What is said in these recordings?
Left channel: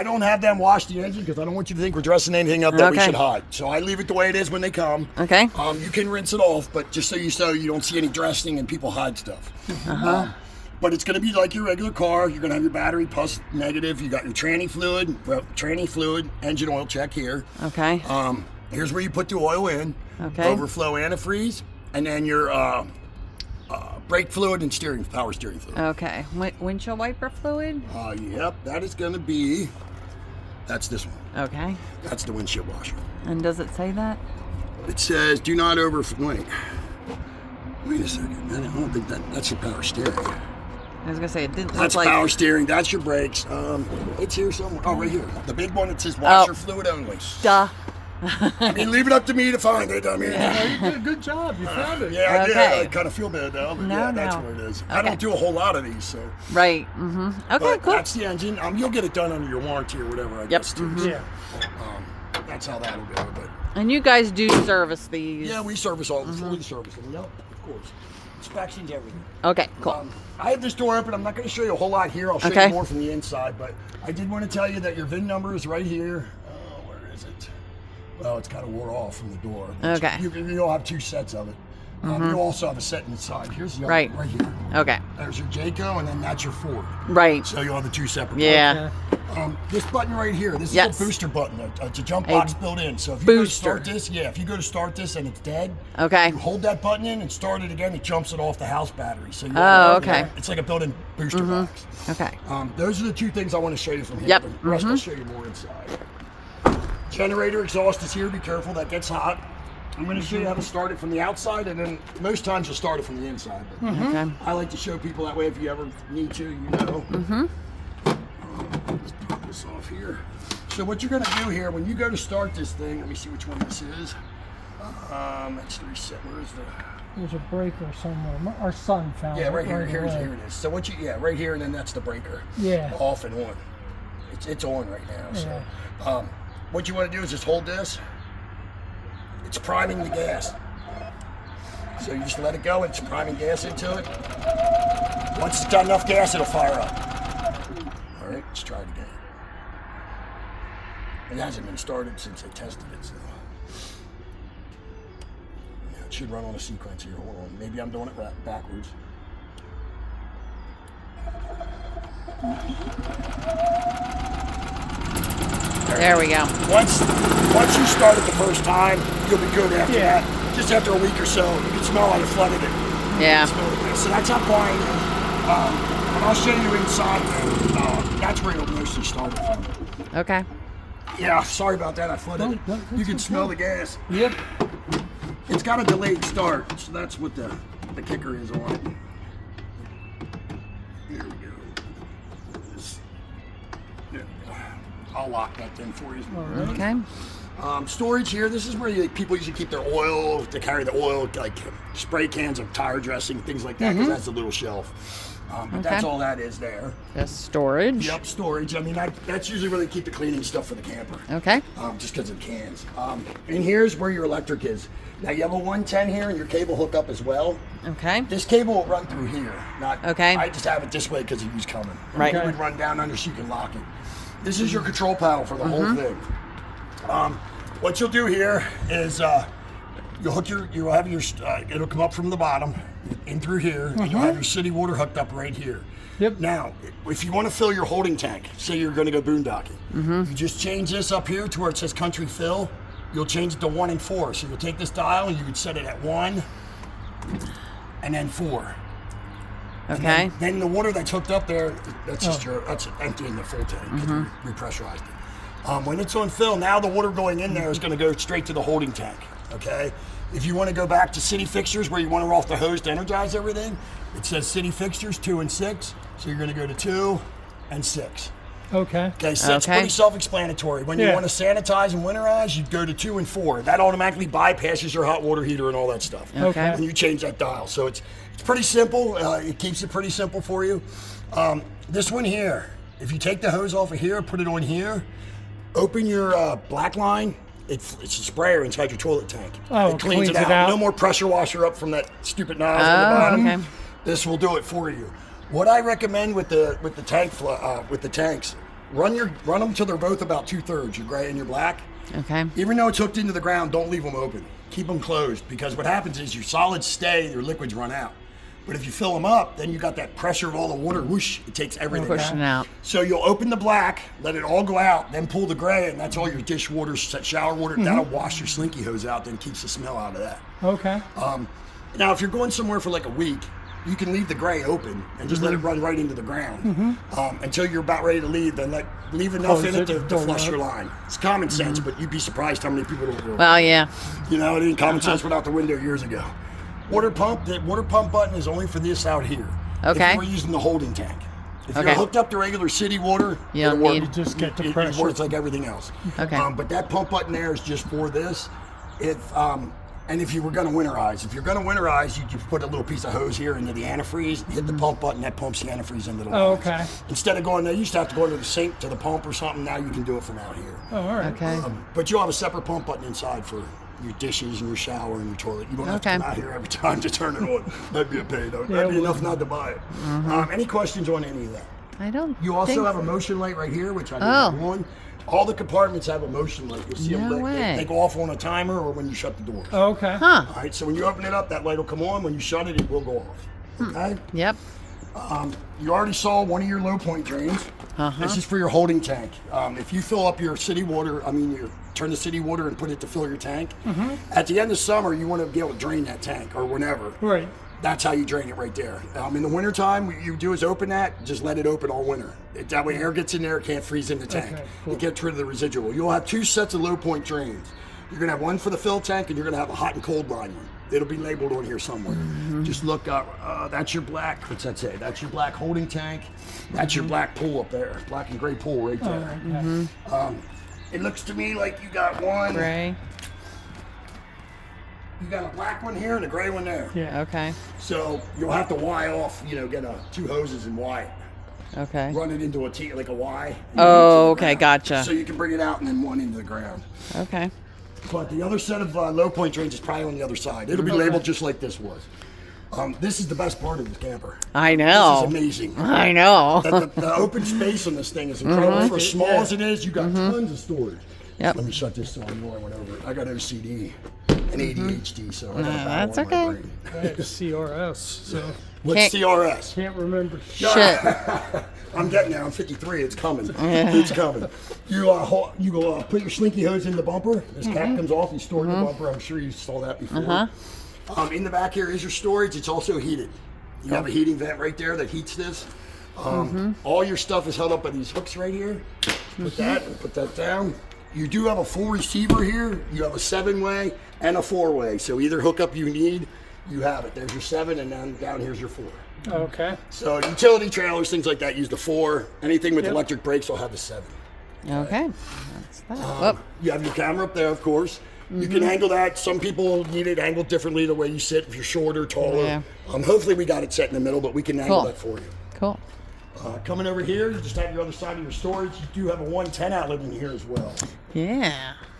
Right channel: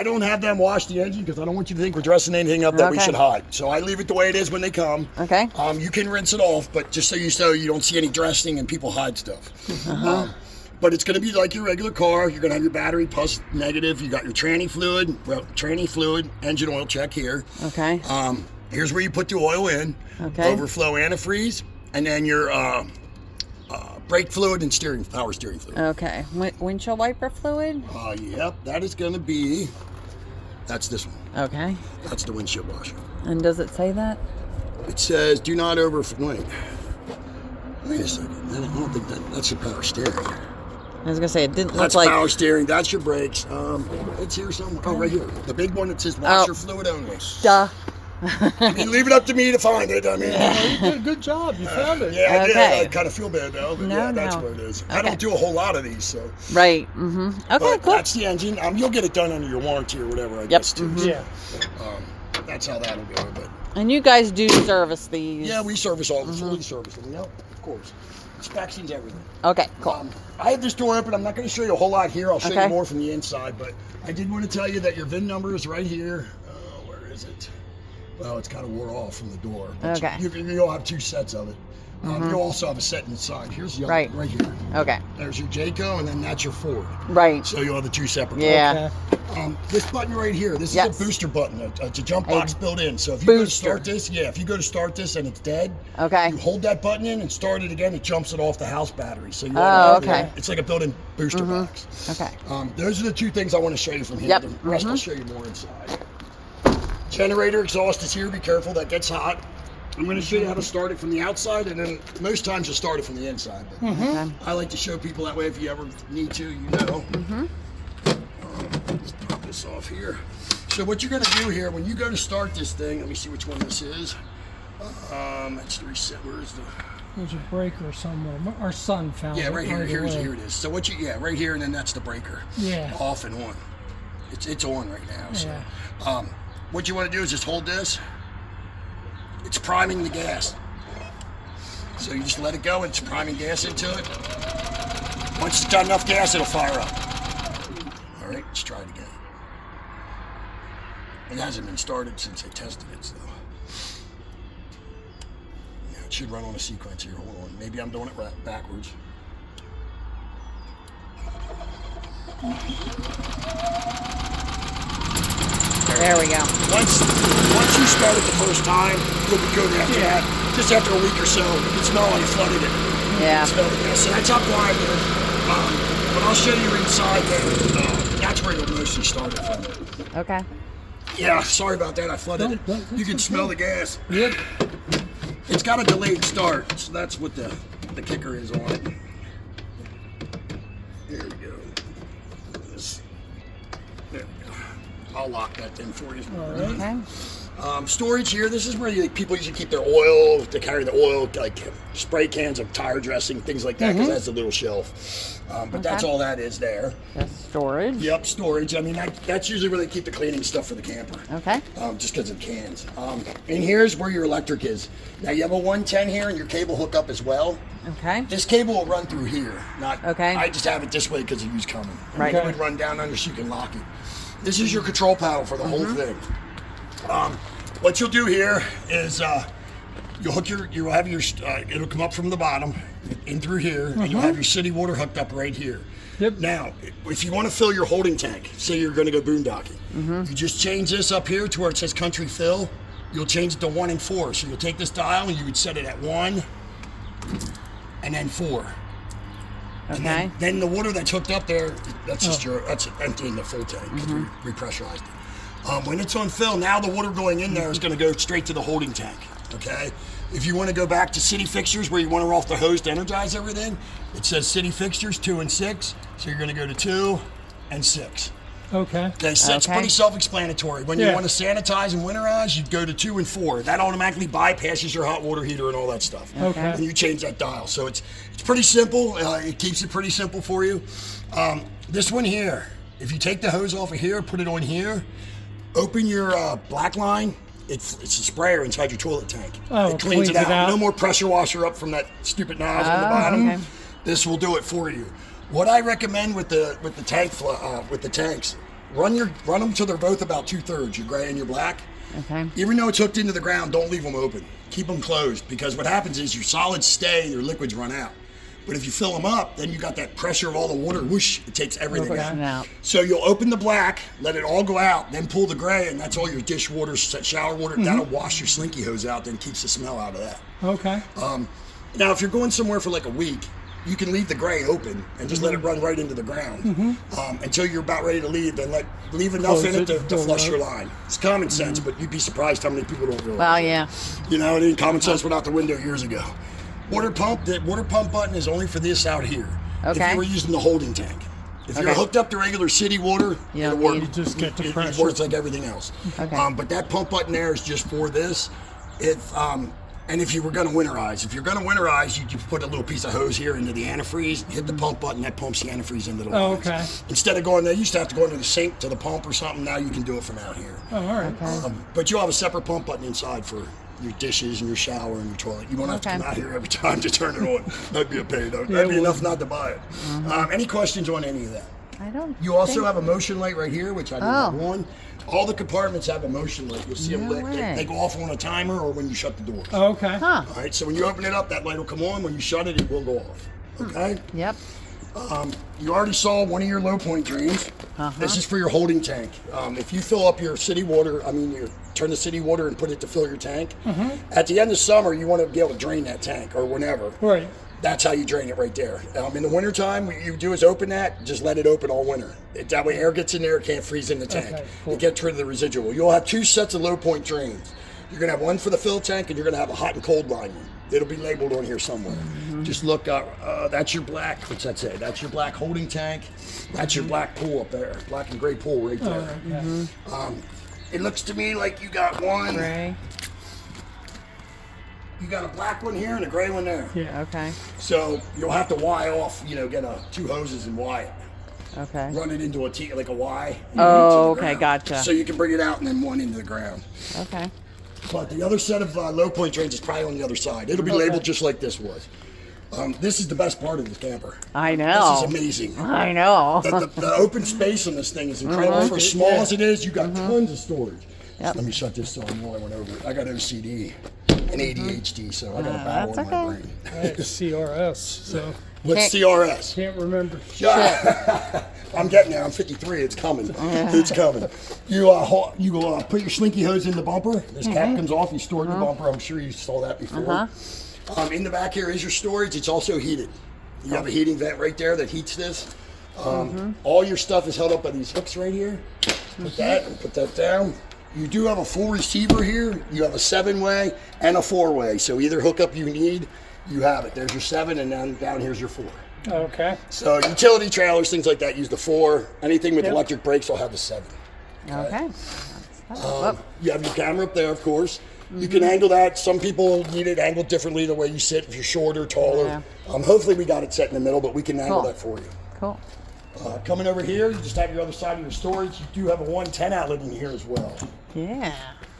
I don't have them wash the engine because I don't want you to think we're dressing anything up that we should hide. So I leave it the way it is when they come. Okay. You can rinse it off, but just so you don't see any dressing and people hide stuff. But it's going to be like your regular car. You're going to have your battery plus negative. You got your tranny fluid, engine oil check here. Okay. Here's where you put the oil in. Okay. Overflow antifreeze, and then your brake fluid and power steering fluid. Okay. Windshield wiper fluid? Yep, that is going to be. That's this one. Okay. That's the windshield washer. And does it say that? It says do not wait a second. I don't think that's your power steering. I was gonna say it didn't That's look like power steering. That's your brakes. It's here somewhere. Oh, right here. The big one that says washer fluid only. Duh. I mean, leave it up to me to find it. I mean, You did a good job. You found it. Yeah, I did. Okay. I kind of feel bad now, but that's where it is. Okay. I don't do a whole lot of these, so. Right. Okay, But cool. that's the engine. You'll get it done under your warranty or whatever, I guess, too. Yeah. That's how that'll go. But And you guys do service these? yeah, we service all fully service them. Yep, of course. Inspections, everything. Okay, cool. I have this door open. I'm not going to show you a whole lot here. I'll show you more from the inside, but I did want to tell you that your VIN number is right here. Oh, where is it? Well, it's kind of wore off from the door. Okay. You'll have two sets of it. You also have a set inside. Here's the other right here. Okay. There's your Jayco, and then that's your Ford. Right. So you'll have the two separate. Yeah. Okay. This button right here, this is a booster button. It's a jump box built in. So if you go to start this, if you go to start this and it's dead, you hold that button in and start it again. It jumps it off the house battery. So it's like a built-in booster box. Okay. Those are the two things I want to show you from here. Yep. The rest I'll show you more inside. Generator exhaust is here. Be careful, that gets hot. I'm going to show you how to start it from the outside, and then most times you'll start it from the inside. But I like to show people that way if you ever need to, Let's pop this off here. So what you're going to do here, when you go to start this thing, let me see which one this is. That's the reset. Where's the... There's a breaker somewhere. Our son found it. Yeah, right here. Here it is. So right here, and then that's the breaker. Yeah. Off and on. It's on right now. So what you want to do is just hold this. It's priming the gas. So you just let it go, it's priming gas into it. Once it's got enough gas, it'll fire up. All right, let's try it again. It hasn't been started since I tested it, so. Yeah, it should run on a sequence here, hold on. Maybe I'm doing it backwards. There we go. Once you start it the first time, you'll be good after that. Just after a week or so, you can smell like flooded it. Yeah. So that's how quiet it is. But I'll show you inside there. That's where it'll mostly start it from. Okay. Yeah, sorry about that. I flooded it. You can smell the gas. Yep. It's got a delayed start, so that's what the kicker is on it. There we go. There we go. I'll lock that thing for you. Okay. Storage here, this is where people usually keep their oil, to carry the oil, like spray cans of tire dressing, things like that, because that's a little shelf. But that's all that is there. That's storage. Yep, storage. I mean, that's usually where they keep the cleaning stuff for the camper. Okay. Just because of cans. And here's where your electric is. Now, you have a 110 here, and your cable hookup as well. Okay. This cable will run through here. I just have it this way because of who's coming. Right. It would run down under so you can lock it. This is your control panel for the whole thing. What you'll do here is you'll have your it'll come up from the bottom in through here, and you'll have your city water hooked up right here. Yep. Now, if you want to fill your holding tank, say you're going to go boondocking, you just change this up here to where it says country fill. You'll change it to 1 and 4. So you'll take this dial and you would set it at 1 and then 4. Okay. Then the water that's hooked up there, that's emptying the full tank. We repressurized it. When it's on fill, now the water going in there is going to go straight to the holding tank. Okay. If you want to go back to city fixtures where you want to roll off the hose to energize everything, it says city fixtures 2 and 6. So you're going to go to 2 and 6. Okay. Okay, so it's pretty self-explanatory. When you want to sanitize and winterize, you go to 2 and 4. That automatically bypasses your hot water heater and all that stuff. Okay. And you change that dial. So it's pretty simple. It keeps it pretty simple for you. This one here, if you take the hose off of here, put it on here, open your black line. It's a sprayer inside your toilet tank. Oh, it cleans it out. No more pressure washer up from that stupid nozzle on the bottom. This will do it for you. What I recommend with the tanks run them till they're both about 2/3, your gray and your black. Okay. Even though it's hooked into the ground, don't leave them open. Keep them closed, because what happens is your solids stay, your liquids run out. But if you fill them up, then you got that pressure of all the water, whoosh, it takes everything Pushing out. So you'll open the black, let it all go out, then pull the gray, and that's all your dishwater, shower water. That'll wash your slinky hose out, then keeps the smell out of that. Okay. Now, if you're going somewhere for like a week, you can leave the gray open and just let it run right into the ground until you're about ready to leave. Then leave enough in it to flush your line. It's common sense, but you'd be surprised how many people don't realize. Well, yeah. You know, it ain't common sense went out the window years ago. The water pump button is only for this out here. Okay. If you were using the holding tank. If you're Okay. hooked up to regular city water, You it'll don't work. need- You just get the It pressure. works like everything else. Okay. But that pump button there is just for this. And if you were going to winterize, you just put a little piece of hose here into the antifreeze, hit the pump button, that pumps the antifreeze into the lines. Okay. Instead of going there, you used to have to go into the sink to the pump or something. Now you can do it from out here. Oh, all right. Okay. But you'll have a separate pump button inside for your dishes and your shower and your toilet. You don't have to Okay. come out here every time to turn it on. That'd be a pain. That'd Yeah, be it enough not to buy it. Any questions on any of that? I don't. You also think- have a motion light right here, which I didn't Oh. have one. All the compartments have a motion light. You'll see them No lit. way. They go off on a timer or when you shut the doors. Okay. Huh. All right, so when you open it up, that light will come on. When you shut it, it will go off. Okay? Yep. You already saw one of your low point drains. This is for your holding tank. If you fill up your city water, you turn the city water and put it to fill your tank. At the end of summer, you want to be able to drain that tank or whenever. Right. That's how you drain it right there. In the wintertime, what you do is open that, just let it open all winter. That way air gets in there, it can't freeze in the tank. Okay, cool. It gets rid of the residual. You'll have two sets of low point drains. You're gonna have one for the fill tank and you're gonna have a hot and cold line one. It'll be labeled on here somewhere. Just look up, that's your black, what's that say? That's your black holding tank. That's your black pool up there, black and gray pool right there. It looks to me like you got one. Gray. You got a black one here and a gray one there. Yeah. Okay. So you'll have to Y off, get two hoses and Y it. Okay. Run it into like a Y. Oh, into the okay, ground. gotcha. So you can bring it out and then one into the ground. Okay. But the other set of low point drains is probably on the other side. It'll be labeled just like this was. This is the best part of this camper. I know. This is amazing. I know. The open space on this thing is incredible. For as small as it is, you got tons of storage. Yep. Let me shut this so I know I went over it. I got OCD and ADHD, so I got a battle that's in okay. my brain. I had CRS, so What's Can't- CRS? can't remember. Shit. I'm getting there. I'm 53. It's coming. It's coming. You put your slinky hose in the bumper. This cap comes off. You store it in the bumper. I'm sure you saw that before. In the back here is your storage. It's also heated. You have a heating vent right there that heats this. All your stuff is held up by these hooks right here. Put that and put that down. You do have a full receiver here. You have a 7-way and a 4-way. So either hookup you need, you have it. There's your 7, and then down here's your 4. Okay. So utility trailers, things like that, use the 4. Anything with electric brakes will have the 7. Okay. That's that. You have your camera up there, of course. You can angle that. Some people need it angled differently the way you sit, if you're shorter, taller. Hopefully we got it set in the middle, but we can angle Cool. that for you. Cool. Coming over here, you just have your other side of your storage. You do have a 110 outlet in here as well. Yeah.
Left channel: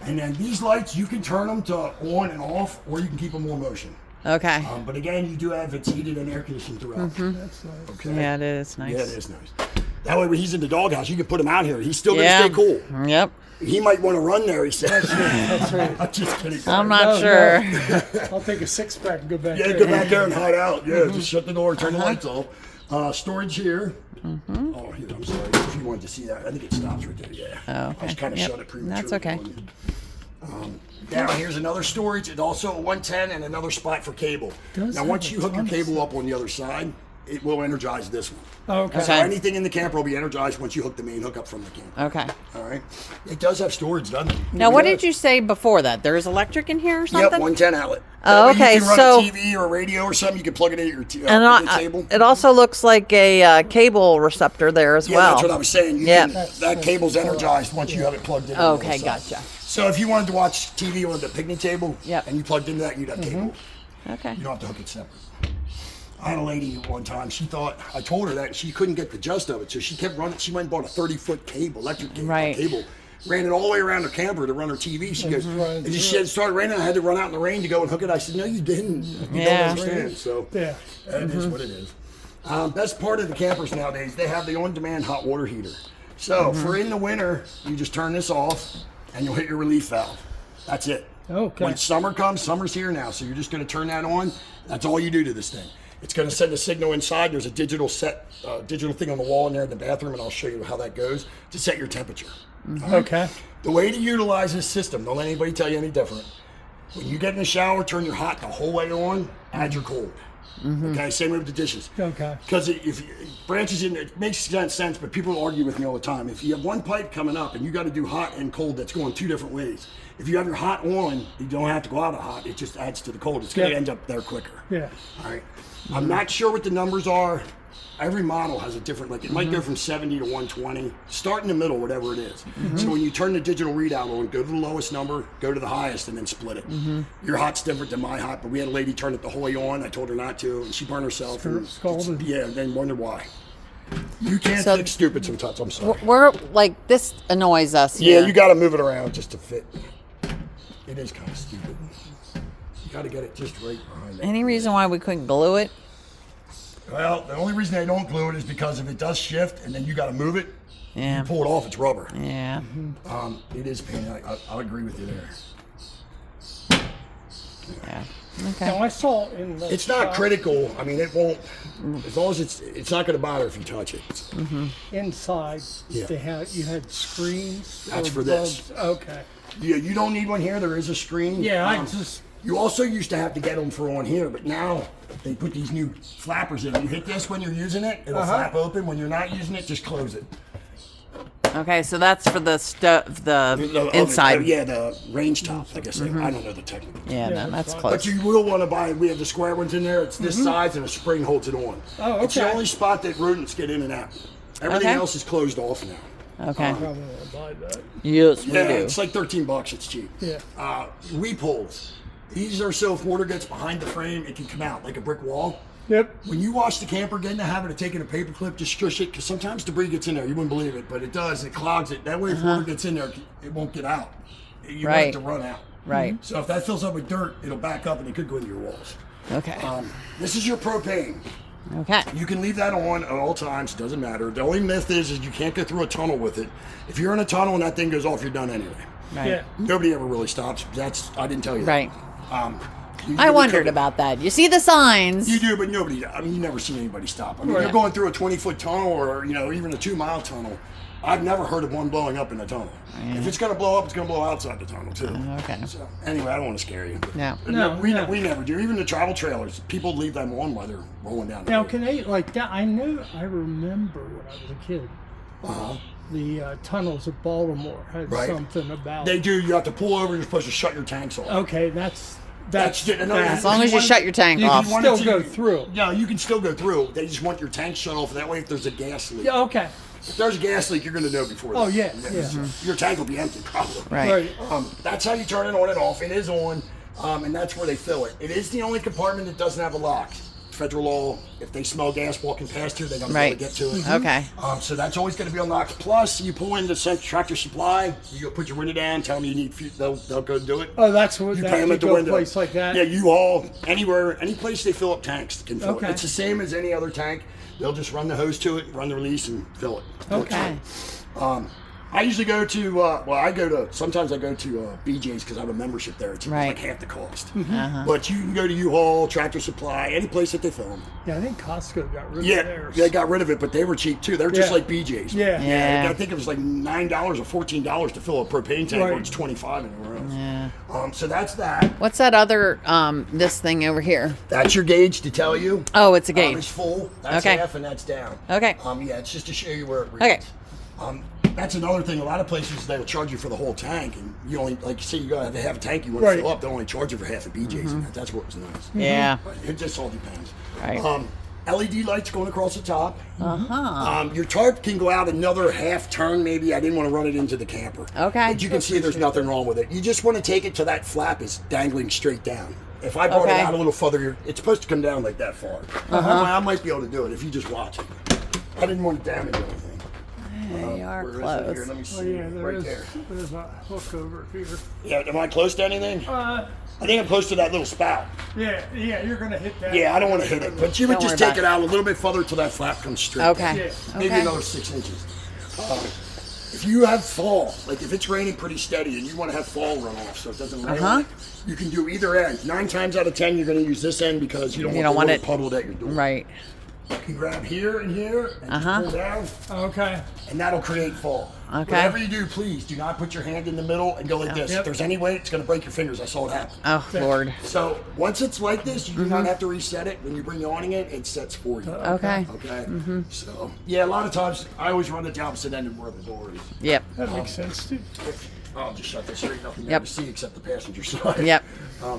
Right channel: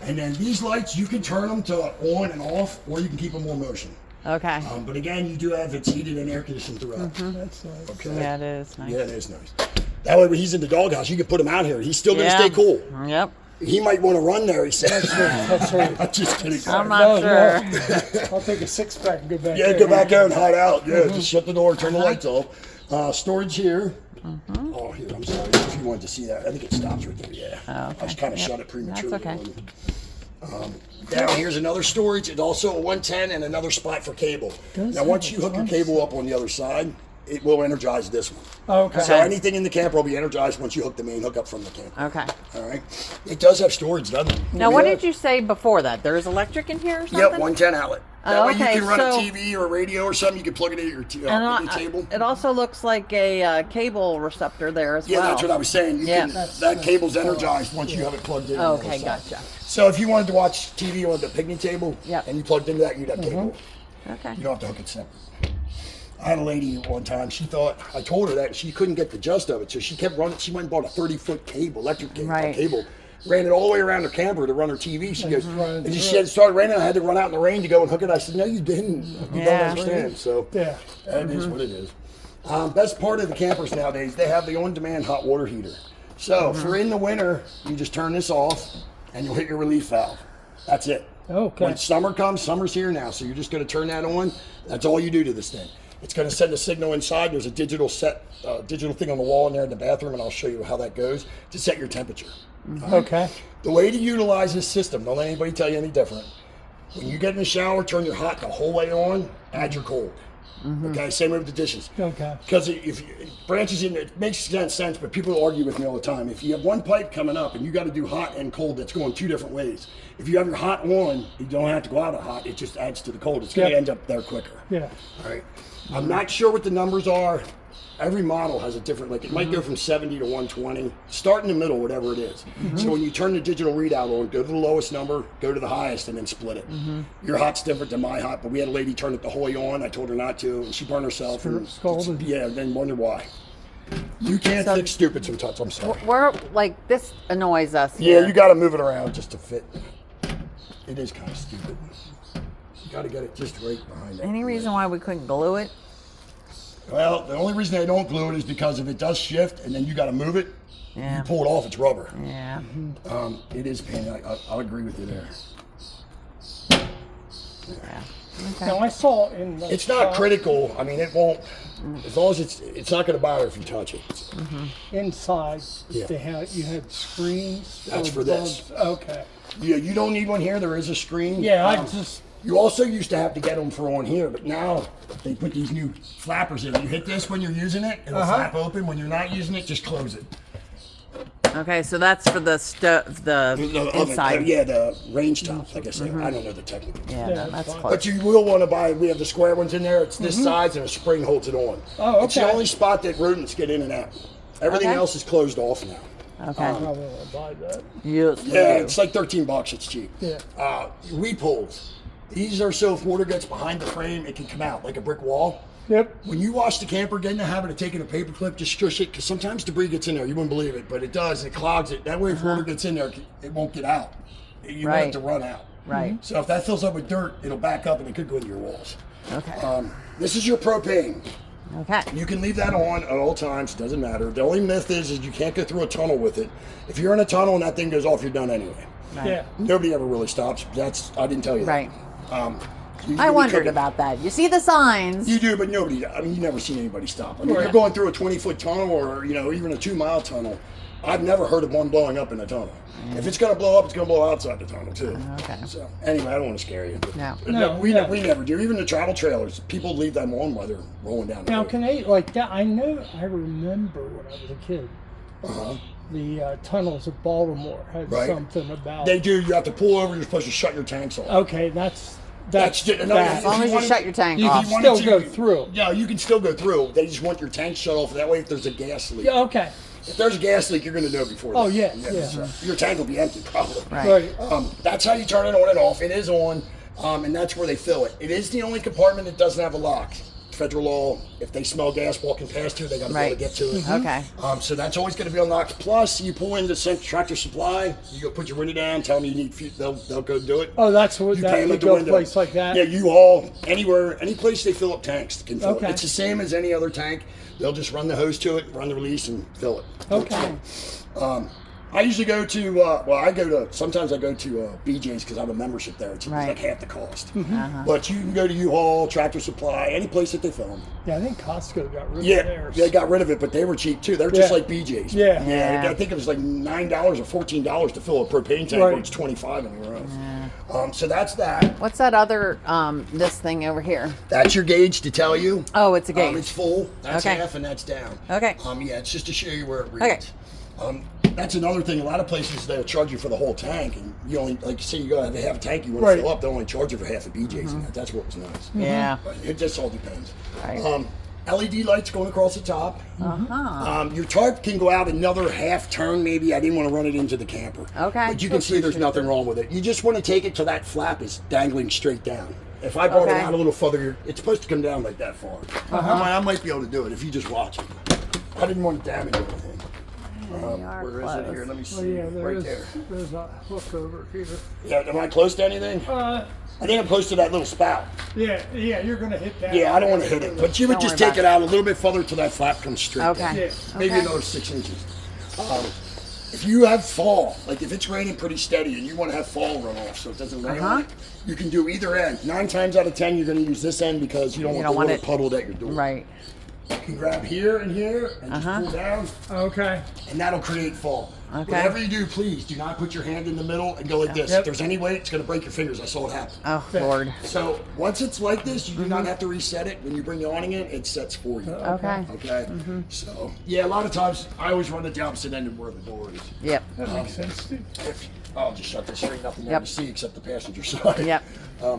And then these lights, you can turn them to on and off, or you can keep them on motion. Okay. But again, you do have it's heated and air conditioned throughout. That's nice. Okay. Yeah, it is nice. Yeah, it is nice. That way, when he's in the doghouse, you can put him out here. He's still going to Yeah. stay cool. Yep. He might want to run there, he says. That's right. I'm just kidding. I'm No, not sure. no. I'll take a 6-pack and go back Yeah, there. go back there and hide out. Yeah, just shut the door, turn the lights off. Storage here. Oh, here, I'm sorry. If you wanted to see that, I think it stops right there. Yeah. Oh, okay. I just kind of Yep. shut it prematurely. That's okay. Down here's another storage. It's also a 110 and another spot for cable. Those Now, are once you hook your cable up on the other side, it will energize this one. Okay. So anything in the camper will be energized once you hook the main hookup from the camper. Okay. All right. It does have storage, doesn't it? Now, what did you say before that? There is electric in here or something? Yep, 110 outlet. Oh, That way okay, You can run so- a TV or a radio or something. You can plug it in your And the table. it also looks like a cable receptor there as Yeah, well. that's what I was saying. You Yeah. can, that cable's energized once you have it plugged in. on the Okay, other side. gotcha. So if you wanted to watch TV on the picnic table Yep. and you plugged into that, you'd have cable. Okay. You don't have to hook it separate. I had a lady one time, I told her that she couldn't get the gist of it, so she kept running. She went and bought a 30-foot cable, electric cable, Right. ran it all the way around her camper to run her TV. She goes, just run it and through she said it started raining. I had to run out in the rain to go and hook it. I said, no, you didn't. You Yeah. don't understand. So Yeah. that is what it is. That's part of the campers nowadays. They have the on-demand hot water heater. So if we're in the winter, you just turn this off and you'll hit your relief valve. That's it. Okay. When summer comes, summer's here now, so you're just going to turn that on. That's all you do to this thing. It's going to send a signal inside. There's a digital thing on the wall in there in the bathroom, and I'll show you how that goes to set your temperature. Okay. The way to utilize this system, don't let anybody tell you any different. When you get in the shower, turn your hot the whole way on, add your cold. Okay, same way with the dishes. Okay. Because if branches in, it makes sense, but people argue with me all the time. If you have one pipe coming up and you got to do hot and cold, that's going two different ways. If you have your hot on, you don't have to go out of hot. It just adds to the cold. It's going to end up there quicker. Yeah. All right. I'm not sure what the numbers are. Every model has a different, like it might go from 70 to 120. Start in the middle, whatever it is. So when you turn the digital readout on, go to the lowest number, go to the highest, and then split it. Your hot's different than my hot, but we had a lady turn it the whole way on. I told her not to, and she burned herself. And Scalded. yeah, then wonder why. You can't fix stupid sometimes. I'm sorry. We're like, this annoys us Yeah, here. you got to move it around just to fit. It is kind of stupid. You got to get it just right behind it. Any reason why we couldn't glue it? Well, the only reason they don't glue it is because if it does shift and then you got to move it, Yeah. you pull it off, it's rubber. Yeah. It is pain. I'll agree with you there. Yeah. Okay. Now I saw in the It's not shop critical. I mean, it won't. As long as it's not going to bother if you touch it. inside. Yeah. You had screens. That's or for this. bulbs. Okay. Yeah, you don't need one here. There is a screen. Yeah, I just. You also used to have to get them for on here, but now they put these new flappers in. You hit this when you're using it, it'll flap open. When you're not using it, just close it. Okay, so that's for the the inside. Yeah, the range top, like I said. I don't know the technical. Yeah, Yeah, no, that's that's fine. But close. you will want to buy, we have the square ones in there. It's this size and a spring holds it on. Oh, It's the okay. only spot that rodents get in and out. Everything Okay. else is closed off now. Okay. Probably want to buy that. Yes, we Yeah, do. it's like $13. It's cheap. Yeah. Weep holes. These are so if water gets behind the frame, it can come out like a brick wall. Yep. When you wash the camper, get in the habit of taking a paper clip, just squish it, because sometimes debris gets in there. You wouldn't believe it, but it does. It clogs it. That way, if water gets in there, it won't get out. You want it Right. to run out. Right. So if that fills up with dirt, it'll back up and it could go into your walls. Okay. This is your propane. Okay. You can leave that on at all times. Doesn't matter. The only myth is you can't go through a tunnel with it. If you're in a tunnel and that thing goes off, you're done anyway. Right. Yeah. Nobody ever really stops. I didn't tell you that. Right. You I can wondered take it- about that. You see the signs. You do, but nobody. I mean, you never seen anybody stop. I mean, Right. you're going through a 20-foot tunnel, or even a 2-mile tunnel. I've never heard of one blowing up in a tunnel. If it's going to blow up, it's going to blow outside the tunnel too. Okay. So anyway, I don't want to scare you. But No. No, we no. never do. Even the travel trailers, people leave them on while they're rolling down the Now, road. can they like that? I remember when I was a kid. The tunnels of Baltimore had Right. something about. They do. You have to pull over. You're supposed to shut your tanks off. Okay, that's As long as you shut your tank You off. can you wanted still go through. No, you can still go through. They just want your tank shut off. That way, if there's a gas leak, Yeah. Okay. if there's a gas leak, you're going to know before. Oh, that. yeah, So your tank will be empty, probably. Right. That's how you turn it on and off. It is on, and that's where they fill it. It is the only compartment that doesn't have a lock. Federal law, if they smell gas walking past you, they got to be able Right. to get to it. Okay. So that's always going to be unlocked. Plus, you pull in the Tractor Supply, you go put your window down, tell them you need, they'll go do it. Oh, that's what You that pay 'em you at the go window. place like that. Yeah, you haul anywhere, any place they fill up tanks can fill Okay. it. It's the same as any other tank. They'll just run the hose to it, run the release, and fill it. Okay. I usually go to, sometimes I go to BJ's because I have a membership there. It's Right. like half the cost. Mm-hmm. But you can go to U-Haul, Tractor Supply, any place that they fill them. Yeah, I think Costco got rid of Yeah, theirs. they got rid of it, but they were cheap too. They're just Yeah. like BJ's. Yeah. Yeah. I think it was like $9 or $14 to fill a propane tank, Right. when it's $25 anywhere else. So that's that. What's that other this thing over here? That's your gauge to tell you. Oh, it's a It's gauge. full. That's Okay. half, and that's down. Okay. Yeah, it's just to show you where it reads. Okay. That's another thing. A lot of places they'll charge you for the whole tank, and you only, like you say, you gotta have a half a tank you want Right. to fill up. They only charge you for half a BJ's. And that's what it was nice. Yeah. But it just all depends. Right. LED lights going across the top. Your tarp can go out another half turn, maybe. I didn't want to run it into the camper. Okay. But you can see there's nothing wrong with it. You just want to take it till that flap is dangling straight down. If I brought it Okay. out a little further, it's supposed to come down like that far. I might be able to do it if you just watch it. I didn't want to damage anything. They are Where is it here? close. Let me Oh, see. yeah, Right there. There's a hook over here. Yeah, am I close to anything? I think I'm close to that little spout. Yeah, you're gonna hit that. Yeah, I don't want to hit it. But you would Don't just worry take about it out a little bit further till that flap comes straight Okay. down. Yeah. Maybe Okay. another 6 inches. If you have fall, like if it's raining pretty steady and you want to have fall run off so it doesn't rain on it, you can do either end. 9 times out of 10, you're going to use this end because you don't want the water puddled at your door. Right. You can grab here and here and just pull down. Okay. And that'll create fall. Okay. Whatever you do, please do not put your hand in the middle and go like this. If there's any weight, it's going to break your fingers. I saw it happen. Oh, Lord. So once it's like this, you do not have to reset it. When you bring the awning in, it sets for you. Okay. Okay. So yeah, a lot of times I always run the opposite end of where the door is. Yep. That makes sense too. I'll just shut this. There ain't nothing there to see except the passenger side. Yep.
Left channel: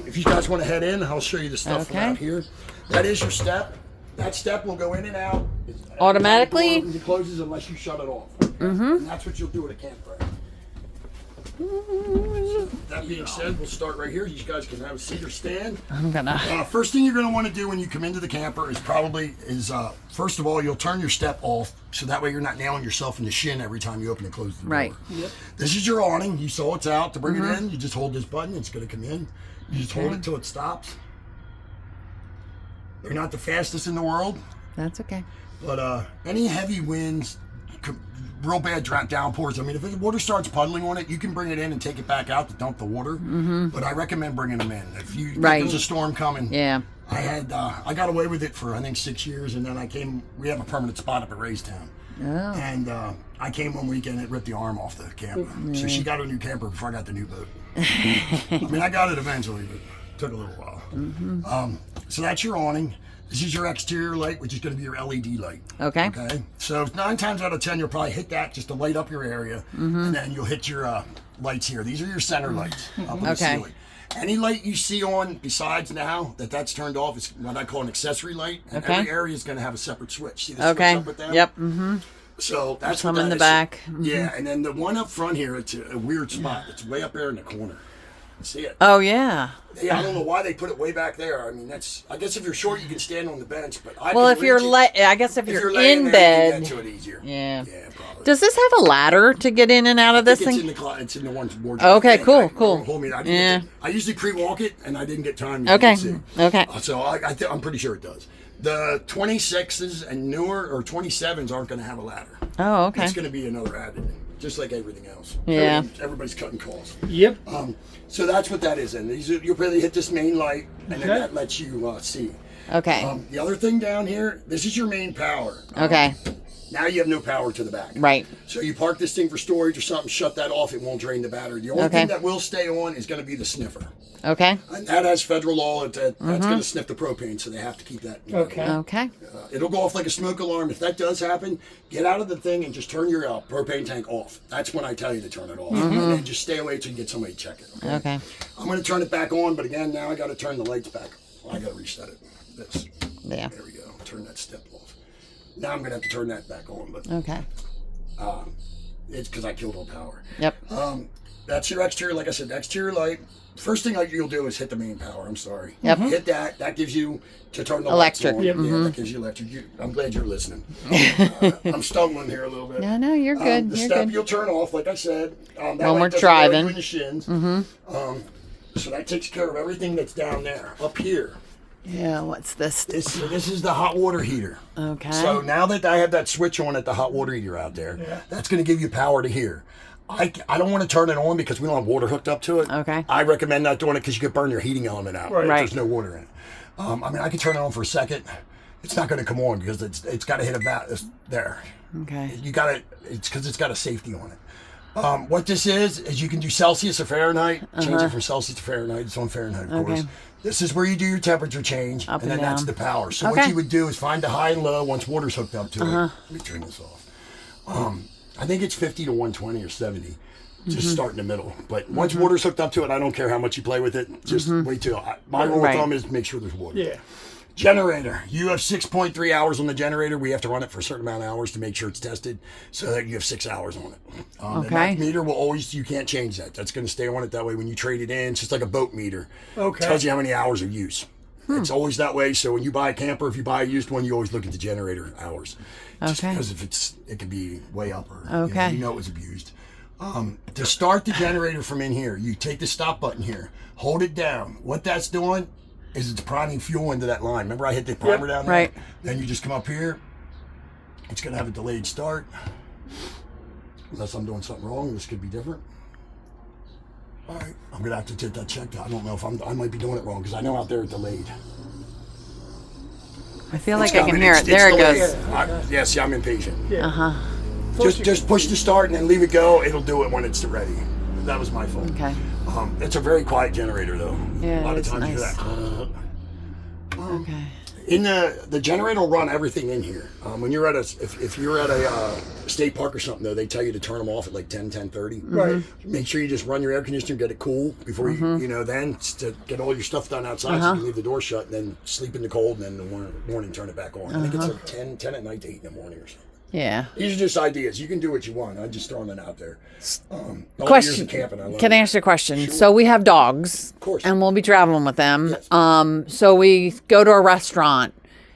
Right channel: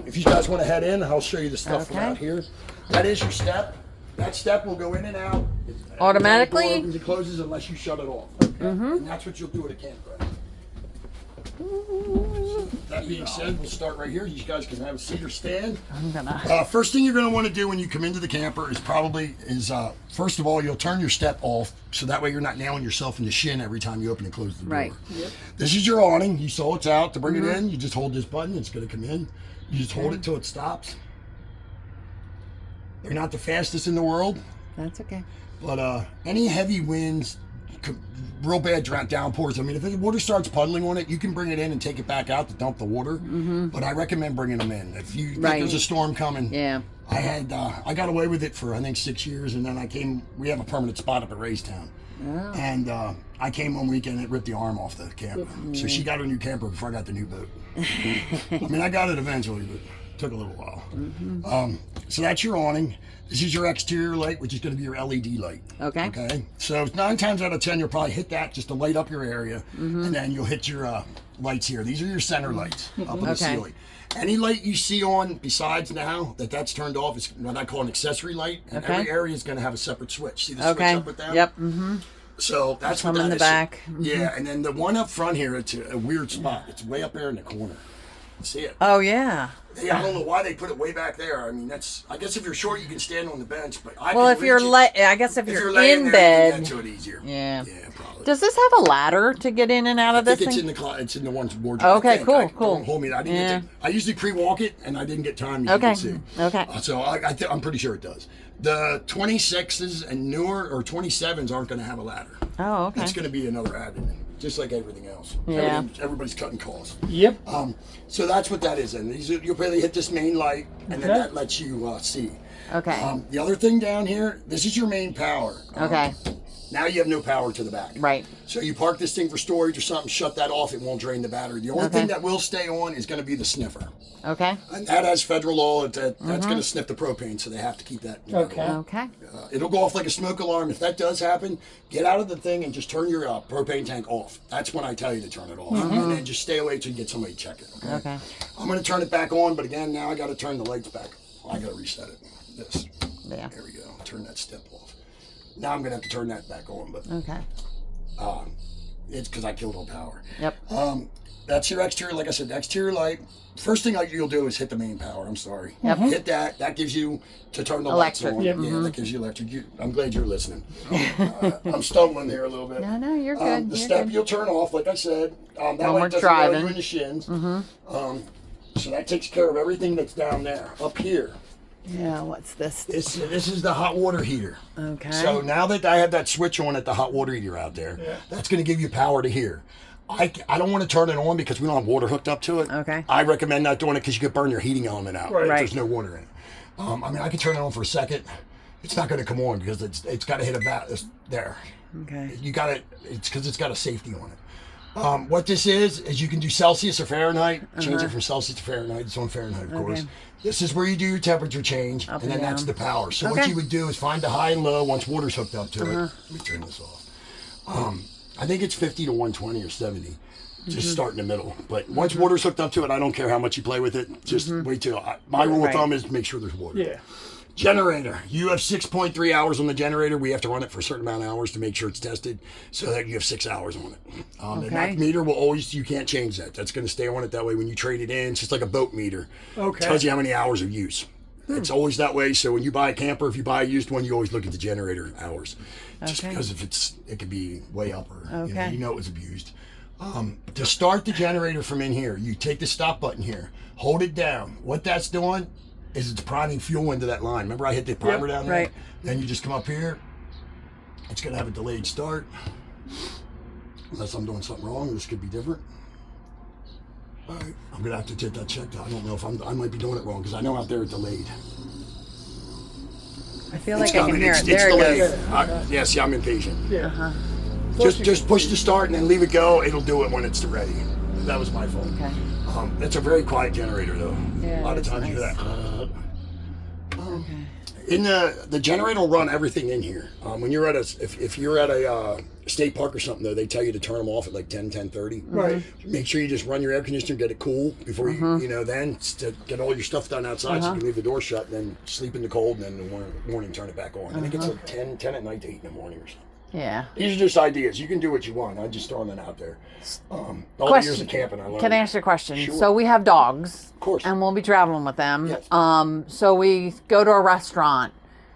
If you guys want to head in, I'll show you the stuff out here. That is your step. That step will go in and out Automatically? The door opens and closes unless you shut it off. Okay? And that's what you'll do at a campground. So that being said, we'll start right here. You guys can have a seat or stand. I'm gonna. First thing you're going to want to do when you come into the camper is first of all, you'll turn your step off so that way you're not nailing yourself in the shin every time you open and close the door. Right. Yep. This is your awning. You saw it's out. To bring it in, you just hold this button. It's going to come in. You just hold it till it stops. They're not the fastest in the world, That's okay. but any heavy winds, real bad downpours. I mean, if the water starts puddling on it, you can bring it in and take it back out to dump the water. But I recommend bringing them in. If you think there's a storm coming, I got away with it for I think 6 years, and then we have a permanent spot up at Raystown. Oh. And I came one weekend and it ripped the arm off the camper. So she got a new camper before I got the new boat. I mean, I got it eventually, but it took a little while. So that's your awning. This is your exterior light, which is going to be your LED light. Okay. Okay. So 9 times out of 10, you'll probably hit that just to light up your area, and then you'll hit your lights here. These are your center lights up on the ceiling. Any light you see on besides now that's turned off is what I call an accessory light, and every area is going to have a separate switch. See the switch up and down? Yep. So that's Some what in that the is. back. Yeah, and then the one up front here, it's a weird spot. It's way up there in the corner. See it? Oh yeah. Yeah, I don't know why they put it way back there. I mean, I guess if you're short, you can stand on the bench, but I Well, can if you're reach it. I guess if you're laying in there, you bed. can get to it easier. Yeah. Yeah, probably. Does this have a ladder to get in and out of I this think thing? it's in the one's wardrobe. Okay, cool. Don't hold me. I didn't get I usually pre-walk it, and I didn't get time. Okay. To see. Okay. So I'm pretty sure it does. The 26s and newer or 27s aren't going to have a ladder. Oh, okay. It's going to be another added, just like everything else. Yeah. Everybody's cutting costs. Yep. So that's what that is. And you'll probably hit this main light, and then that lets you see. Okay. The other thing down here, this is your main power. Okay. Now you have no power to the back. Right. So you park this thing for storage or something, shut that off, it won't drain the battery. The only thing that will stay on is going to be the sniffer. Okay. And that has federal law. That's going to sniff the propane, so they have to keep that. Okay. It'll go off like a smoke alarm. If that does happen, get out of the thing and just turn your propane tank off. That's when I tell you to turn it off. And then just stay away till you get somebody to check it. Okay. I'm going to turn it back on, but again, now I got to turn the lights back. I got to reset it. This. Yeah. There we go. Turn that step off. Now I'm going to have to turn that back on, but Okay. it's because I killed all power. Yep. That's your exterior, like I said, the exterior light. First thing you'll do is hit the main power. I'm sorry. Yep. Hit that. That gives you to turn the Electric. lights on. Yep. Yeah, that gives you electric. I'm glad you're listening. I'm stumbling here a little bit. No, you're good. The You're step good. you'll turn off, like I said. That When light we're doesn't go driving. you in the shins. So that takes care of everything that's down there. Up here, Yeah. What's this? this is the hot water heater. Okay. So now that I have that switch on at the hot water heater out there, that's going to give you power to here. I don't want to turn it on because we don't have water hooked up to it. Okay. I recommend not doing it because you could burn your heating element out if Right. there's no water in it. I mean, I can turn it on for a second. It's not going to come on because it's got to hit about there. Okay. You got it. It's because it's got a safety on it. What this is you can do Celsius or Fahrenheit. Change it from Celsius to Fahrenheit. It's on Fahrenheit, of course. This is where you do your temperature change, Up and then and that's down. the power. So what Okay. you would do is find the high and low once water's hooked up to it. Let me turn this off. I think it's 50 to 120 or 70. Just start in the middle. But once water's hooked up to it, I don't care how much you play with it. Just wait till. My rule of Right. thumb is make sure there's water. Yeah. Generator. You have 6.3 hours on the generator. We have to run it for a certain amount of hours to make sure it's tested so that you have 6 hours on it. The Okay. NAC meter will always, you can't change that. That's going to stay on it that way when you trade it in. It's just like a boat meter. Okay. It tells you how many hours of use. It's always that way. So when you buy a camper, if you buy a used one, you always look at the generator hours. Just Okay. because if it could be way up or Okay. you know it was abused. To start the generator from in here, you take the stop button here, hold it down. What that's doing is it's priming fuel into that line. Remember I hit the primer down there? Right. Then you just come up here. It's going to have a delayed start. Unless I'm doing something wrong, this could be different. All right, I'm gonna have to take that checked. I don't know if I might be doing it wrong because I know out there it's delayed. I feel It's like I can coming. hear It's it. There it delayed. goes. Yeah, see, I'm impatient. Yeah. Uh-huh. Just push the start and then leave it go. It'll do it when it's ready. That was my fault. Okay. It's a very quiet generator though. Yeah, a lot of it's times you hear nice. that. Okay. In the generator will run everything in here. When you're at if you're at a state park or something though, they tell you to turn them off at like 10:30. Right. Make sure you just run your air conditioner, get it cool before you then to get all your stuff done outside so you can leave the door shut and then sleep in the cold and then in the morning turn it back on. I think it's like 10 at night to 8 in the morning or something. Yeah. These are just ideas. You can do what you want. I'm just throwing them out there. All the years Question. of camping, I learned. Can I ask you a question? Sure. So we have dogs. Of course. And we'll be traveling with them. Yes. So we go to a restaurant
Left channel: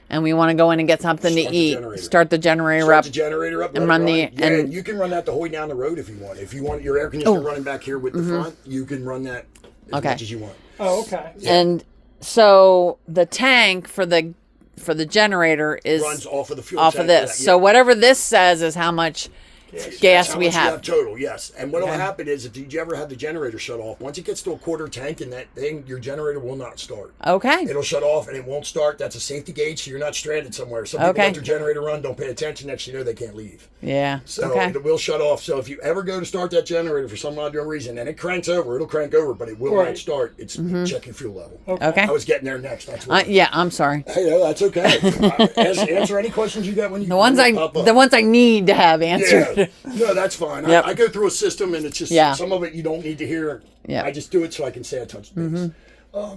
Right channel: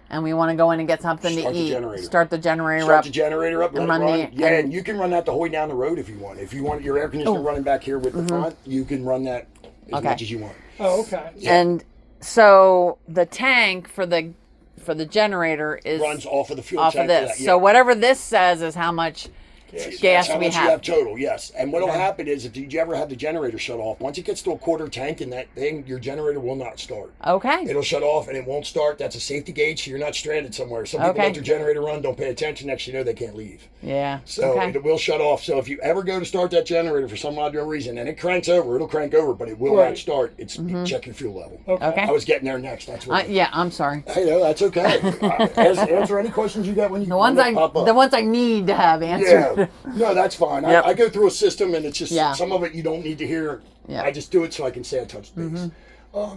and we want to go in and get something to Start the eat. generator. Start the generator Start up. the generator up, let and it run run. the- Yeah, and- and you can run that the whole way down the road if you want. If you want your air conditioner running back here with the front, you can run that as Okay. much as you want. Oh, okay. And so the tank for the generator is Runs off of the fuel off tank of for this. that, So yeah. whatever this says is how much That's gas how we much you have. have total, yes. And what'll Okay. happen is, if you ever have the generator shut off, once it gets to a quarter tank in that thing, your generator will not start. Okay. It'll shut off and it won't start. That's a safety gauge, so you're not stranded somewhere. Some people Okay. let their generator run, don't pay attention. Next, you know, they can't leave. Yeah. So okay. it will shut off. So if you ever go to start that generator for some odd reason and it cranks over, it'll crank over, but it will Right. not start. It's check your fuel level. Okay. I was getting there next. That's what. Yeah, I'm sorry. Hey, no, that's okay. Answer any questions you got when you The ones pop up. the ones I need to have answered. Yeah, no, that's fine. Yep. I go through a system, and it's just Yeah. some of it you don't need to hear. Yeah. I just do it so I can say I touched base.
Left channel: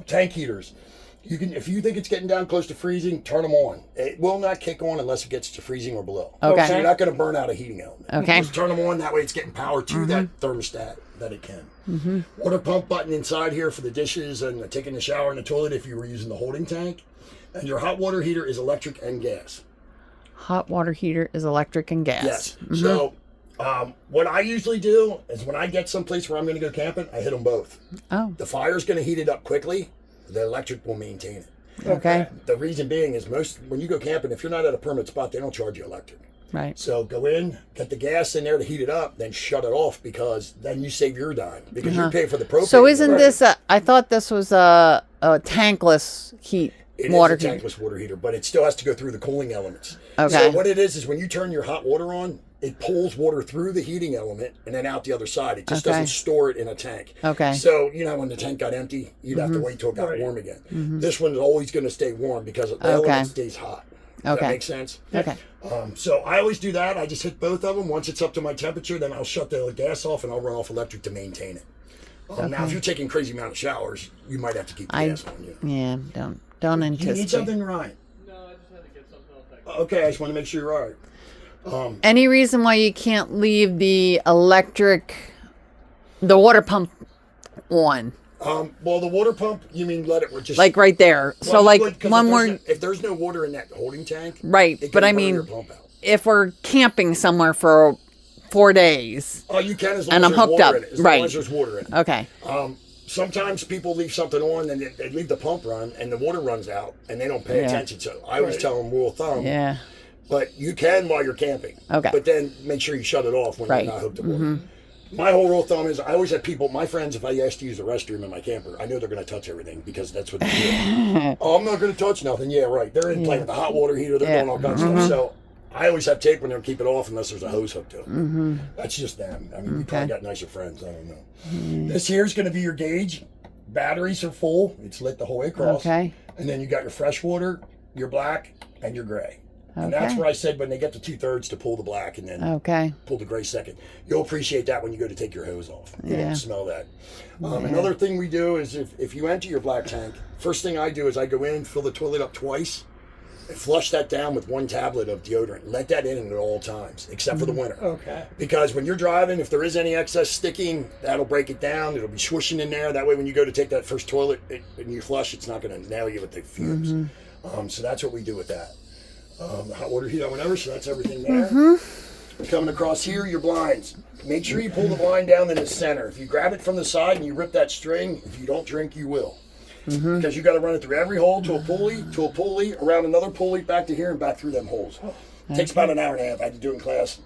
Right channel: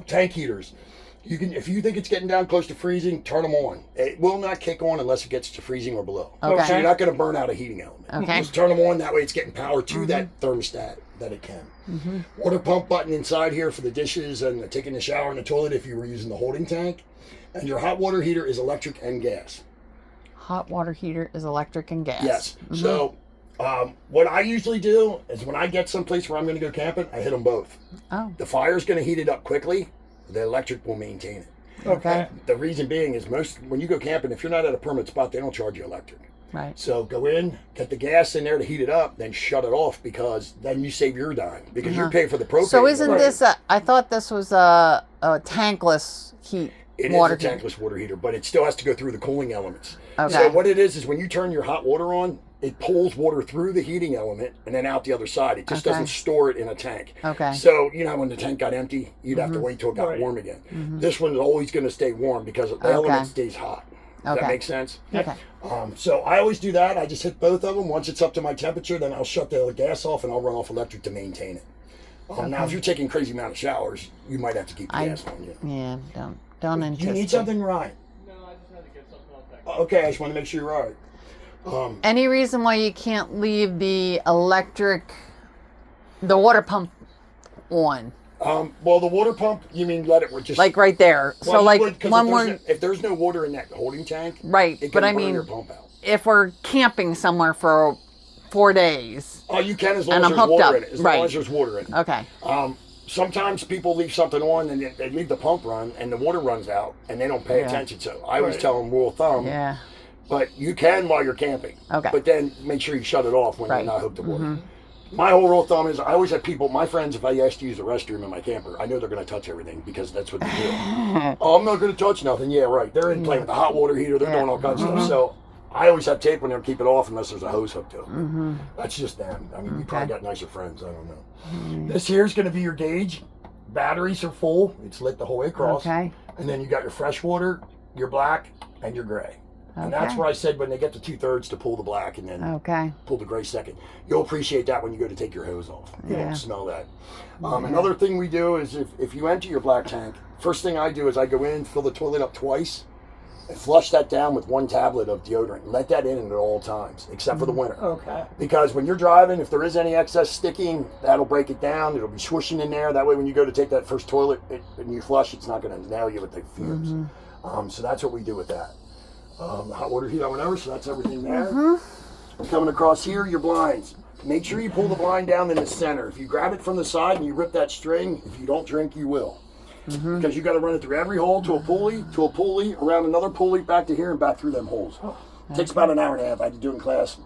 Tank heaters, you can if you think it's getting down close to freezing, turn them on. It will not kick on unless it gets to freezing or below. Okay. So you're not going to burn out a heating element. Okay. Just turn them on. That way, it's getting power to that thermostat that it can. Water pump button inside here for the dishes and taking the shower in the toilet if you were using the holding tank. And your hot water heater is electric and gas. Hot water heater is electric and gas. Yes. So what I usually do is when I get someplace where I'm going to go camping, I hit them both. Oh. The fire's going to heat it up quickly. The electric will maintain it. Okay. The reason being is when you go camping, if you're not at a permanent spot, they don't charge you electric. Right. So go in, get the gas in there to heat it up, then shut it off because then you save your dime because you pay for the propane. So isn't Right. this I thought this was a tankless heat It water is a heater. tankless water heater, but it still has to go through the cooling elements. Okay. So what it is when you turn your hot water on, it pulls water through the heating element and then out the other side. It just Okay. doesn't store it in a tank. Okay. So, when the tank got empty, you'd have to wait till it got Right. warm again. This one's always going to stay warm because the element stays hot. Does Okay. that make sense? Okay. So I always do that. I just hit both of them. Once it's up to my temperature, then I'll shut the gas off and I'll run off electric to maintain it. Now, if you're taking crazy amount of showers, you might have to keep the gas on. Yeah, don't You anticipate. need something, Ryan? No, I just had to get something else back. Okay, I just want to make sure you're all right. Any reason why you can't leave the water pump on? Well, the water pump, you mean let it just Like right there. Well, So you like would, 'cause when if there's no water in that holding tank, right, it but can I burn mean your pump out. if we're camping somewhere for 4 days. Oh, you can as long And as I'm there's hooked water up, in it. As right. long as there's water in it. Okay. Sometimes people leave something on and they leave the pump run and the water runs out and they don't pay Yeah. attention. So I always Right. tell them rule of thumb. Yeah. But you can while you're camping. Okay. But then make sure you shut it off when Right. you're not hooked to water. My whole rule of thumb is I always have people, my friends, if I ask to use the restroom in my camper, I know they're going to touch everything because that's what they do. Oh, I'm not going to touch nothing. Yeah, right. They're in playing with the hot water heater. They're Yeah. doing all kinds of stuff. So I always have tape on there and keep it off unless there's a hose hooked to it. That's just them. I mean, you probably got nicer friends. I don't know. This here is going to be your gauge. Batteries are full. It's lit the whole way across. Okay. And then you got your fresh water, your black, and your gray. And that's Okay. where I said when they get to 2/3 to pull the black and then Okay. pull the gray second. You'll appreciate that when you go to take your hose off. You Yeah. don't smell that. Another thing we do is if you empty your black tank, first thing I do is I go in, fill the toilet up twice, and flush that down with 1 tablet of deodorant. Let that in at all times, except for the winter. Okay. Because when you're driving, if there is any excess sticking, that'll break it down. It'll be swooshing in there. That way when you go to take that first toilet and you flush, it's not going to nail you with the fumes. So that's what we do with that. Hot water heater, whatever, so that's everything there. Coming across here, your blinds. Make sure you pull the blind down in the center. If you grab it from the side and you rip that string, if you don't drink, you will. Because you got to run it through every hole to a pulley, around another pulley, back to here and back through them holes. It takes about an hour and a half. I had to do it in class.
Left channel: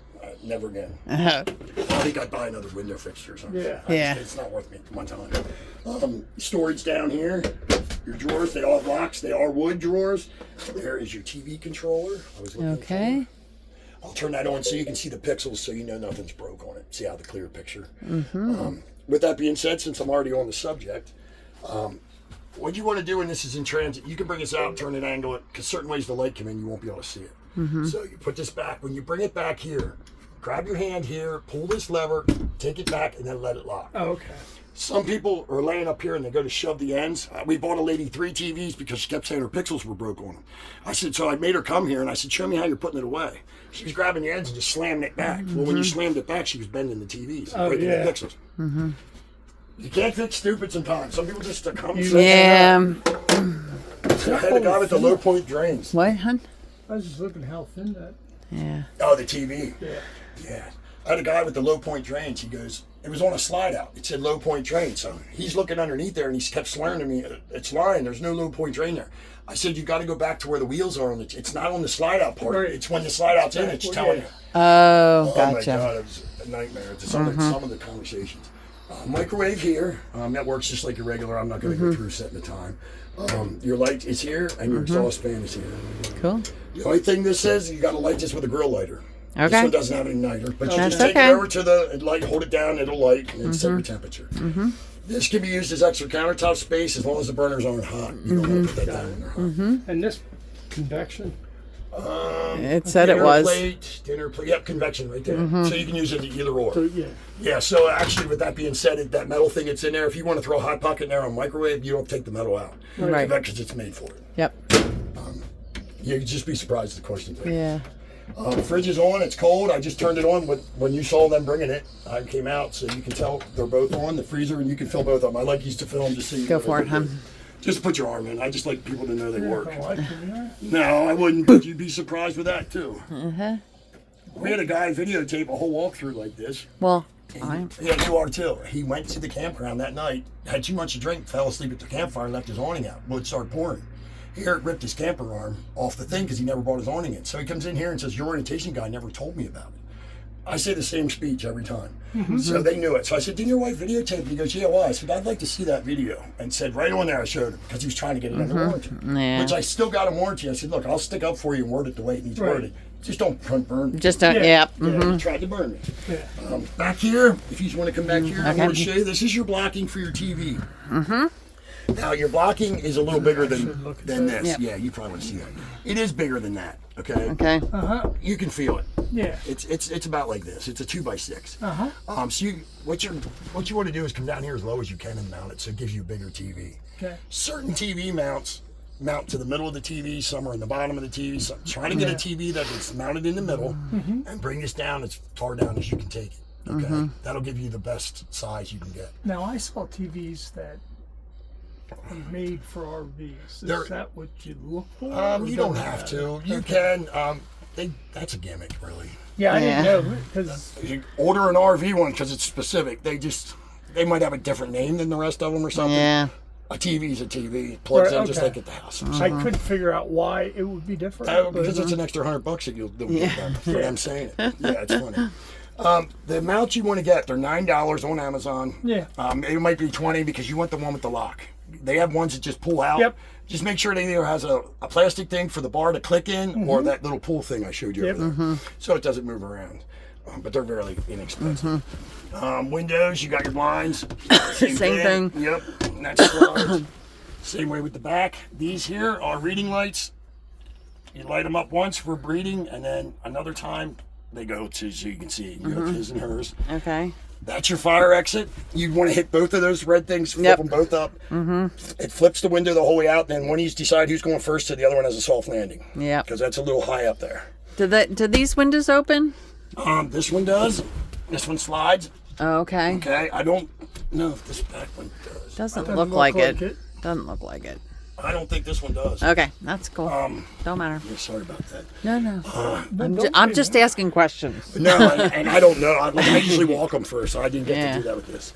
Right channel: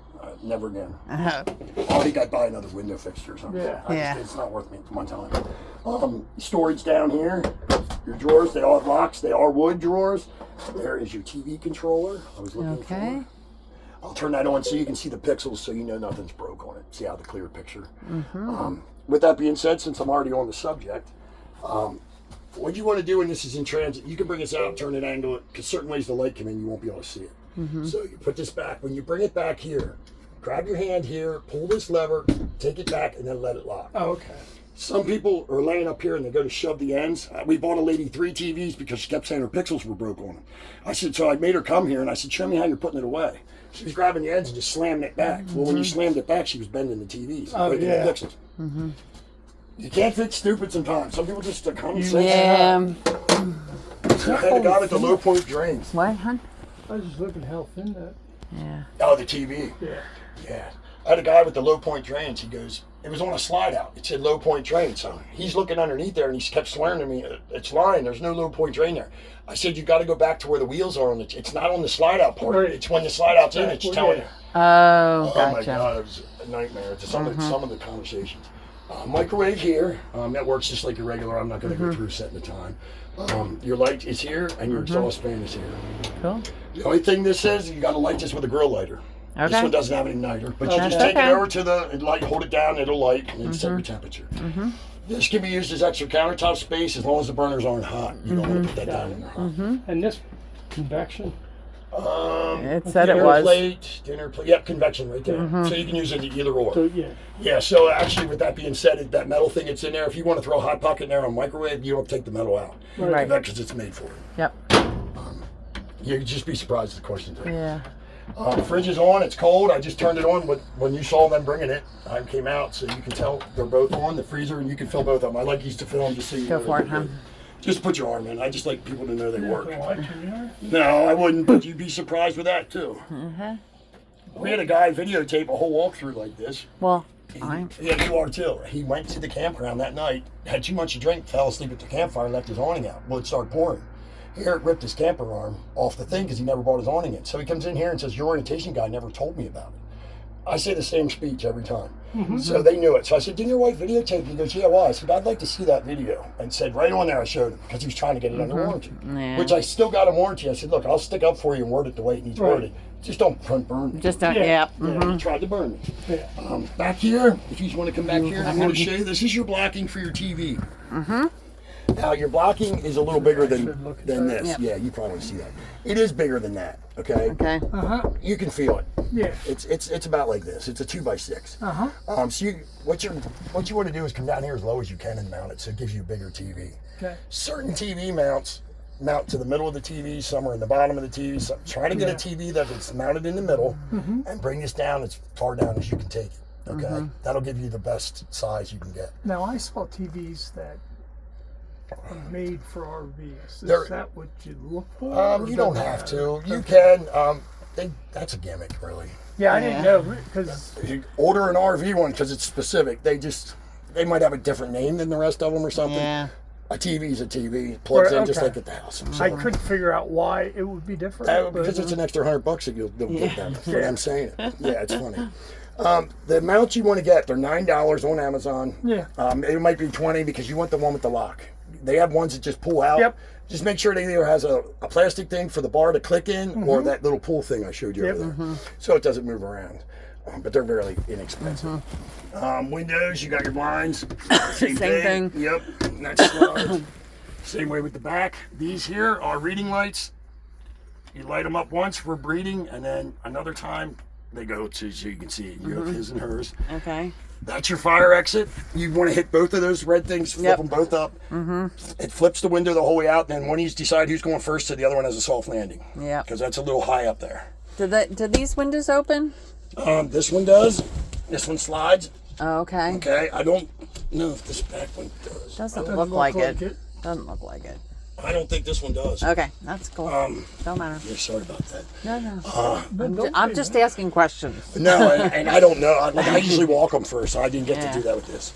never again. Uh-huh. I think I'd buy another window fixture or something. Yeah. Yeah. It's not worth me my time. Storage down here. Your drawers, they all have locks. They are wood drawers. There is your TV controller. I was looking Okay. for. I'll turn that on so you can see the pixels so you know nothing's broke on it. See how the clear picture. With that being said, since I'm already on the subject, what you want to do when this is in transit, you can bring this out, turn it, angle it, because certain ways the light come in, you won't be able to see it. So you put this back. When you bring it back here, grab your hand here, pull this lever, take it back, and then let it lock. Oh, okay. Some people are laying up here and they go to shove the ends. We bought a lady 3 TVs because she kept saying her pixels were broke on them. I said, so I made her come here and I said, show me how you're putting it away. She was grabbing the ends and just slamming it back. Well, when you slammed it back, she was bending the TVs and breaking the pixels. You can't fix stupid sometimes. Some people just come and say, Yeah. I had a guy with the low point drains. What, hon? I was just looking how thin that. Yeah. Oh, the TV. Yeah. Yeah. I had a guy with the low point drains. He goes, it was on a slide out. It said low point drain. So he's looking underneath there and he kept swearing to me, it's lying. There's no low point drain there. I said, you got to go back to where the wheels are on it. It's not on the slide out part. Right. It's when the slide out's in, it's telling you. Oh, Oh my gotcha. God, it was a nightmare. To some of the conversations. Microwave here. That works just like your regular. I'm not going to go through setting the time. Your light is here and your exhaust fan is here. Cool. The only thing this says, you got to light this with a grill lighter. This Okay. one doesn't have any lighter, but you That's just take okay. it over to the light, hold it down, it'll light, and then set your temperature. This can be used as extra countertop space as long as the burners aren't hot. You don't want to put that down when they're hot. And this convection. It said it Dinner was. plate, yep, convection right there. So you can use it either or. So yeah. Yeah, so actually with that being said, that metal thing that's in there, if you want to throw a hot pocket in there on a microwave, you don't take the metal out. Right. Because it's made for it. Yep. You'd just be surprised at the questions. Yeah. Fridge is on, it's cold. I just turned it on when you saw them bringing it. I came out, so you can tell they're both on the freezer, and you can fill both of them. I like these to fill them just so you Go know for it, they're huh? good. Just put your arm in. I just like people to know they work. Like it, yeah. No, I wouldn't, but you'd be surprised with that too. We had a guy videotape a whole walkthrough like this. Well, Yeah, you are too. He went to the campground that night, had too much to drink, fell asleep at the campfire, left his awning out. Well, it started pouring. Eric ripped his camper arm off the thing because he never brought his awning in. So he comes in here and says, your orientation guy never told me about it. I say the same speech every time. So they knew it. So I said, didn't your wife videotape? He goes, yeah, why? I said, I'd like to see that video. And said, right on there, I showed him because he was trying to get it under warranty. Yeah. Which I still got a warranty. I said, look, I'll stick up for you and word it the way it needs wording. Just don't burn me. just don't. Yeah. Yeah. He tried to burn me. Yeah. Back here, if you want to come back here, I'm going to show you. This is your blocking for your TV. Now, your blocking is a little bigger should look at than that. this. Yep. Yeah, you probably see that. It is bigger than that, okay? Okay. You can feel it. Yeah. It's about like this. It's a 2x6. So what you want to do is come down here as low as you can and mount it, so it gives you a bigger TV. Okay. Certain TV mounts mount to the middle of the TV, some are in the bottom of the TV. So try to get a TV that is mounted in the middle and bring this down as far down as you can take it. Okay, that'll give you the best size you can get. Now I saw TVs that are made for RVs. Is They're- that what you look for? or You don't does it have matter? to. You can. That's a gimmick, really. Yeah, I didn't Yeah. know because If you order an RV one because it's specific, they might have a different name than the rest of them or something. Yeah. A TV's a TV. It plugs Right, in just okay. like at the house. I couldn't figure out why it would be different. but- Because it's an extra $100 that you'll get them. That's what I'm saying. Yeah, it's funny. The amounts you want to get, they're $9 on Amazon. Yeah. It might be $20 because you want the one with the lock. They have ones that just pull out. Yep. Just make sure it either has a plastic thing for the bar to click in or that little pull thing I showed you Yep. over there. So it doesn't move around. But they're very inexpensive. Windows, you got your blinds. Same thing. Yep. And that's slides. Same way with the back. These here are reading lights. You light them up once for breeding, and then another time they go to so you can see it. You have his and hers. Okay. That's your fire exit. You want to hit both of those red things, flip Yep. them both up. It flips the window the whole way out, then one of you decide who's going first, so the other one has a soft landing. Yeah. Because that's a little high up there. Do these windows open? This one does. This one slides. Oh, okay. Okay. I don't know if this back one does. Doesn't Doesn't look look like like it. it. Doesn't look like it. I don't think this one does. Okay, that's cool. Don't matter. Yeah, sorry about that. No. I'm just asking questions. No, and I don't know. I usually walk them first, so I didn't get to do that with this.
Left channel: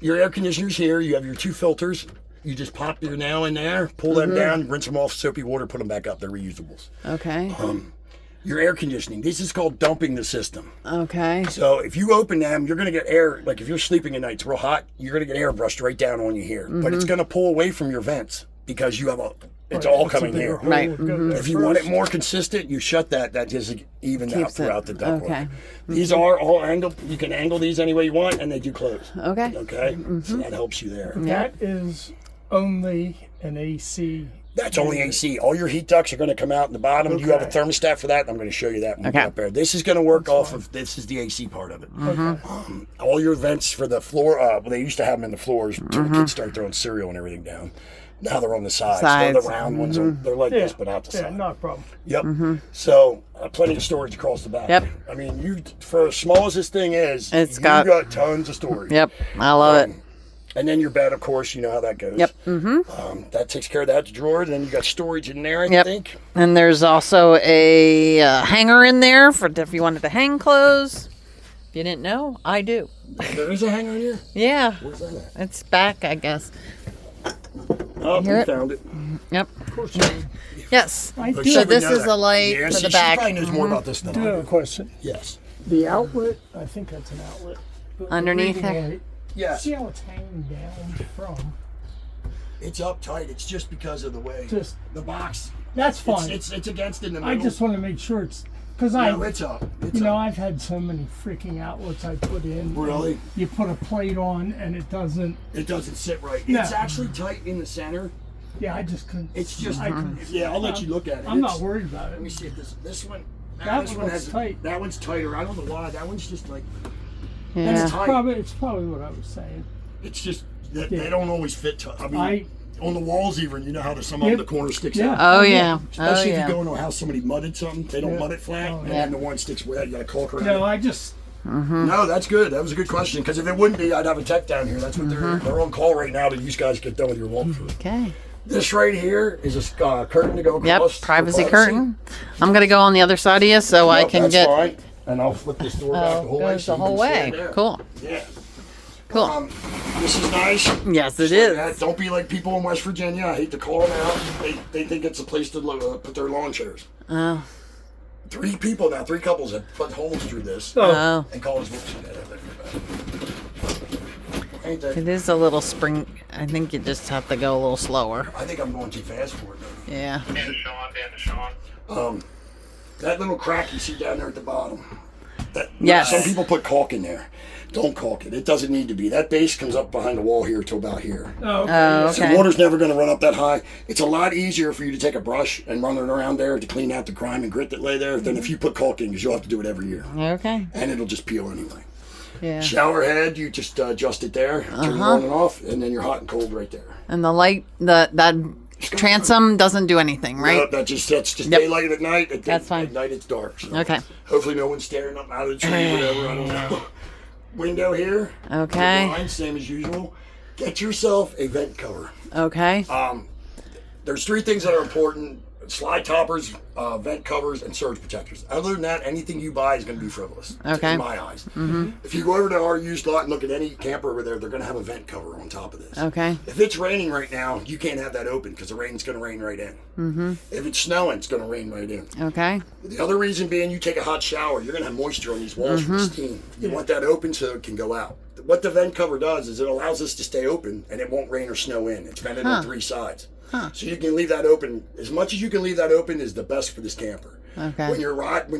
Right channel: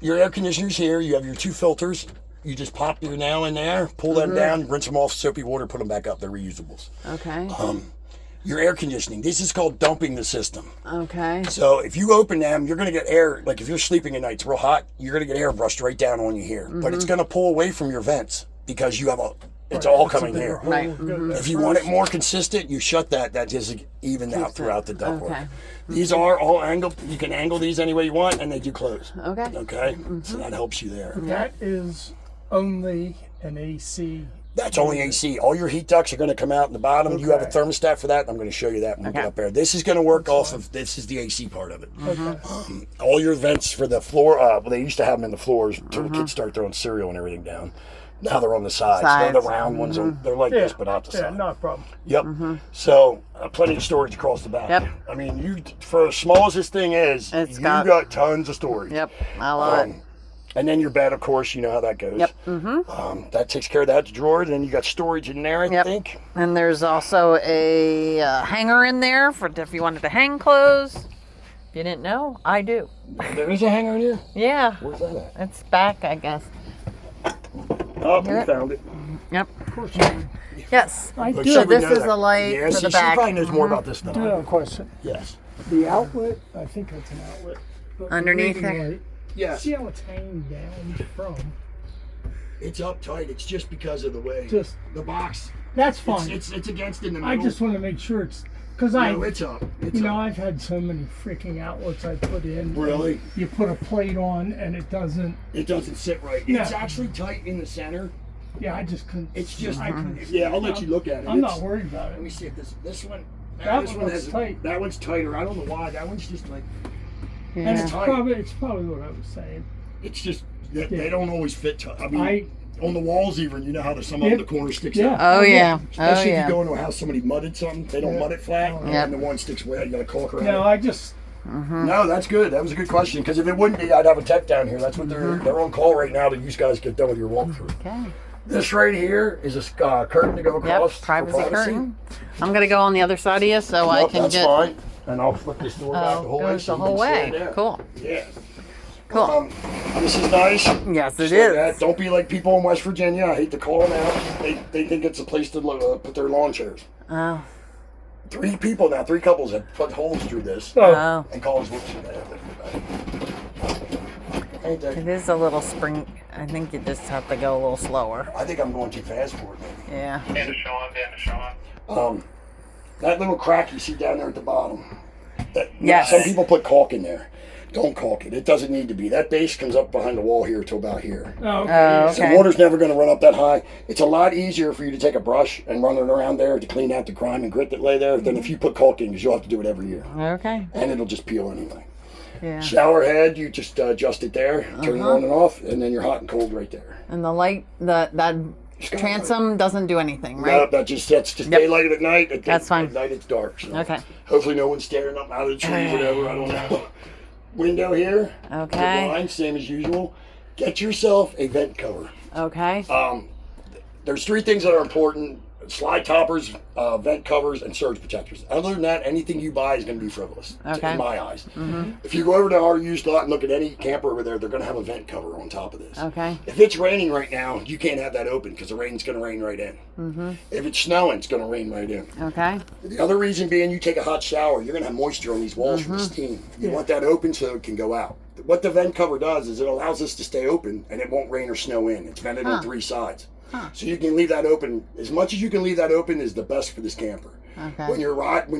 Your air conditioner's here. You have your 2 filters. You just pop your nail in there, pull them down, rinse them off soapy water, put them back up. They're reusables. Okay. your air conditioning. This is called dumping the system. Okay. So if you open them, you're going to get air. Like if you're sleeping at night, it's real hot, you're going to get air brushed right down on you here. But it's going to pull away from your vents because you have it's all coming here. Right. If you want it more consistent, you shut that. That just evens out throughout the ductwork. Okay. These are all angled. You can angle these any way you want, and they do close. Okay. Okay. So that helps you there. That is only an AC. That's only AC. All your heat ducts are going to come out in the bottom. You have a Okay. thermostat for that. And I'm going to show you that when we get up there. This is going to work off of, this is the AC part of it. Okay. All your vents for the floor, well, they used to have them in the floors until the kids start throwing cereal and everything down. Now they're on the sides. They're the round ones. They're like this, but not the Yeah, side. not a problem. Yep. So plenty of storage across the back. Yep. I mean, you for as small as this thing is, It's you got- got tons of storage. Yep. I love it. And then your bed, of course, you know how that goes. Yep. That takes care of that drawer. Then you got storage in there, I Yep. think. And there's also a hanger in there for if you wanted to hang clothes. If you didn't know, I do. There is a hanger in here. Yeah. Where's that at? It's back, I guess. Oh, we Yep. found it. Yep. Of course you do. Yes. I But do. So she would this know is that. a light Yeah, for see, the She back. probably knows more about this than do I have a do. question. Yes. The outlet, I think that's an outlet. but the Underneath reading there? light, Yes. See how it's hanging down from? It's uptight. It's just because of the way Just- the box. That's fine. It's against in the middle. I just want to make sure it's because No, it's up. It's up. I've had so many freaking outlets I put in. Really? You put a plate on and it doesn't. It doesn't sit right. Yeah. It's actually tight in the center. Yeah, I just couldn't. It's just. I couldn't. Yeah, I'll let you look at it. I'm It's- not worried about Let me it. see if this one. That This one one looks has tight. That one's tighter. I don't know why. That one's just like. Yeah. It's tight. It's probably what I was saying. It's just they don't always fit. I mean, I on the walls even, you know how some Yep. of the corner sticks Yeah. out. Oh yeah. Oh Especially if yeah. you go into a house somebody mudded something, they don't Yeah. mud it flat, Yep. and the one sticks way out. You got to caulk around. no, it. I just No, that's good. That was a good question. Because if it wouldn't be, I'd have a tech down here. That's what they're on call right now to you guys get done with your walkthrough. Okay. This right here is a curtain to go Yep. across. for Privacy curtain. I'm gonna go on the other side of you so I Nope, can that's get. fine. And I'll flip this door back the whole way. Goes so the you whole can way. stand there. Cool. Yeah. Cool. This is nice. Yes, it Just like is. that. Don't be like people in West Virginia. I hate to call them out. They think it's a place to put their lawn chairs. Oh. 3 couples have put holes through this Oh. and call us. Ain't that? It is a little spring. I think you just have to go a little slower. I think I'm going too fast for it. Maybe. Yeah. Dan to Sean. That little crack you see down there at the bottom. Yes. Some people put caulk in there. Don't caulk it. It doesn't need to be. That base comes up behind the wall here to about here. oh, okay. So water's never going to run up that high. It's a lot easier for you to take a brush and run it around there to clean out the grime and grit that lay there than if you put caulk in, because you'll have to do it every year. Okay. And it'll just peel anyway. Yeah. Shower head, you just adjust it there, turn it on and off, and then you're hot and cold right there. And the light, that transom doesn't do anything, right? No, that's just daylight at night. That's fine. At night it's dark. So Okay. hopefully no one's staring up out of the tree, whatever. I don't know. Window here. Okay. Blind, same as usual. Get yourself a vent cover. Okay. There's 3 things that are important: slide toppers, vent covers, and surge protectors. Other than that, anything you buy is going to be frivolous, Okay. in my eyes. If you go over to our used lot and look at any camper over there, they're going to have a vent cover on top of this. Okay. If it's raining right now, you can't have that open because the rain's going to rain right in. If it's snowing, it's going to rain right in. Okay. The other reason being, you take a hot shower, you're going to have moisture on these walls from steam. You want that open so it can go out. What the vent cover does is it allows this to stay open and it won't rain or snow in. It's vented on 3 sides. So you can leave that open. As much as you can leave that open is the best for this camper. Okay. When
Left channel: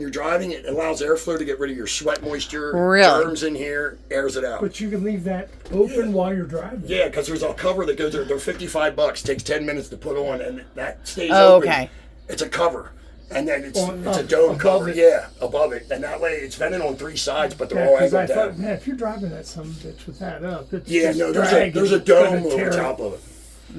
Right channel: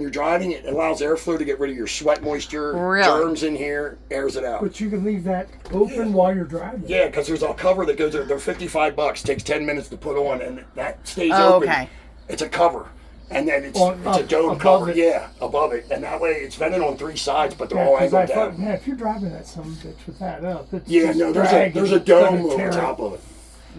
you're driving, it allows airflow to get rid of your sweat moisture, Really? germs in here, airs it out. But you can leave that open while you're driving. Yeah, because there's a cover that goes there. They're $55. Takes 10 minutes to put on, and that stays Oh, open. okay. It's a cover, and then it's On- a dome above cover. it. Yeah, above it, and that way it's vented on 3 sides, but they're Yeah, all 'cause I angled thought, down. man, if you're driving that some bitch with that up, it's Yeah, just no, there's dragging. a It's gonna dome tear over it. top of it.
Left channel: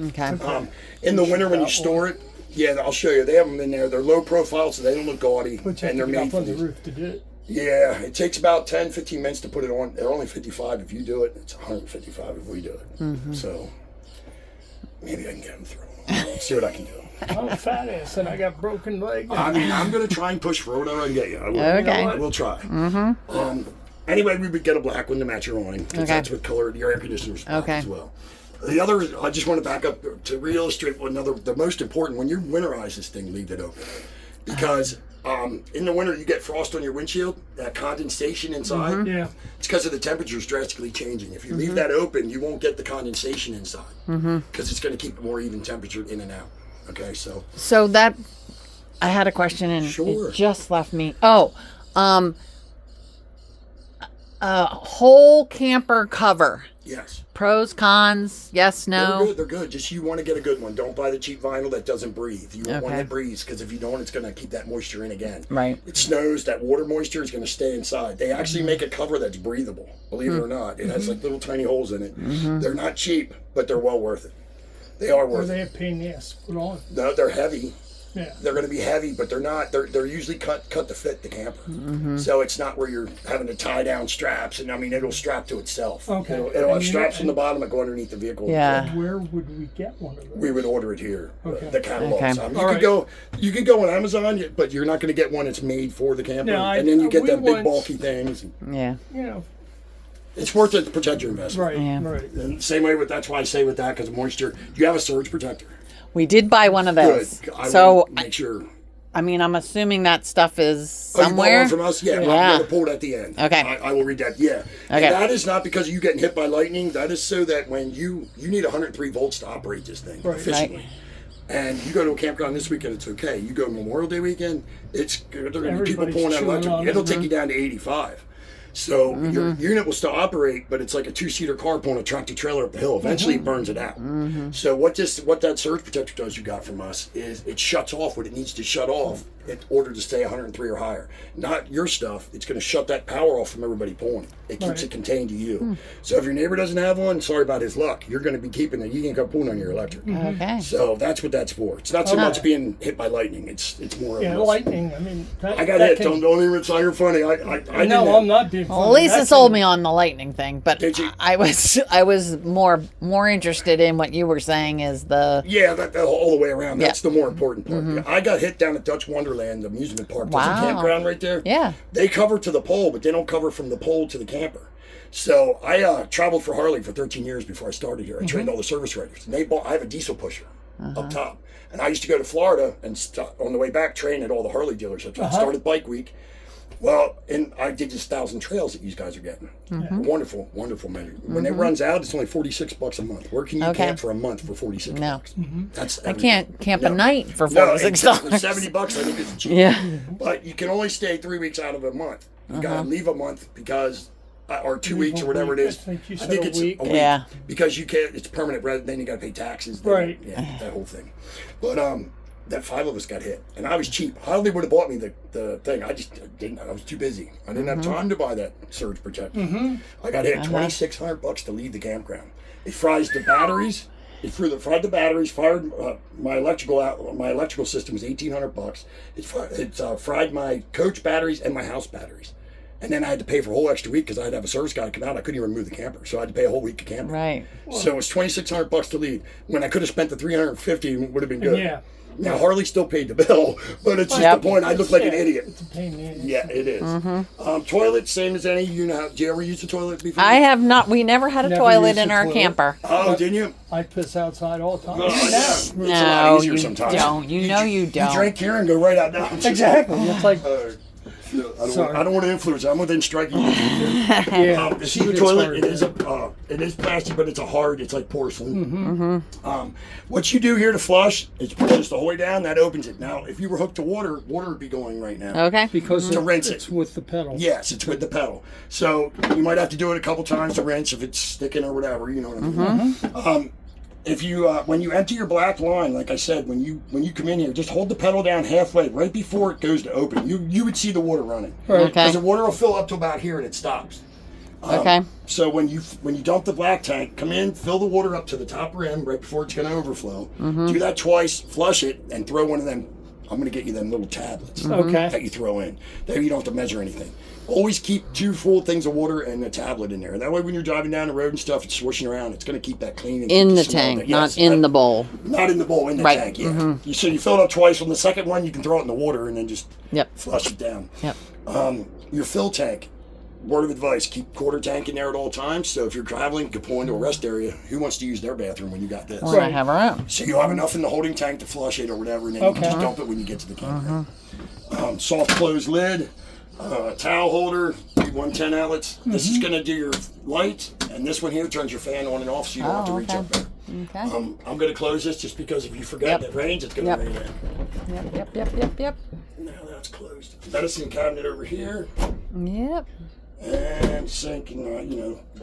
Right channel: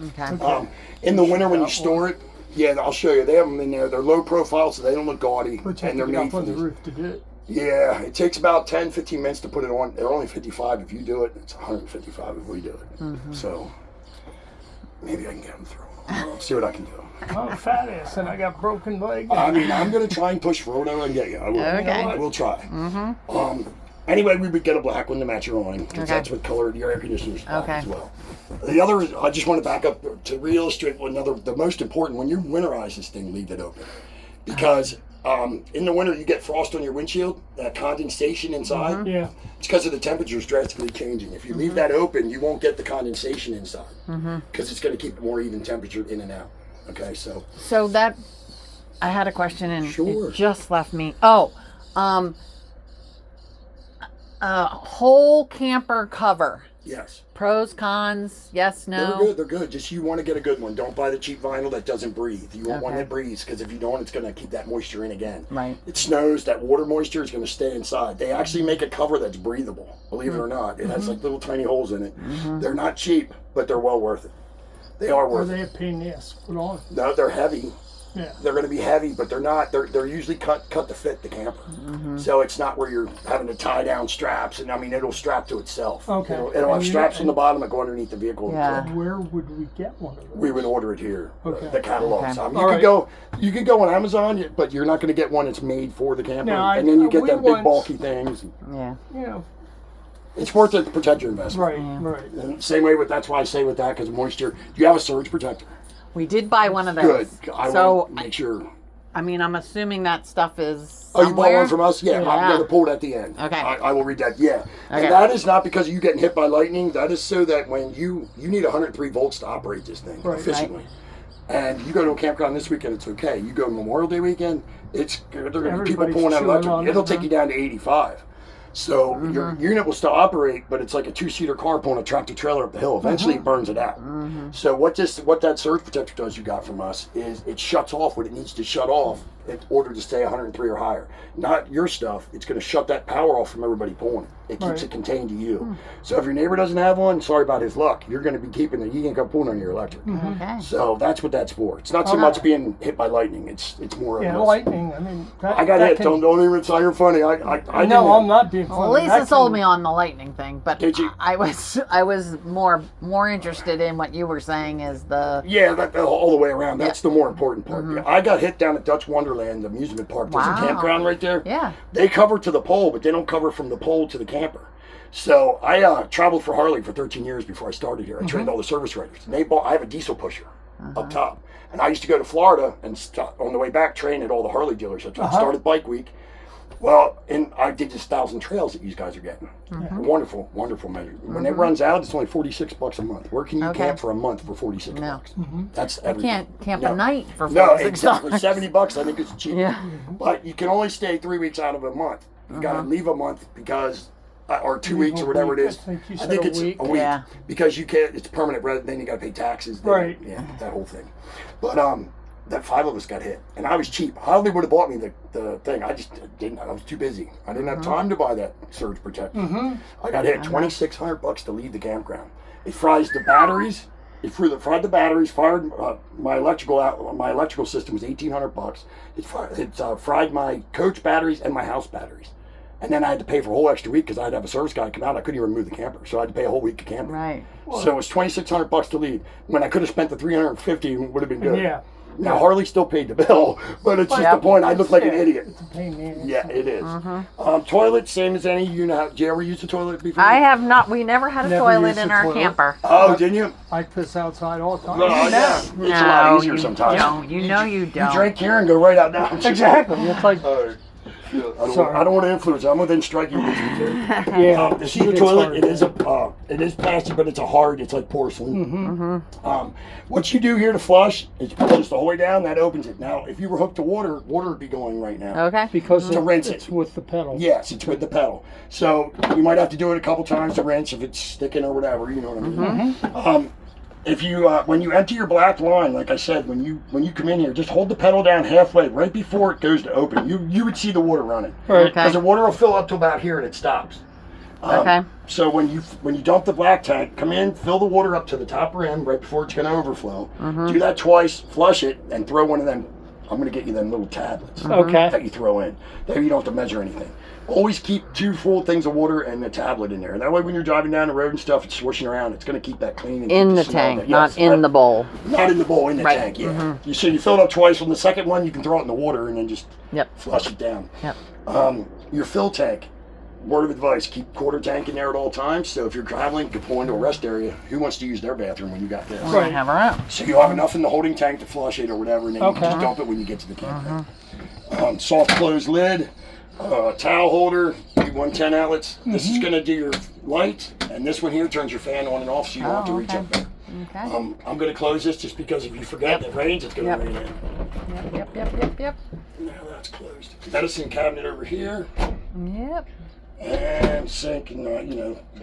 Okay. In the winter when you store it, yeah, I'll show you. They have them in there. They're low profile, so they don't look gaudy, But you and have they're to get made up for on the this. roof to do it. Yeah, it takes about 10, 15 minutes to put it on. They're only 55 if you do it. It's 155 if we do it. So maybe I can get them through. I'll see what I can do. I'm a fat ass and I got broken leg. I mean, I'm going to try and push Roto and get you. I will. Okay. I will try. Anyway, we would get a black one to match your awning, because Okay. that's what color your air conditioner's black Okay. as well. The other, I just want to back up to reillustrate the most important. When you winterize this thing, leave it open, because In the winter, you get frost on your windshield, that condensation inside. Yeah. It's because of the temperatures drastically changing. If you leave that open, you won't get the condensation inside because it's going to keep a more even temperature in and out. Okay, So that I had a question and Sure. it just left me. Oh, whole camper cover. yes. Pros, cons, yes, They're no. good. They're good. Just you want to get a good one. Don't buy the cheap vinyl that doesn't breathe. You want one Okay. that breathes because if you don't, it's going to keep that moisture in again. Right. It snows. That water moisture is going to stay inside. They actually make a cover that's breathable. Believe it or not, it has like little tiny holes in it. They're not cheap, but they're well worth it. They are Are worth they it. a pain in the ass to put on? No, they're heavy. Yeah. They're going to be heavy, but they're not. They're usually cut to fit the camper. So it's not where you're having to tie down straps, and I mean it'll strap to itself. Okay. It'll have And you- straps on the bottom that go underneath the vehicle. Yeah. Where would we get one of those? We would order it here. Okay. The catalogs. Okay. You All could right. go. You could go on Amazon, but you're not going to get one that's made for the camper. No, and then you get we them big want- bulky things. Yeah. You know, It's worth it to protect your investment. right, Yeah. right. And same way with that's why I say with that because of moisture. You have a surge protector. We did buy one of Good. those. I So, will make sure. I mean, I'm assuming that stuff is Oh, you bought somewhere. one from us? Yeah, I'm Yeah. going to pull it at the end. Okay. I will read that. Yeah. Okay. And that is not because of you getting hit by lightning. That is so that when you need 103 volts to operate this thing Right. efficiently. And you go to a campground this weekend, it's okay. You go Memorial Day weekend, they're going to be people Everybody's pulling out chewing electric. on It'll it, take you down to 85. So your unit will still operate, but it's like a 2-seater car pulling a tractor trailer up the hill. Eventually, it burns it out. So what that surge protector does you got from us is it shuts off what it needs to shut off in order to stay 103 or higher. Not your stuff. It's going to shut that power off from everybody pulling it. It keeps Right. it contained to you. So if your neighbor doesn't have one, sorry about his luck. You're going to be keeping it. You ain't got pulling on your electric. Okay. So that's what that's for. It's not so much being hit by lightning. It's more. Yeah, of this. lightning. I mean, that, I got that hit. can- Don't even say you're funny. I No, didn't- I'm not being funny. Well, Lisa That sold can- me on the lightning thing, but Did you? I was more interested in what you were saying is the Yeah, all the way around. That's Yeah. the more important part. I got hit down at Dutch Wonderland, the amusement park. There's Wow. a campground right there. yeah. They cover to the pole, but they don't cover from the pole to the camper. So I traveled for Harley for 13 years before I started here. I trained all the service writers. And I have a diesel pusher up top. And I used to go to Florida and on the way back train at all the Harley dealerships. I started Bike Week. Well, and I did this 1,000 trails that these guys are getting. Wonderful, wonderful measure. When it runs out, it's only $46 a month. Where can you Okay. camp for a month for $46? No. That's I everything. can't camp No. a night for No, $46. exactly. $70 I think is cheap. Yeah. But you can only stay 3 weeks out of a month. You got to leave a month because, or 2 Leave weeks a or whatever it week. is. I think you I said think a it's week. a week. Yeah. Because you can't. It's permanent. Rather then you got to pay taxes. then- Right. Yeah, that whole thing. But that 5 of us got hit, and I was cheap. Hardly would have bought me the thing. I just didn't. I was too busy. I didn't have time to buy that surge protector. I got hit $2,600 to leave the campground. It fries the batteries. It fried the batteries. Fired my electrical out. My electrical system was $1,800. It fried my coach batteries and my house batteries. And then I had to pay for a whole extra week because I'd have a service guy come out. I couldn't even move the camper, so I had to pay a whole week of camping. Right. So it was $2,600 to leave when I could have spent the $350 and would have been good. Yeah. Now Harley still paid the bill, but it's just Yep. the point. I look like an Yeah, idiot. It's a pain in the ass. Yeah, it is. Toilet, same as any. You know, did you ever use a toilet before? I have not. We never had a Never toilet used in a our toilet. camper. Oh, didn't you? I piss outside all the time. No, yeah. It's a lot No, easier you sometimes. don't. You know you don't. You drink here and go right out now. Exactly. It's like, I don't want to influence. I'm within striking distance. yeah. This she is a gets toilet. hurt. It is plastic, but it's it's like porcelain. What you do here to flush is pull this the whole way down. That opens it. Now, if you were hooked to water would be going right now. Okay. Because To rinse it's it. with the pedal. Yes, it's with the pedal. So you might have to do it a couple times to rinse if it's sticking or whatever. You know what I mean? If you when you empty your black line, like I said, when you come in here, just hold the pedal down halfway, right before it goes to open. You would see the water running. Right. Okay. Because the water will fill up to about here and it stops. Okay. So when you dump the black tank, come in, fill the water up to the top rim right before it's going to overflow. Do that twice, flush it, and throw one of them. I'm going to get you them little tablets Okay. that you throw in. There you don't have to measure anything. Always keep 2 full things of water and a tablet in there. That way when you're driving down the road and stuff, it's swishing around. It's going to keep that clean. And In keep the smell of tank, it. not Yes, in the bowl. Not in the bowl, in the Right. tank, yeah. So you fill it up twice. On the second one, you can throw it in the water and then just Yep. flush it down. Yep. Your fill tank, word of advice, keep quarter tank in there at all times. So if you're traveling, you can pull into a rest area. Who wants to use their bathroom when you got this? We're gonna have our own. So you'll have enough in the holding tank to flush it or whatever, and then you Okay. just dump it when you get to the campground. soft close lid, towel holder, 110 outlets. This is going to do your light, and this one here turns your fan on and off, so you don't have to reach up there. Okay. I'm going to close this just because if you forget it rains, it's going to rain in. Yep. Now that's closed. Medicine cabinet over here, Yep. and sink, and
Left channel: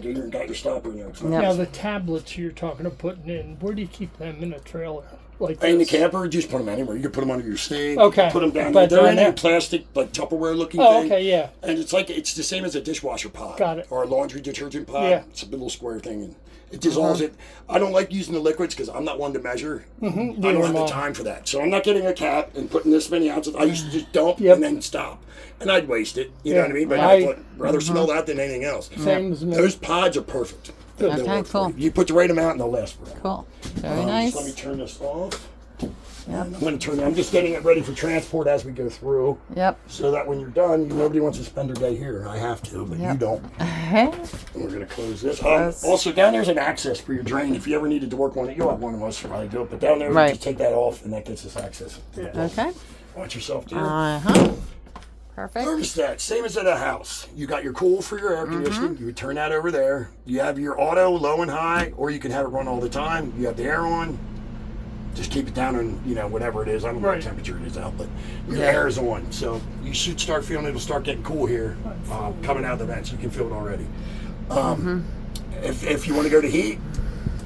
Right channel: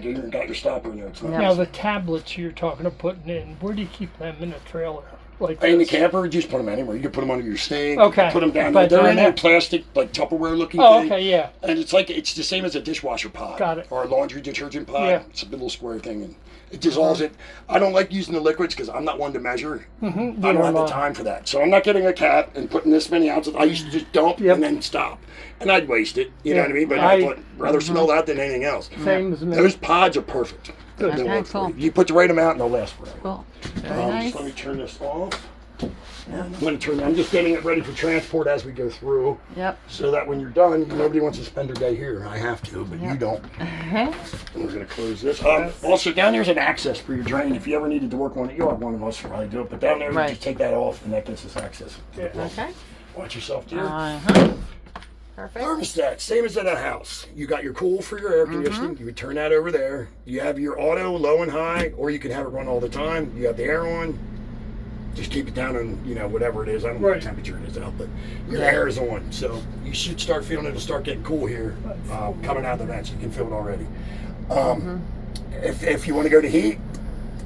you got your stopper in there. It's not Now the tablets you're talking of putting in, where do you keep them in a trailer? Like in the this? camper, just put them anywhere. You can put them under your sink. Okay. Put them down But there. They're in down a there. plastic, like Tupperware looking Oh, thing. okay, yeah. And it's the same as a dishwasher pod. Got it. Or a laundry detergent pod. Yeah. It's a little square thing, and it dissolves it. I don't like using the liquids because I'm not one to measure. I don't have the time for that. So I'm not getting a cap and putting this many ounces. I used to just dump and then stop. And I'd waste it. You know what I mean? But I thought rather smell that than anything else. Same as me. Those pods are perfect. They'll Okay, work for cool. you. You put the right amount and they'll last forever. Cool. Very nice. Just let me turn this off. I'm just getting it ready for transport as we go through, Yep. so that when you're done, nobody wants to spend their day here. I have to, but you don't. Okay. And we're going to close this. Also, down there's an access for your drain. If you ever needed to work on it, you'll have one of us probably do it. But down there, you just take that off, and that gets us access. Okay. Watch yourself there. Perfect. Thermostat, same as at a house. You got your cool for your air conditioning. You would turn that over there. You have your auto, low and high, or you can have it run all the time. You have the air on. Just keep it down on, whatever it is. I don't know what temperature it is out, but your air is on. So you should start feeling it'll start getting cool here coming out of the vent. So you can feel it already. If you want to go to heat,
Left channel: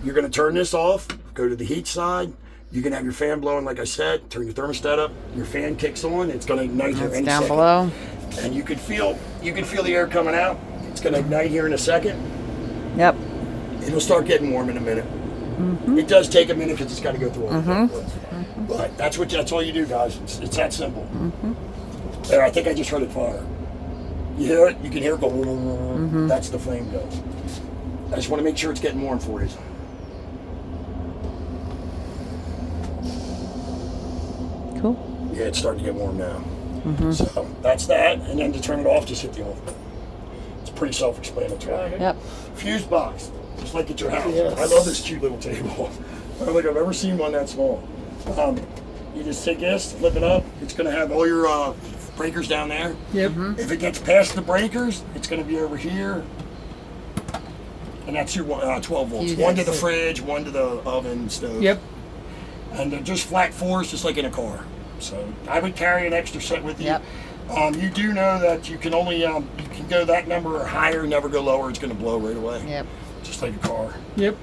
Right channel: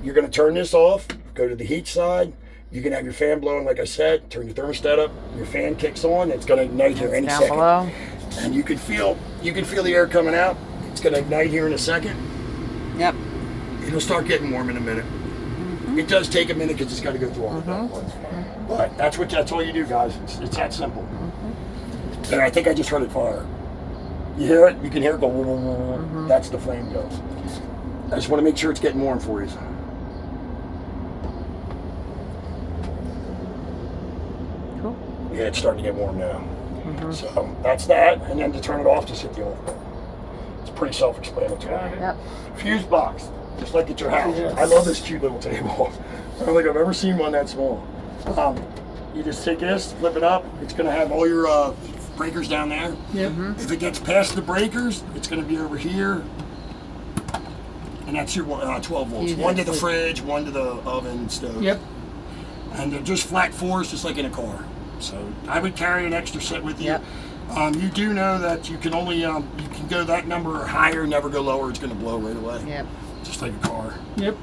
you're going to turn this off, go to the heat side. You can have your fan blowing, like I said, turn your thermostat up. Your fan kicks on. It's going to ignite here any Down second. below. And you can feel the air coming out. It's going to ignite here in a second. Yep. It'll start getting warm in a minute. It does take a minute because it's got to go through all of that. But that's all you do, guys. It's that simple. There, I think I just heard it fire. You hear it? You can hear it go. That's the flame goes. I just want to make sure it's getting warm for you. Cool. Yeah, it's starting to get warm now. So that's that. And then to turn it off, just hit the off button. It's pretty self-explanatory. Yep. Fuse box, just like at your house. Yes. I love this cute little table. I don't think I've ever seen one that small. You just take this, flip it up. It's going to have all your breakers down there. Yep. If it gets past the breakers, it's going to be over here. And that's your 12 volts. One to the fridge, one to the oven, stove. Yep. And they're just flat fours, just like in a car. So I would carry an extra set with you. Yep. You do know that you can only you can go that number or higher, never go lower. It's going to blow right away. Yep. Just like a car. Yep.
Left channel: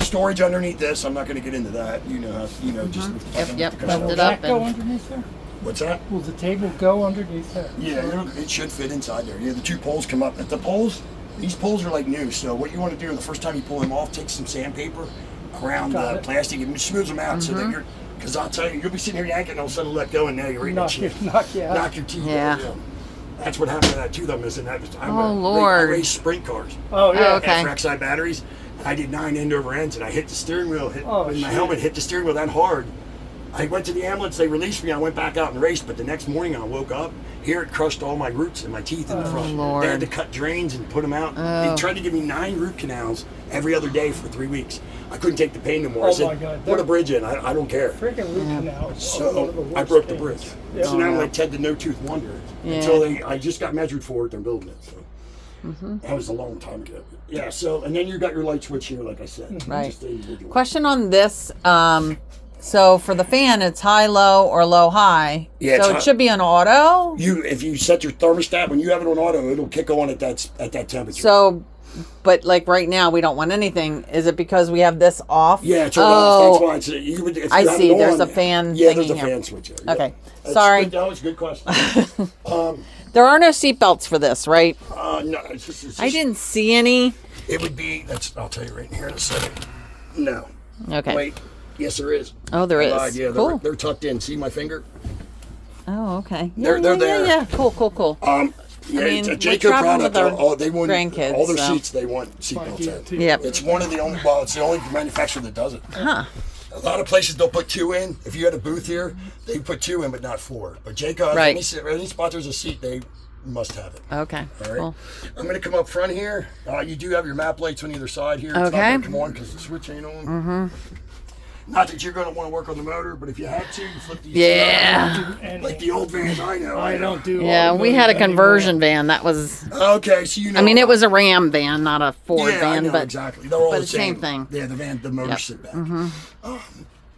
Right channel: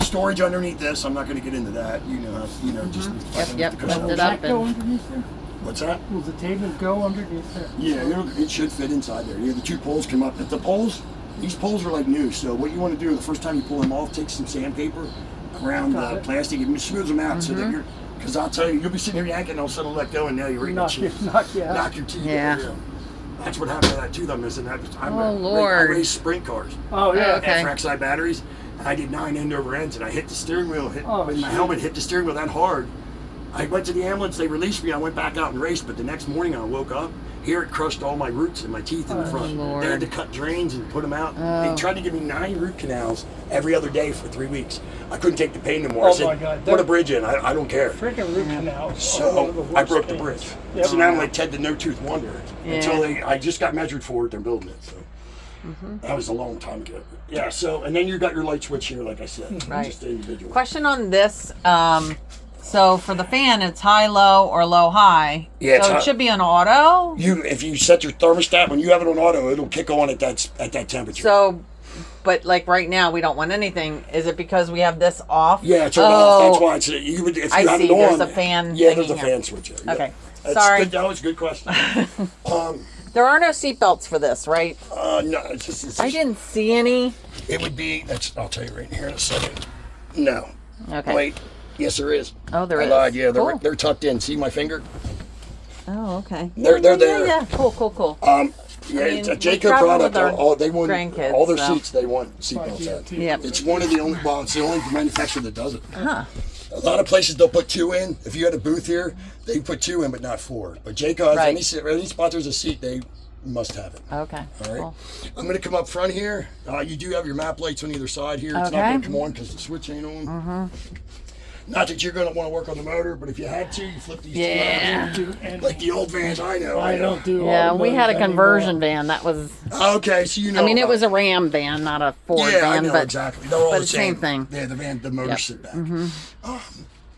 Storage underneath this. I'm not going to get into that. Just Yep. Lift Will it that up go and underneath there? What's that? Will the table go underneath there? Yeah, it should fit inside there. Yeah, the two poles come up. But the poles, these poles are like new. So what you want to do the first time you pull them off, take some sandpaper around the plastic and smooth them out so that because I'll tell you, you'll be sitting here yanking and all of a sudden let go and now you're eating Knock you out. knock your teeth Yeah. out. That's what happened to that tooth I'm missing. Lord. I race sprint cars. Oh, yeah. Okay. Trackside batteries. I did 9 end over ends and I hit the steering wheel. My shit. helmet hit the steering wheel that hard. I went to the ambulance, they released me, I went back out and raced, but the next morning I woke up, here it crushed all my roots and my teeth in the front. Lord. They had to cut drains and put them out. They tried to give me 9 root canals every other day for 3 weeks. I couldn't take the pain no more. I Oh, said, my God. put a bridge in, I don't care. Freaking root canals. are So one of the I worst broke the things. bridge. Yep. So now I'm like Ted the No Tooth Wonder. Yeah. Until I just got measured for it, they're building it. So that was a long time ago. Yeah, so, and then you got your light switch here, like I said. Right. Just individual. question on this. So for the fan, it's high, low, or low, high. Yeah, it's So it high. should be on auto. If you set your thermostat, when you have it on auto, it'll kick on at that temperature. So, but like right now, we don't want anything. Is it because we have this off? Yeah, it's off. That's why if you I have see. it on, There's a fan Yeah, there's thingy a here. fan switch. Yeah. Okay. That's Sorry. Good. That was a good question. There are no seatbelts for this, right? No, it's just I didn't see any. It would be. I'll tell you right here in a second. No. Okay. Wait. Yes, there is. Oh, there I is. lied. Yeah, Cool. they're tucked in. See my finger? Oh, okay. They're yeah, there. Yeah. Cool. Yeah, mean, it's a we Jayco travel product. with our They want grandkids, all their so. seats. They want seatbelts in. Yep. It's one of the only. Well, it's the only manufacturer that does it. Huh. A lot of places they'll put 2 in. If you had a booth here, they put 2 in, but not 4. But Jayco, Right. any spot there's a seat, they must have it. Okay. All right. Cool. I'm going to come up front here. You do have your map lights on either side here. It's not Okay. going to come on because the switch ain't on. Not that you're going to want to work on the motor, but if you had to, you flip these Yeah. two out. Like the old vans I know. I don't do Yeah, we had a automotive conversion anymore. van. That was. Okay, so you know. I mean, it about was a Ram van, not a Ford Yeah, I van, know but exactly. They're all but the the same thing. Yeah, the motor Yep. sit back.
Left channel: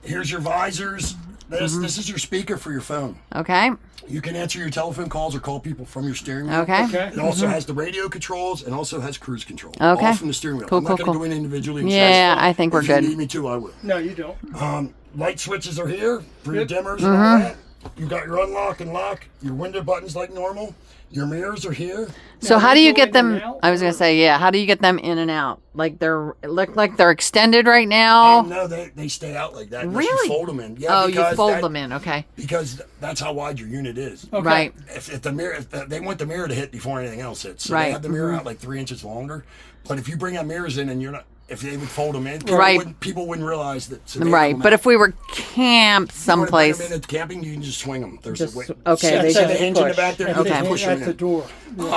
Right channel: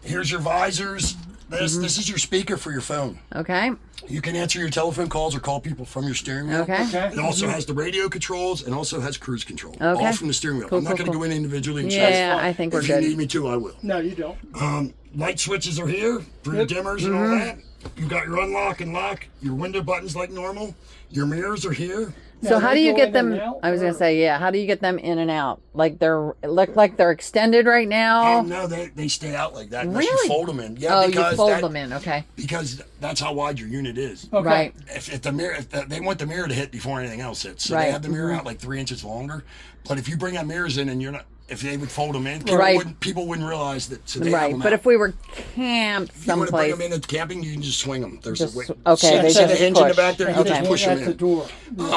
Here's your visors. This is your speaker for your phone. okay, You can answer your telephone calls or call people from your steering wheel. okay, Okay. It also has the radio controls and also has cruise control. Okay. All from the steering wheel. Cool, I'm not cool, going to cool. go in individually and Yeah, check. I think we're If good. you need me to, I will. No, you don't. Light switches are here for your Yep. dimmers and all that. You've got your unlock and lock. Your window buttons like normal. Your mirrors are here. So Now, how they're do you going get them? in and out, I was gonna or- say, yeah. How do you get them in and out? Like it look like they're extended right now. No, they stay out like that. Unless Really? you fold them in. Yeah, Oh, you because fold them in. Okay, Because that's how wide your unit is. Okay. right. If the mirror, they want the mirror to hit before anything else hits. So Right. they have the mirror out like 3 inches longer. But if you bring out mirrors in and you're not, if they would fold them in, Right. people wouldn't realize that. So they have Right, them but out. if we were camped you want to bring someplace, them in at camping, you can just swing them. There's Just- a way. okay, See, they see the just hinge in the push. back there? You Okay. just push them at the in. door.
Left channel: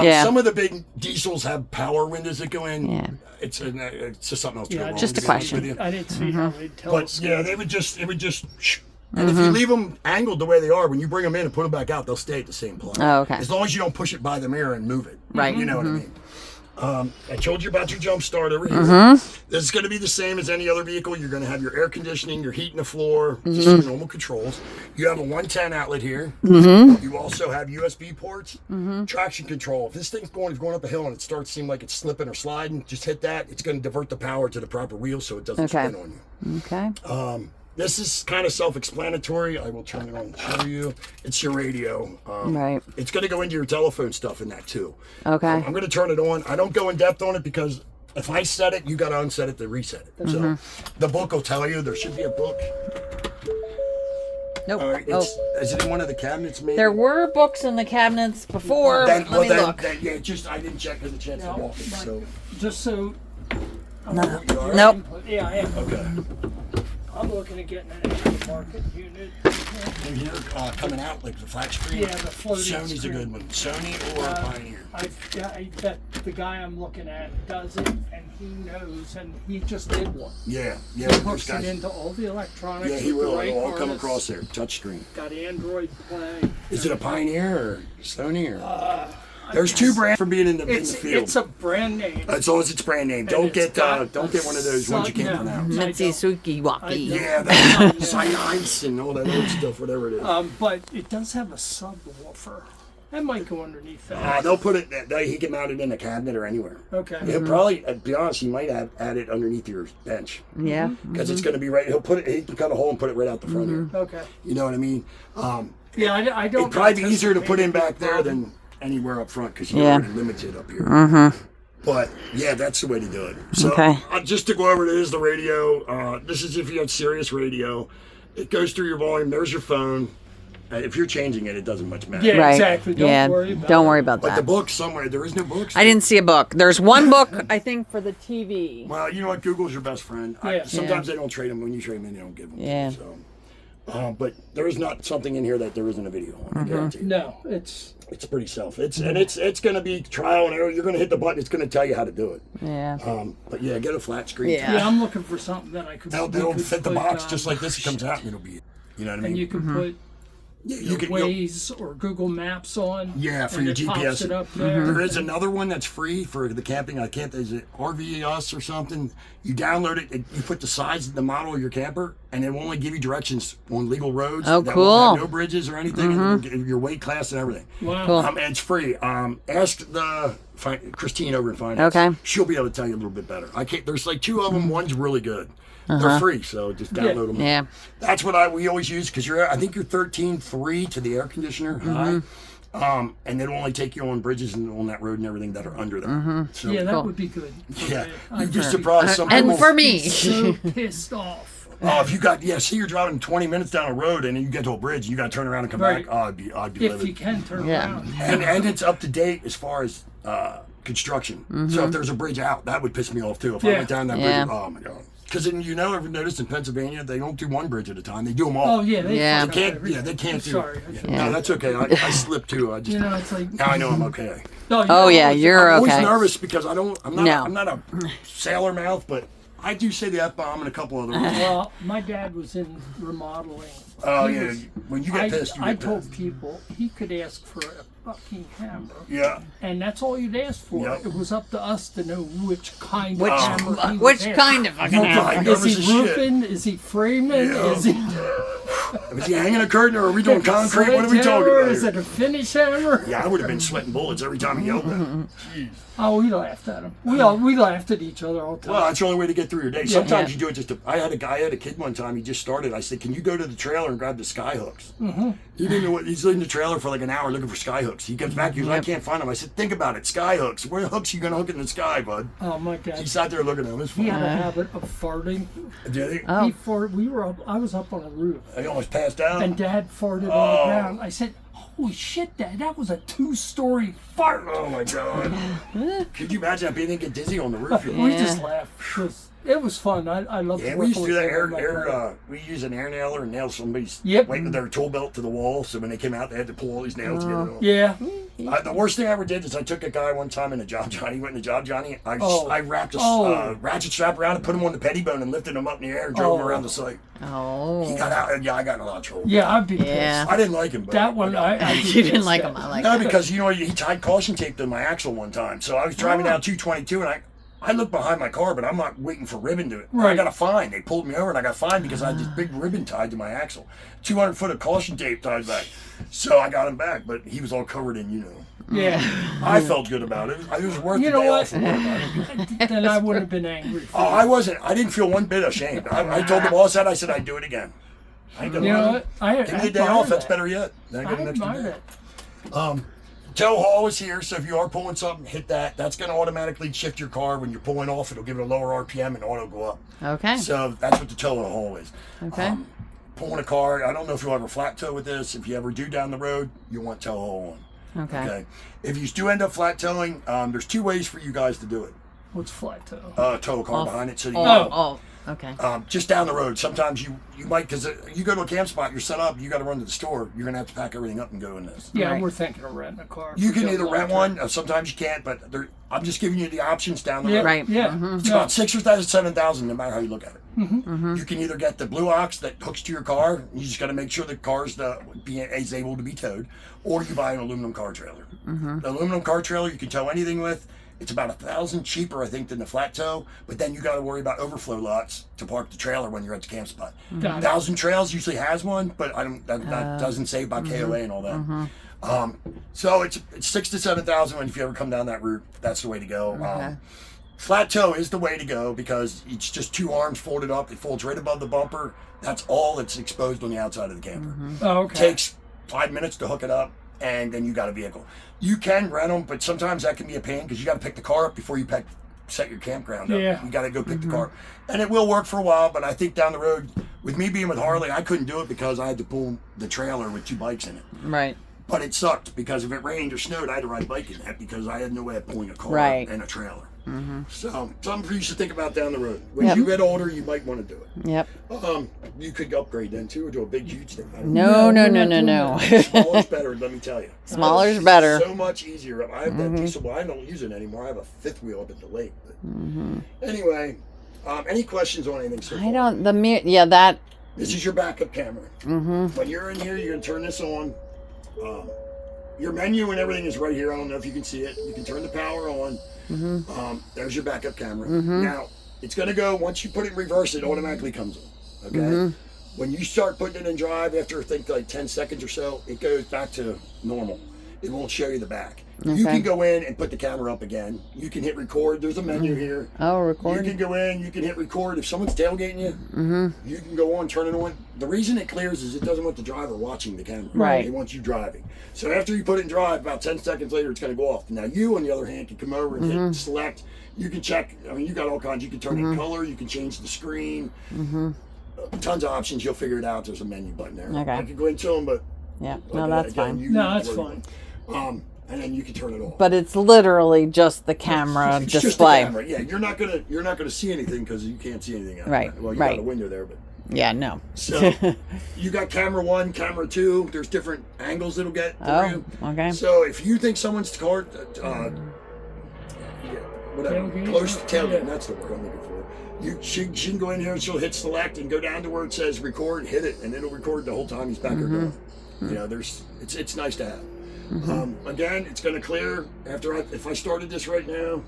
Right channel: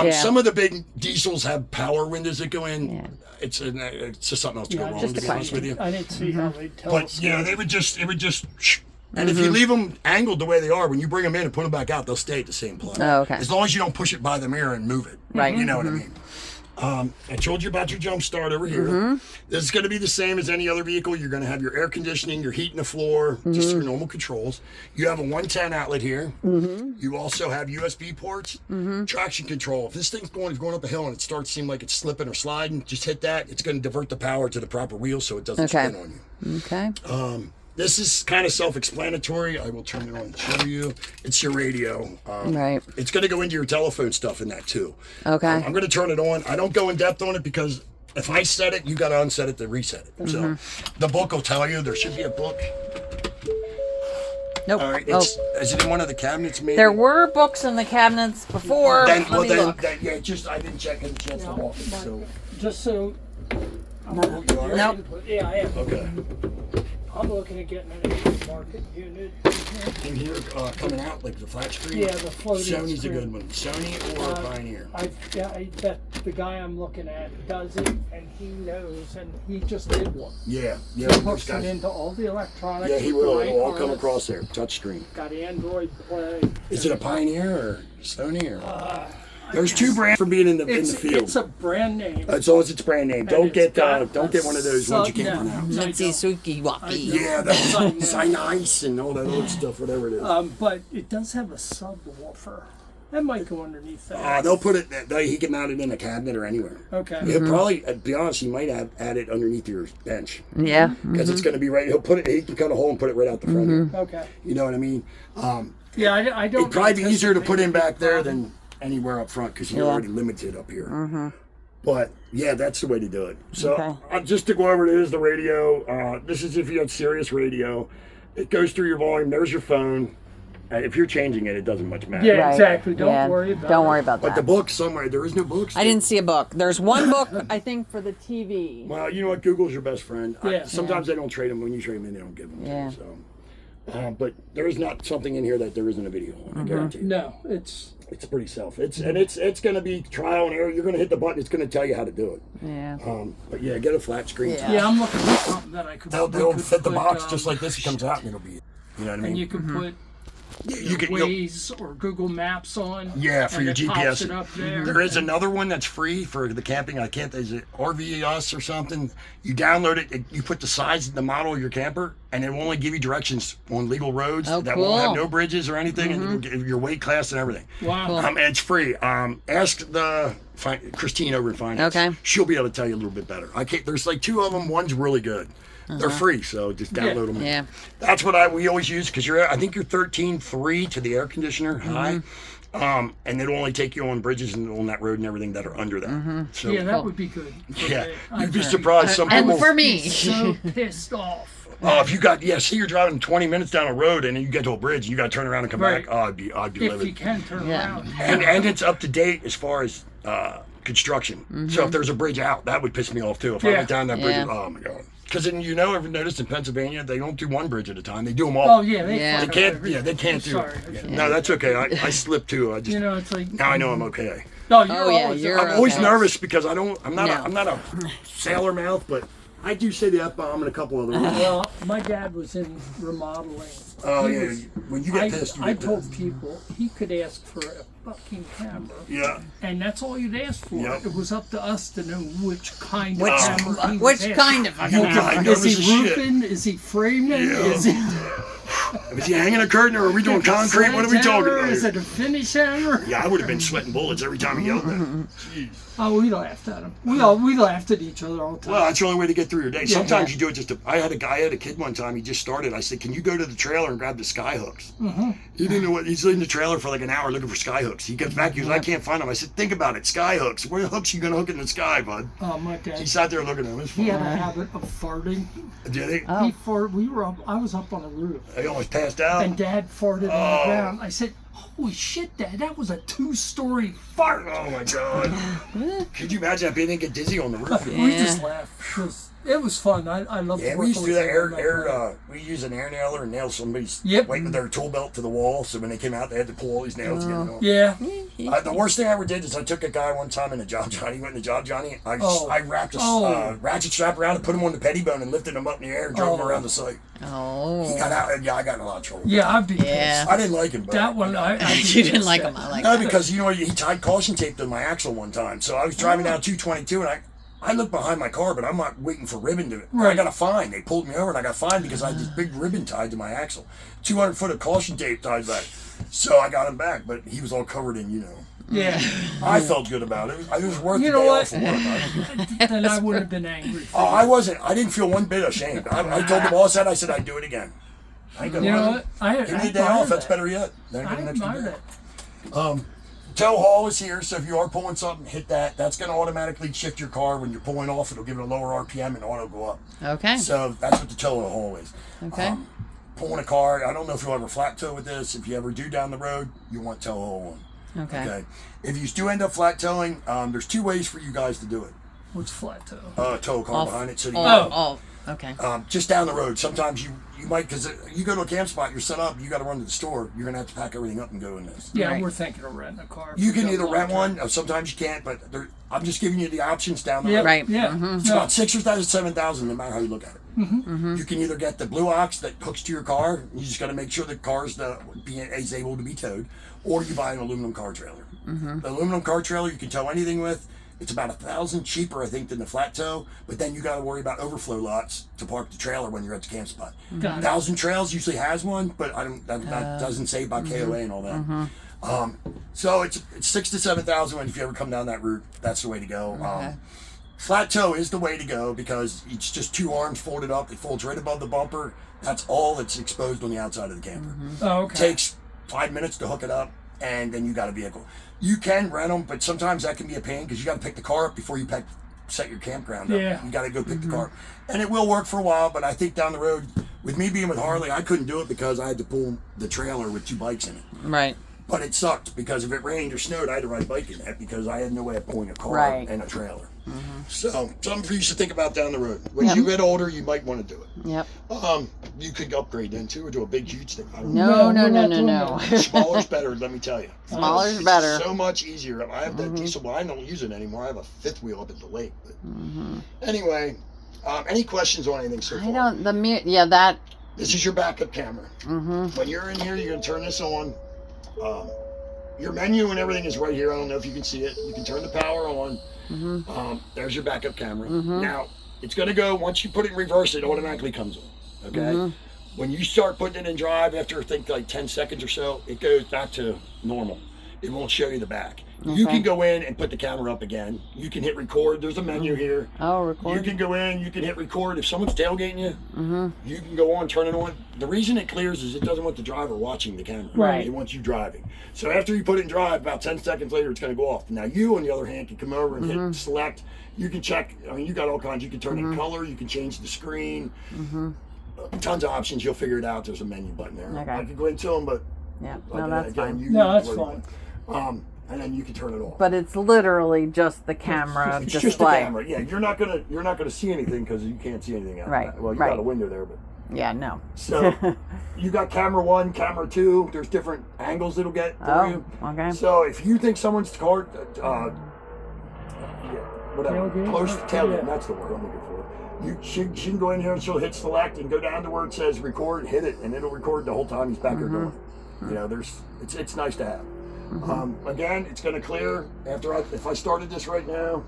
Yeah. Some of the big diesels have power windows that go in. Yeah. It's just something else to go Yeah, wrong. just to a be honest question. with you. I didn't see how they'd tell But us. yeah, it would just. And if you leave them angled the way they are, when you bring them in and put them back out, they'll stay at the same place. Oh, okay. As long as you don't push it by the mirror and move it. Right. You know what I mean? I told you about your jump start over here. This is going to be the same as any other vehicle. You're going to have your air conditioning, your heat in the floor, just your normal controls. You have a 110 outlet here. You also have USB ports, traction control. If this thing's going up a hill and it starts to seem like it's slipping or sliding, just hit that. It's going to divert the power to the proper wheel so it doesn't Okay. spin on you. okay. This is kind of self-explanatory. I will turn it on and show you. It's your radio. Right. It's going to go into your telephone stuff in that too. Okay. I'm going to turn it on. I don't go in depth on it because if I set it, you got to unset it to reset it. So the book will tell you. There should be a book. Nope. All right. Oh, Is it in one of the cabinets? Maybe. there were books in the cabinets before. Then, Let me look. yeah. Just I didn't check in the chance to Now, walk it. Mike, So just so. Nope. Yeah, I am. okay. I'm looking at getting an aftermarket unit. We're here coming out like the flat screen. Yeah, the floating Sony's screen. a good one. Sony or Pioneer. I bet the guy I'm looking at does it, and he knows, and he just did one. Yeah. He Those hooks it guys. into all the electronics. Yeah, he with the will. right It'll all come harness. across there. Touch screen. Got Android Play. Is it a Pioneer or Sony or? There's two brands for being in the field. It's a brand name. As long as it's brand name. Don't it's get got don't get one of those ones you can't no. pronounce. I Mitzi don't. Suki Waki. Yeah, that's Cyanide and all that other stuff, whatever it is. But it does have a subwoofer. That might go underneath that. They'll put it. He can mount it in a cabinet or anywhere. Okay. He'll probably, to be honest, he might have add it underneath your bench Yeah. because it's going to be right. He'll put it. He can cut a hole and put it right out the front. Here. Okay. You know what I mean? Yeah, I don't. It'd probably be easier to put in anticipate back there problem. than anywhere up front because you're Yeah. already limited up here. But yeah, that's the way to do it. So Okay. just to go over, it is the radio. This is if you have Sirius radio. It goes through your volume. There's your phone. If you're changing it, it doesn't much matter. Yeah, Right. exactly. Don't Yeah. worry about Don't it. worry about But the that. book somewhere, there is no books. I didn't see a book. There's one book, I think, for the TV. Well, you know what? Google's your best friend. Yeah. Sometimes they don't trade them. When you trade them, they don't give them. Yeah. To you, so. But there is not something in here that there isn't a video on. I guarantee you. No, it's It's pretty self. It's going to be trial and error. You're going to hit the button. It's going to tell you how to do it. Yeah. But yeah, get a flat screen. Yeah. yeah. I'm looking for something that I could. They'll we could fit the put, box just like this. It comes out and it'll be. You know what I mean? And you can put Yeah, you can. you'll- Waze or Google Maps on. Yeah, for and your it GPS. Pops it up there. There is another one that's free for the camping. I can't. Is it RVS or something? You download it. You put the size, the model of your camper, and it will only give you directions on legal roads Oh, that won't have cool. no bridges or anything, and it'll give your weight class and everything. Wow. And it's free. Ask Christine over in finance. Okay. She'll be able to tell you a little bit better. I can't. There's like two of them. One's really good. They're free, so just download them. Yeah. That's what we always use because I think you're 13.3 to the air conditioner high, and it'll only take you on bridges and on that road and everything that are under that. So Yeah, that would be good. for yeah, me. you'd be I'd surprised. Some And people. for me. so pissed off. Oh, if you got see you're driving 20 minutes down a road and then you get to a bridge, and you got to turn around and come Right. back. Oh, I'd be If you livid. can turn Yeah. around. And it's up to date as far as construction. So if there's a bridge out, that would piss me off too. If I Yeah. went down that bridge, Yeah. oh my god. Because then ever noticed in Pennsylvania they don't do one bridge at a time; they do them all. Oh yeah, they Yeah. fuck They up can't. everything. Yeah, they can't I'm do. sorry. I Yeah. shouldn't- No, that's okay. I slipped too. I just You know, it's like. now I know I'm okay. No, you're Oh, yeah, always- you're I'm always okay. nervous because I'm not No. I'm not a sailor mouth, but I do say the F-bomb and a couple other words. Well, my dad was in remodeling. Oh, He yeah. was- When you get pissed, you I get told pissed. people he could ask for a fucking hammer. Yeah. And that's all you'd ask for. Yep. It was up to us to know which kind Which- of hammer he was Which after. kind of a You hammer? got Is nervous he as shit. roofing? Is he framing? Yeah. Is he Was he hanging a curtain or are we doing concrete? What are we talking sledgehammer? about Is here? it a finish hammer? Yeah, I would have been sweating bullets every time he yelled that. Jeez. Oh, we laughed at him. We laughed at each other all the time. Well, that's the only way to get through your day. Sometimes you do it just to. I had a kid one time. He just started. I said, "Can you go to the trailer and grab the sky hooks?" He didn't know what. He's in the trailer for like an hour looking for sky hooks. He comes back. He goes, "I can't find them." I said, "Think about it. Sky hooks. Where hooks are you gonna hook in the sky, bud?" Oh, my He dad. sat there looking at him. It was He had fun. a habit of farting. Did he? He fart. We were up. I was up on a roof, He almost passed out. and Dad farted on the ground. I said, "Holy shit, Dad! That was a 2-story fart." Oh my god. Could you imagine if he didn't get dizzy on the roof? We just laughed. It was fun. I love. Yeah, we used to do that. We use an air nailer and nail somebody's Yep. weight with their tool belt to the wall. So when they came out, they had to pull all these nails to get it off. Yeah. The worst thing I ever did is I took a guy one time in a Job Johnny. He went in the Job Johnny. I wrapped a ratchet strap around and put him on the petty bone and lifted him up in the air and drove him around the site. Oh. He got out. Yeah, I got in a lot of trouble. Yeah, I'd be Yeah. pissed. I didn't like him. But That one, I'd be You didn't pissed like at. him. I like No, him. because you know he tied caution tape to my axle one time. So I was driving down 222 and I looked behind my car, but I'm not waiting for ribbon to it. I Right. got a fine. They pulled me over and I got fined because I had this big ribbon tied to my axle. 200 foot of caution tape tied back. So I got him back, but he was all covered in, Yeah. I felt good about it. It was worth You the know day what? off from work. Then I would have been angry. Oh, I wasn't. I didn't feel one bit ashamed. I told the boss that. I said I'd do it again. I ain't gonna You know lie. what? Give me a day off. That's better yet. Then I I get an extra admire day. that. Tow haul is here, so if you are pulling something, hit that. That's going to automatically shift your car. When you're pulling off, it'll give it a lower RPM and auto go up. Okay. So that's what the tow haul is. Okay. Pulling a car, I don't know if you'll ever flat tow with this. If you ever do down the road, you want tow haul on. Okay. If you do end up flat towing, there's 2 ways for you guys to do it. What's flat toe? Tow a car behind it. So you Oh. Okay. just down the road. Sometimes you might, because you go to a camp spot, you're set up, you got to run to the store. You're gonna have to pack everything up and go in this. Yeah, Right. we're thinking of renting a car. You for can the either long rent term. one. Sometimes you can't, but I'm just giving you the options down the Yeah, road. Right. Yeah. Mhm. It's about 6,000 or 7,000, no matter how you look at it. You can either get the Blue Ox that hooks to your car. You just got to make sure the car is able to be towed, or you buy an aluminum car trailer. The aluminum car trailer you can tow anything with. It's about $1,000 cheaper, I think, than the flat tow. But then you got to worry about overflow lots to park the trailer when you're at the camp spot. Got it. 1,000 Trails usually has one, but I don't. That doesn't say about KOA and all that. So it's 6,000 to 7,000. If you ever come down that route, that's the way to go. Flat tow is the way to go because it's just 2 arms folded up. It folds right above the bumper. That's all that's exposed on the outside of the camper. Oh, okay. Takes 5 minutes to hook it up, and then you got a vehicle. You can rent them, but sometimes that can be a pain because you got to pick the car up before you set your campground up. Yeah. You got to go pick the car, and it will work for a while. But I think down the road, with me being with Harley, I couldn't do it because I had to pull the trailer with 2 bikes in it. Right. But it sucked because if it rained or snowed, I had to ride a bike in that because I had no way of pulling a car Right. and a trailer. So something for you to think about down the road. When you get older, you might want to do it. Yep. You could upgrade then too, or do a big huge thing. I don't No, No, no, we're no, not no, doing no. Smaller's better, let me tell you. Smaller's It's better. So much easier. I have that diesel, but I don't use it anymore. I have a 5th wheel up at the lake. But anyway, any questions on anything so far? I don't. That. This is your backup camera. When you're in here, you're gonna turn this on. Your menu and everything is right here. I don't know if you can see it. You can turn the power on. There's your backup camera. Now, it's going to go, once you put it in reverse, it automatically comes on. Okay? When you start putting it in drive, after I think like 10 seconds or so, it goes back to normal. It won't show you the back. You can go in and put the camera up again. You can hit record. There's a menu here. Oh, You record. can go in, you can hit record. If someone's tailgating you, you can go on, turn it on. The reason it clears is it doesn't want the driver watching the camera. Right. It wants you driving. So after you put it in drive, about 10 seconds later, it's going to go off. Now you, on the other hand, can come over and hit select. You can check. I mean, you got all kinds. You can turn in color. You can change the screen. Tons of options. You'll figure it out. There's a menu button there. Okay. I could go into them, but Yeah. like, No, that's again, fine. you No, that's worry fine. about it. And then you can turn it off. But it's literally just the camera It's display. just the camera. Yeah, you're not gonna see anything because you can't see anything out Right, of that. Well, you right. got a window there, but Yeah. No. so you got camera 1, camera 2. There's different angles it'll get for Oh. you. Okay. So if you think someone's car, whatever, Tailgate? close to tailgate. Yeah. That's the word I'm looking for. She can go in here and she'll hit select and go down to where it says record, hit it, and it'll record the whole time he's back there going. You know, it's nice to have. Again, it's going to clear if I started this right now.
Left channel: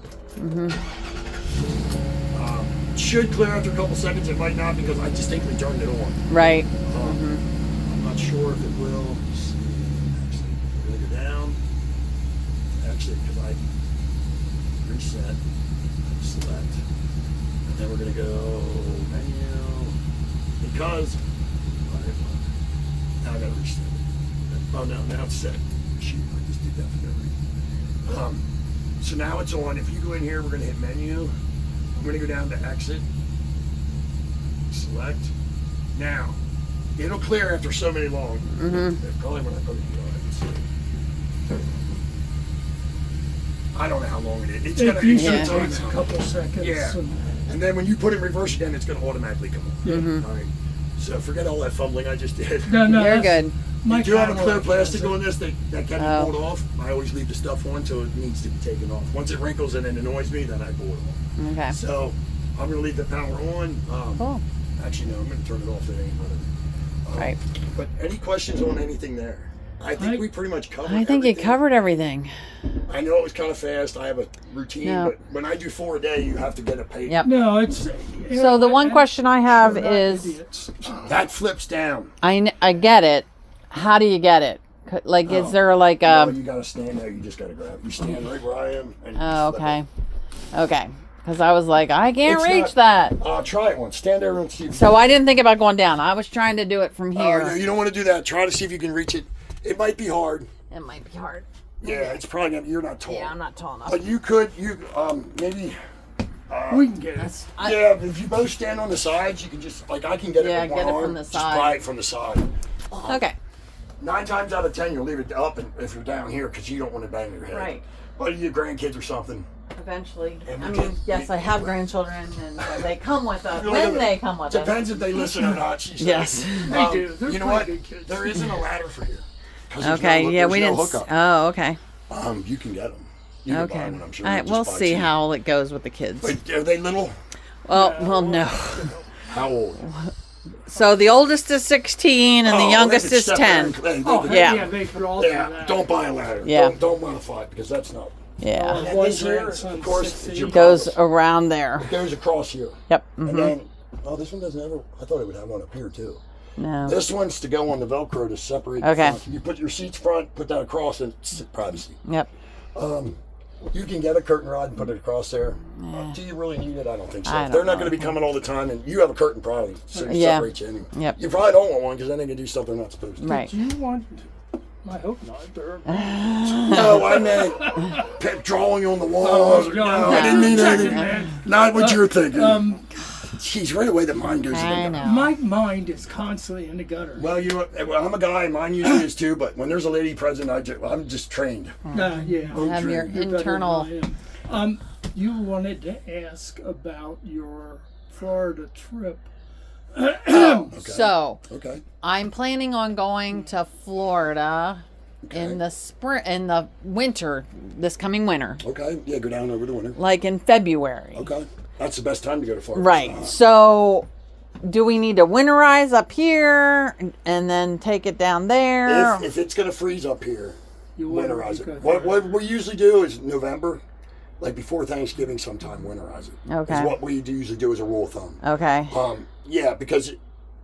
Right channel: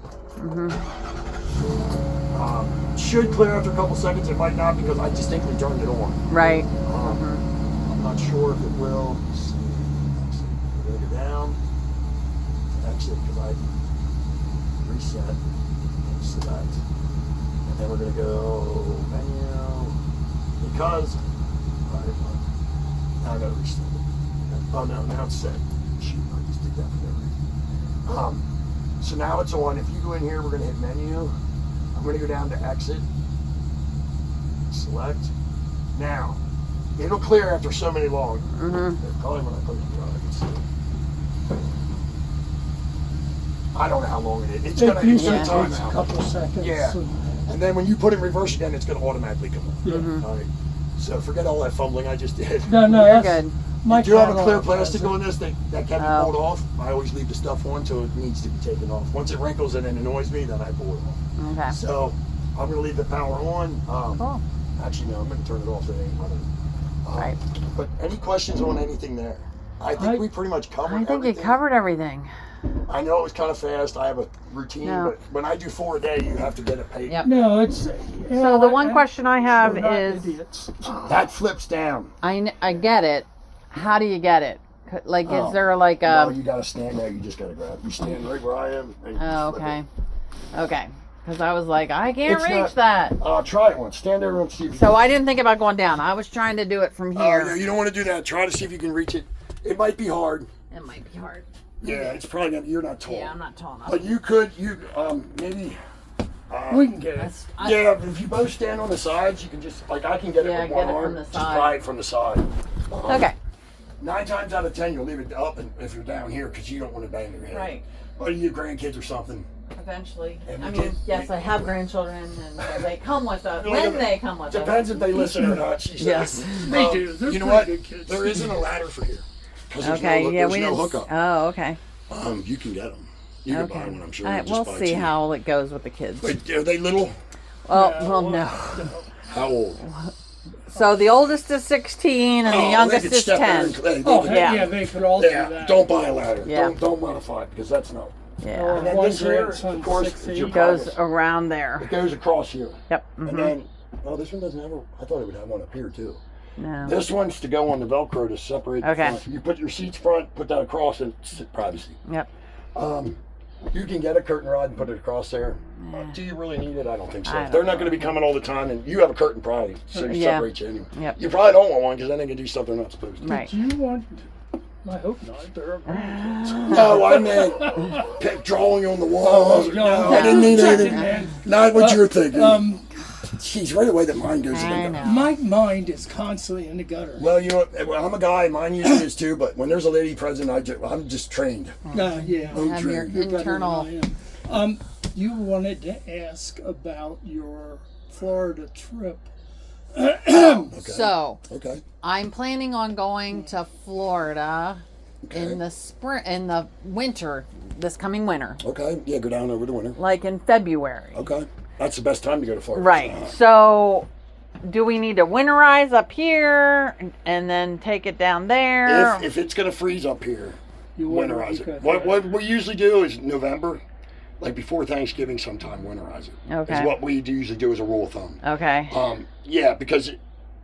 Should clear after a couple seconds. It might not because I distinctly turned it on. Right. I'm not sure if it will. Let's see. Actually, we're going to go down. Actually, because I reset and select. And then we're going to go menu. Because, now I got to reset it. Oh no, now it's set. Shoot, I just did that for no reason. So now it's on. If you go in here, we're going to hit menu. I'm going to go down to exit. Select. Now, it'll clear after so many long. Probably when I put it on, I can see it. I don't know how long it is. It's going It to usually time takes a out. couple seconds. Yeah. And then when you put it in reverse again, it's going to automatically come up. All right. So forget all that fumbling I just did. No, You're that's- good. My You do have a car clear does plastic it. on this that can be pulled off. I always leave the stuff on until it needs to be taken off. Once it wrinkles and it annoys me, then I pull it off. Okay. So I'm going to leave the power on. Cool. Actually, no, I'm going to turn it off. It ain't running. Right. But any questions on anything there? I think we pretty much covered I think everything. you covered everything. I know it was kind of fast. I have a routine, No. but when I do 4 a day, you have to get a pay. Yep. No, it's. So the one question I have we're not is, idiots. That flips down. I get it. How do you get it? Like, is there like No, a? you got to stand there. You just got to grab. You stand right where I am. And you Oh, just flip okay. it. Okay. Because I was like, I can't It's reach that. Try it once. Stand there and see if you So I didn't think about going down. I was trying to do it from Oh, here. no, you don't want to do that. Try to see if you can reach it. It might be hard. It might be hard. Yeah, it's probably not. You're not tall. Yeah, I'm not tall enough. But you could. Maybe. We can get it. Yeah, if you both stand on the sides, you can just I can get it Yeah, with get one it arm. from the Just side. pry it from the side. Okay. 9 times out of 10, you'll leave it up, and if you're down here, because you don't want to bang your head. Right. But you have grandkids or something. Eventually. And I we mean, can- yes, I have grandchildren, and they come with us. No, When no, they come with us. Depends if they listen or not. She said. Yes. They do. They're You know pretty what? good kids. There isn't a ladder for here. 'Cause there's Okay. no, Yeah, there's we no didn't. hookup. Oh, okay. You can get them. You can buy Okay. one, I'm sure. All right, just we'll buy see cheap. how it goes with the kids. But are they little? Oh, well, no. How old? So the oldest is 16 and the Oh, youngest they could is step there 10. and- they Oh, could- Yeah. yeah, they could all do Yeah, that. don't buy a ladder. Yeah. Don't modify it because that's not. Yeah. And then One this here, grandson, of course, 16. is your Goes privacy. around there. It goes across here. Yep. And hmm then, this one doesn't have a, I thought it would have one up here too. No. This one's to go on the Velcro to separate the Okay. front. You put your seats front, put that across, and it's privacy. Yep. You can get a curtain rod and put it across there. Do you really need it? I don't think so. I don't They're not know. going to be coming all the time, and you have a curtain probably, so it Yeah. separates you anyway. Yep. You probably don't want one because then they can do stuff they're not supposed to. Right. Do you want? I hope not. They're No, I meant kept drawing on the wall. Oh, no, no. I didn't mean Check it, anything. man. Not what you're thinking. Jeez, right away the mind goes I in the know. my mind is constantly in the gutter. Well, you know what? Well, I'm a guy. Mine usually is too. But when there's a lady present, I'm just trained. Yeah. I'm Have your trained. You're better internal. than I am. You wanted to ask about your Florida trip. Okay. So Okay. I'm planning on going to Florida Okay. in the winter, this coming winter, Okay. Yeah, go down over the winter. like in February. Okay. That's the best time to go to Florida. Right. So do we need to winterize up here and then take it down there? If it's gonna freeze up here, You would, winterize because- it. What we usually do is November, like before Thanksgiving, sometime winterize it. Okay. Is what we usually do as a rule of thumb. Okay. Yeah, because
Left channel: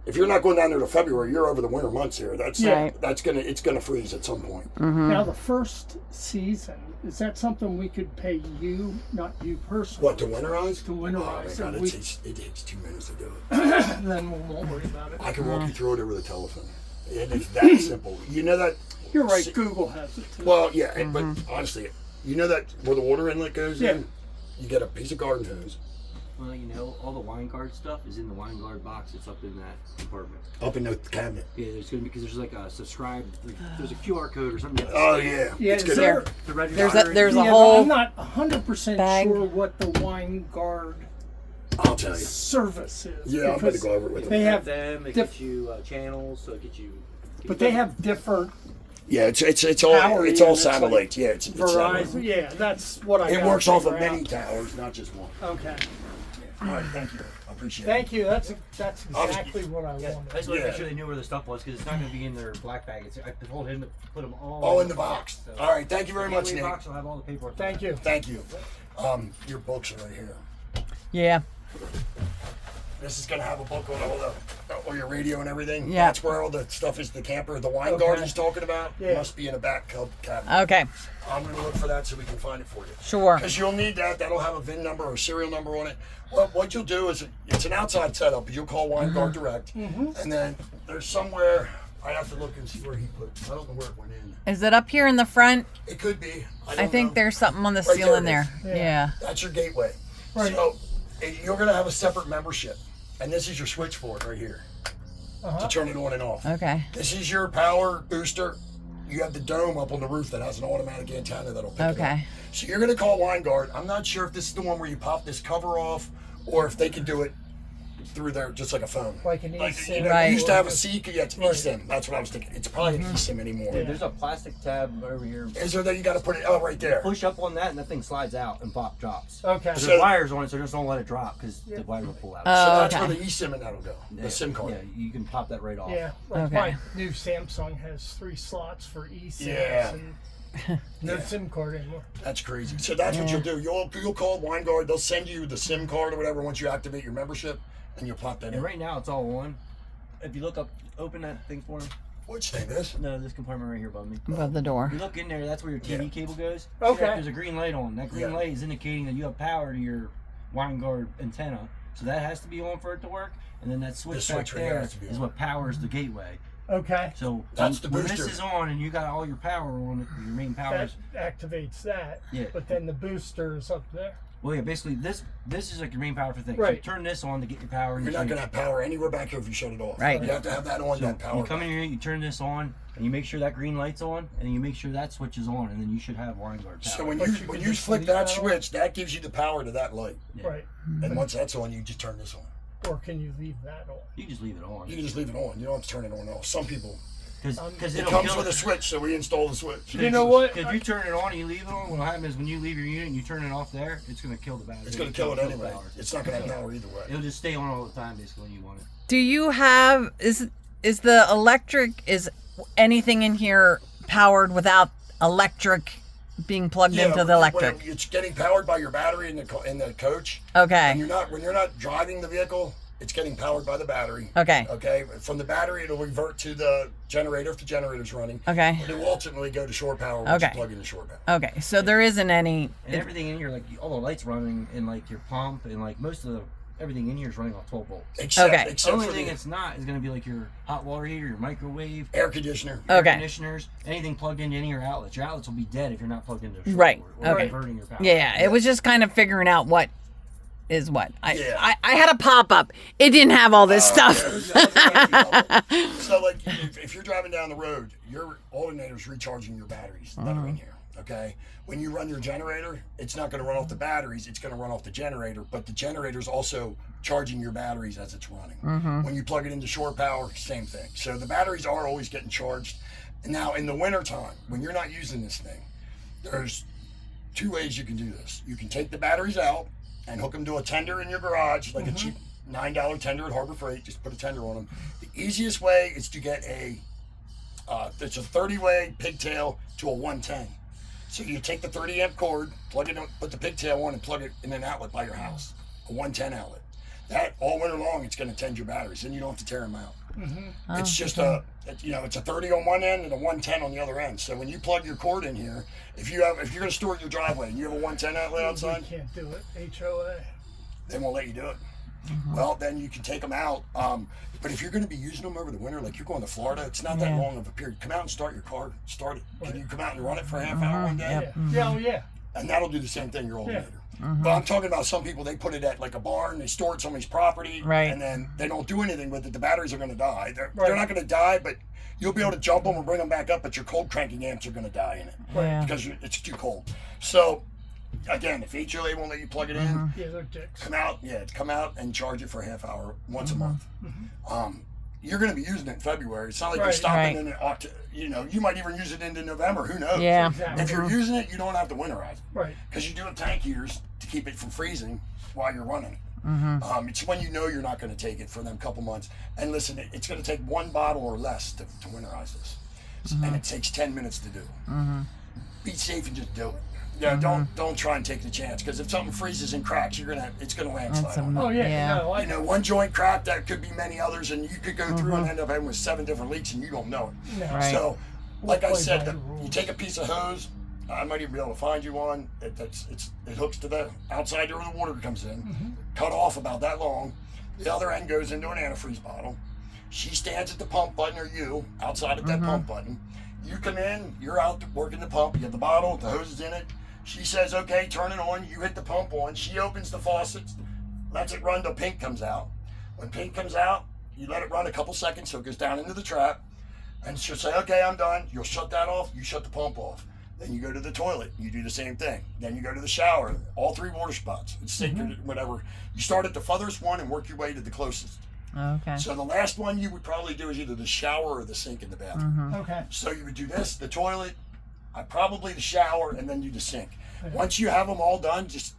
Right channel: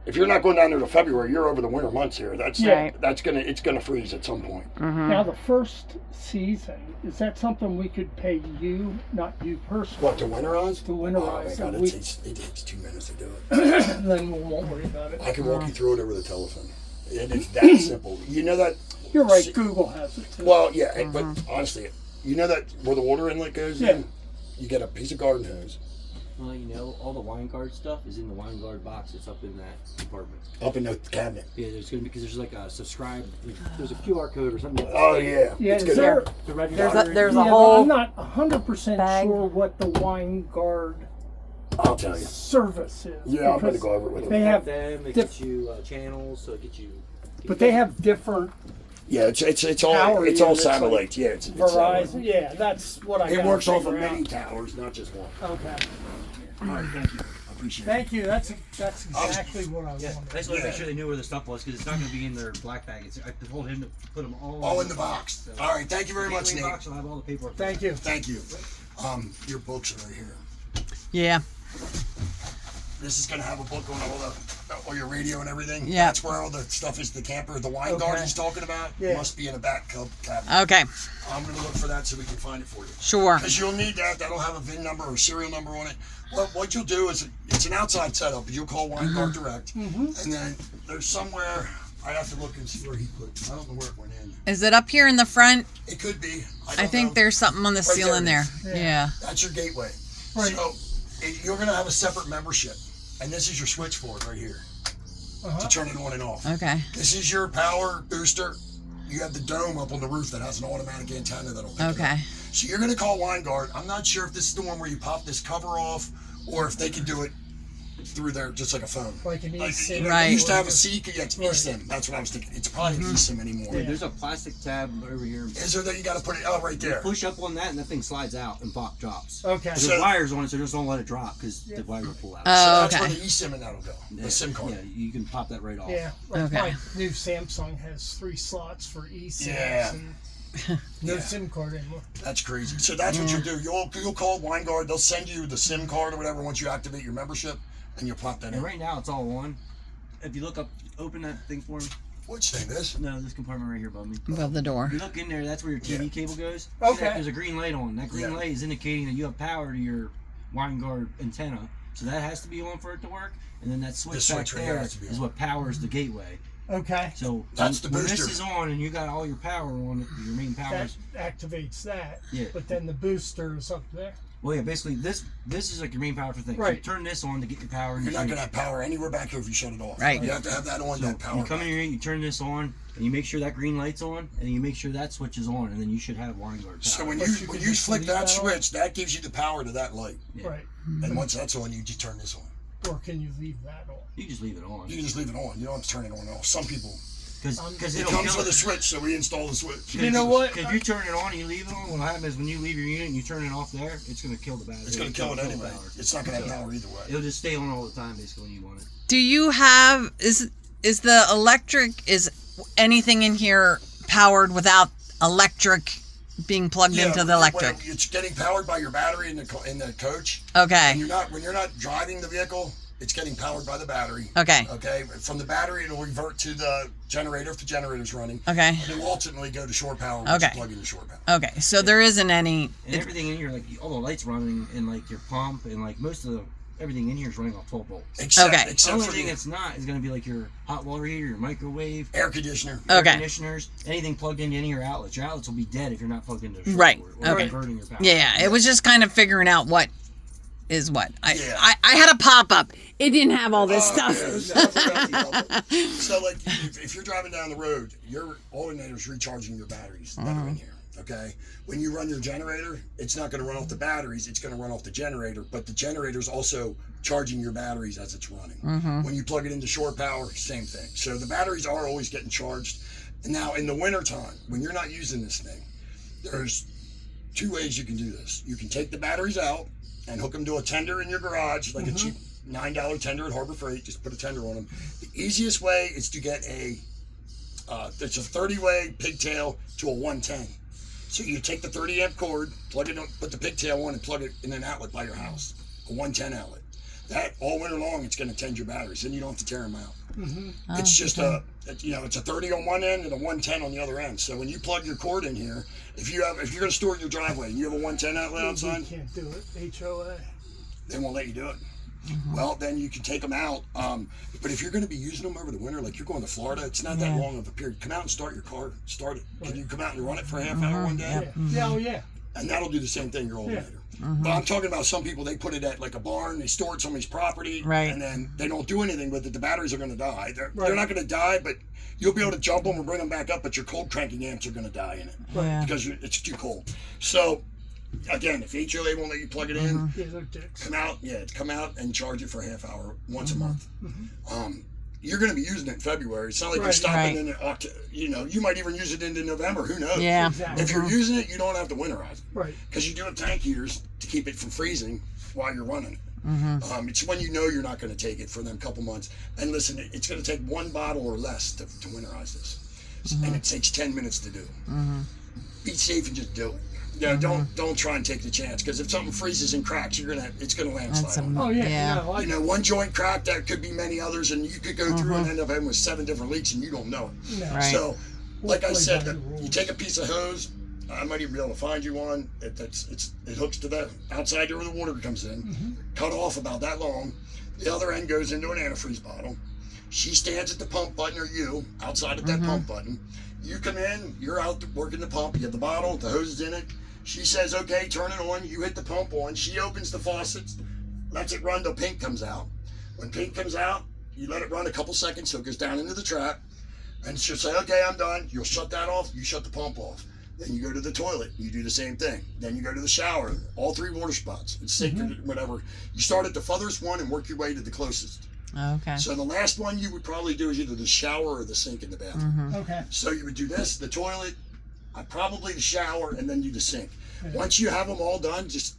if you're not going down there till February, you're over the winter months here. That's Yeah. it's gonna freeze at some point. Now, the first season, is that something we could pay you, not you personally? What, to winterize? To Oh winterize. my God, We- it takes 2 minutes to do it. then we won't worry about it. I can walk you through it over the telephone. It is that simple. You know that? You're right, Google has it too. Well, yeah, but honestly, you know that where the water inlet goes Yeah. in? You get a piece of garden hose Well, you know, all the wine guard stuff is in the wine guard box. It's up in that compartment. up in the cabinet. Yeah, there's gonna be because there's like a subscribe. There's a QR code or something. Oh, yeah. Yeah, It's is good. there- The register. There's a yeah, but whole I'm not 100% bag. sure what the wine guard I'll tell you. service is. Yeah, I'm going to because go over it with They them. have, them. It diff- gets you channels, so it gets you. but they have different Yeah, it's all Power it's all units, like satellite. Yeah, it's satellite. Verizon. Yeah, that's what I. It gotta works off of figure out. many towers, not just one. Okay. All right, thank you. I appreciate it. Thank you. That's exactly what I I wanted. just want to Yeah. make sure they knew where the stuff was because it's not going to be in their black bag. I told him to put them All in the box. All right, thank you very much, The Nate. box will have all the paperwork. Thank you. Thank you. Your books are right here. Yeah. This is gonna have a book on all your radio and everything. Yeah. That's where all the stuff is. The camper, the wine Okay. guard he's talking about, Yeah. must be in a back cabinet. Okay. I'm gonna look for that so we can find it for you. Sure. Because you'll need that. That'll have a VIN number or serial number on it. Well, what you'll do is it's an outside setup. You'll call Wine Guard Direct, and then there's somewhere I have to look and see where he put. I don't know where it went in. Is it up here in the front? It could be. I think know. there's something on the Right ceiling there there. it is. Yeah. That's your gateway. Right. So you're gonna have a separate membership, and this is your switch for it right here to turn it on and off. Okay. This is your power booster. You have the dome up on the roof that has an automatic antenna that'll pick it up. Okay. So you're gonna call Wine Guard. I'm not sure if this is the one where you pop this cover off, or if they can do it through there just like a phone. Like an eSIM. Right. You used to have a SIM. Yeah, it's eSIM. That's what I was thinking. It's probably an eSIM anymore. There's a plastic tab over here. Is there that you got to put it? Oh, right there. Push up on that and that thing slides out and pop drops. Okay. There's So- wires on it, so just don't let it drop because the wires will pull out. So Oh, that's okay. where the eSIM and that'll go. The SIM card. Yeah, you can pop that right off. Yeah. Like Okay. my new Samsung has 3 slots for eSIM. Yeah. No Yeah. SIM card anymore. That's crazy. So that's what you'll do. You'll call Wine Guard. They'll send you the SIM card or whatever once you activate your membership, and you plop that And in. right now it's all on. If you look up, open that thing for him. Which thing? This? No, this compartment right here above me. Above the door. You look in there, that's where your TV Yeah. cable goes. Okay. There's a green light on. That green Yeah. light is indicating that you have power to your Wine Guard antenna. So that has to be on for it to work. And then that switch back switch right there there has to be is on. what powers the gateway. Okay. So That's the when this booster. is on and you got all your power on it, your main That powers. activates that. Yeah. But then the booster is up there. Well, yeah, basically this is like your main power for things. So you Right. turn this on to get your power. And You're you not gonna have power anywhere back here if you shut it off. Right. You have to have that on. That power. You come in here, you turn this on, and you make sure that green light's on, and you make sure that switch is on, and then you should have Wine Guard power. So when But you you when can you just flick leave that that on? switch, that gives you the power to that light. Yeah. Right. And once that's on, you just turn this on. Or can you leave that on? You just leave it on. You can just leave it on. You don't have to turn it on and off. Some people. Because It it'll comes kill with it. a switch, so we install the switch. You know what? If you turn it on and you leave it on, what'll happen is when you leave your unit and you turn it off there, it's going to kill the battery. It's gonna kill it the anyway. power. It's not gonna have power either way. It'll just stay on all the time, basically, when you want it. Do you have is the electric is anything in here powered without electric being plugged into the electric? When it's getting powered by your battery in the coach. Okay. When you're not driving the vehicle, it's getting powered by the battery. Okay. Okay. From the battery, it'll revert to the generator if the generator's running. Okay. It will ultimately go to shore power once Okay. you plug in the shore power. Okay. So there isn't any. And everything in here, like all the lights running, and like your pump, and like most of the everything in here is running off 12 volts. Except, Okay. The except only for thing the that's not is going to be like your hot water heater, your microwave, air conditioner. air Okay. conditioners, anything plugged into any of your outlets. Your outlets will be dead if you're not plugged into a short Right. or Okay. converting your power. Yeah. It was just kind of figuring out what is what. Yeah. I had a pop up. It didn't have all this stuff. So, like, if you're driving down the road, your alternator's recharging your batteries that are in here. Okay. When you run your generator, it's not going to run off the batteries. It's going to run off the generator, but the generator's also charging your batteries as it's running. When you plug it into shore power, same thing. So the batteries are always getting charged. Now, in the wintertime, when you're not using this thing, there's 2 ways you can do this. You can take the batteries out and hook them to a tender in your garage, like a cheap $9 tender at Harbor Freight. Just put a tender on them. The easiest way is to get it's a 30-way pigtail to a 110. So you take the 30 amp cord, plug it in, put the pigtail on, and plug it in an outlet by your house, a 110 outlet. That all winter long, it's going to tend your batteries, and you don't have to tear them out. It's just it's a 30 on one end and a 110 on the other end. So when you plug your cord in here, if you're going to store it in your driveway and you have a 110 outlet outside, You can't do it. HOA. they won't let you do it. Well, then you can take them out. But if you're going to be using them over the winter, like you're going to Florida, it's not that long of a period. Come out and start your car. Start it. Can you come out and run it for a half hour one day? Yeah. Oh, yeah. And that'll do the same thing your alternator. But I'm talking about some people, they put it at like a barn, they store it somebody's property, Right. and then they don't do anything with it. The batteries are going to die. They're Right. not going to die, but you'll be able to jump them and bring them back up, but your cold cranking amps are going to die in it Yeah. because it's too cold. So, again, if HOA won't let you plug it in, Yeah, they're dicks. come out and charge it for a half hour once a month. you're going to be using it in February. It's not like you're Right. stopping in October. You know, you might even use it into November. Who knows? Yeah. Exactly. If you're using it, you don't have to winterize it. Right. Because you do have tank heaters to keep it from freezing while you're running it. It's when you know you're not going to take it for them couple months. And listen, it's going to take one bottle or less to winterize this. And it takes 10 minutes to do. Be safe and just do it. Yeah, don't try and take the chance, because if something freezes and cracks, it's gonna landslide. Oh yeah. Yeah. No, You know, one joint crack, that could be many others, and you could go through and end up having with 7 different leaks, and you don't know it. no. Right. So, like I Play said, by the you rules. take a piece of hose. I might even be able to find you one. It hooks to the outside where the water comes in. Cut off about that long. The other end goes into an antifreeze bottle. She stands at the pump button, or you outside at that pump button. You come in. You're out working the pump. You have the bottle. The hose is in it. She says, okay, turn it on. You hit the pump on. She opens the faucets, lets it run till pink comes out. When pink comes out, you let it run a couple seconds so it goes down into the trap. And she'll say, okay, I'm done. You'll shut that off. You shut the pump off. Then you go to the toilet. You do the same thing. Then you go to the shower. All 3 water spots. It's sacred, whatever. You start at the furthest one and work your way to the closest. Okay. So the last one you would probably do is either the shower or the sink in the bathroom. Okay. So you would do this, the toilet, probably the shower, and then do the sink. Once you have them all done, just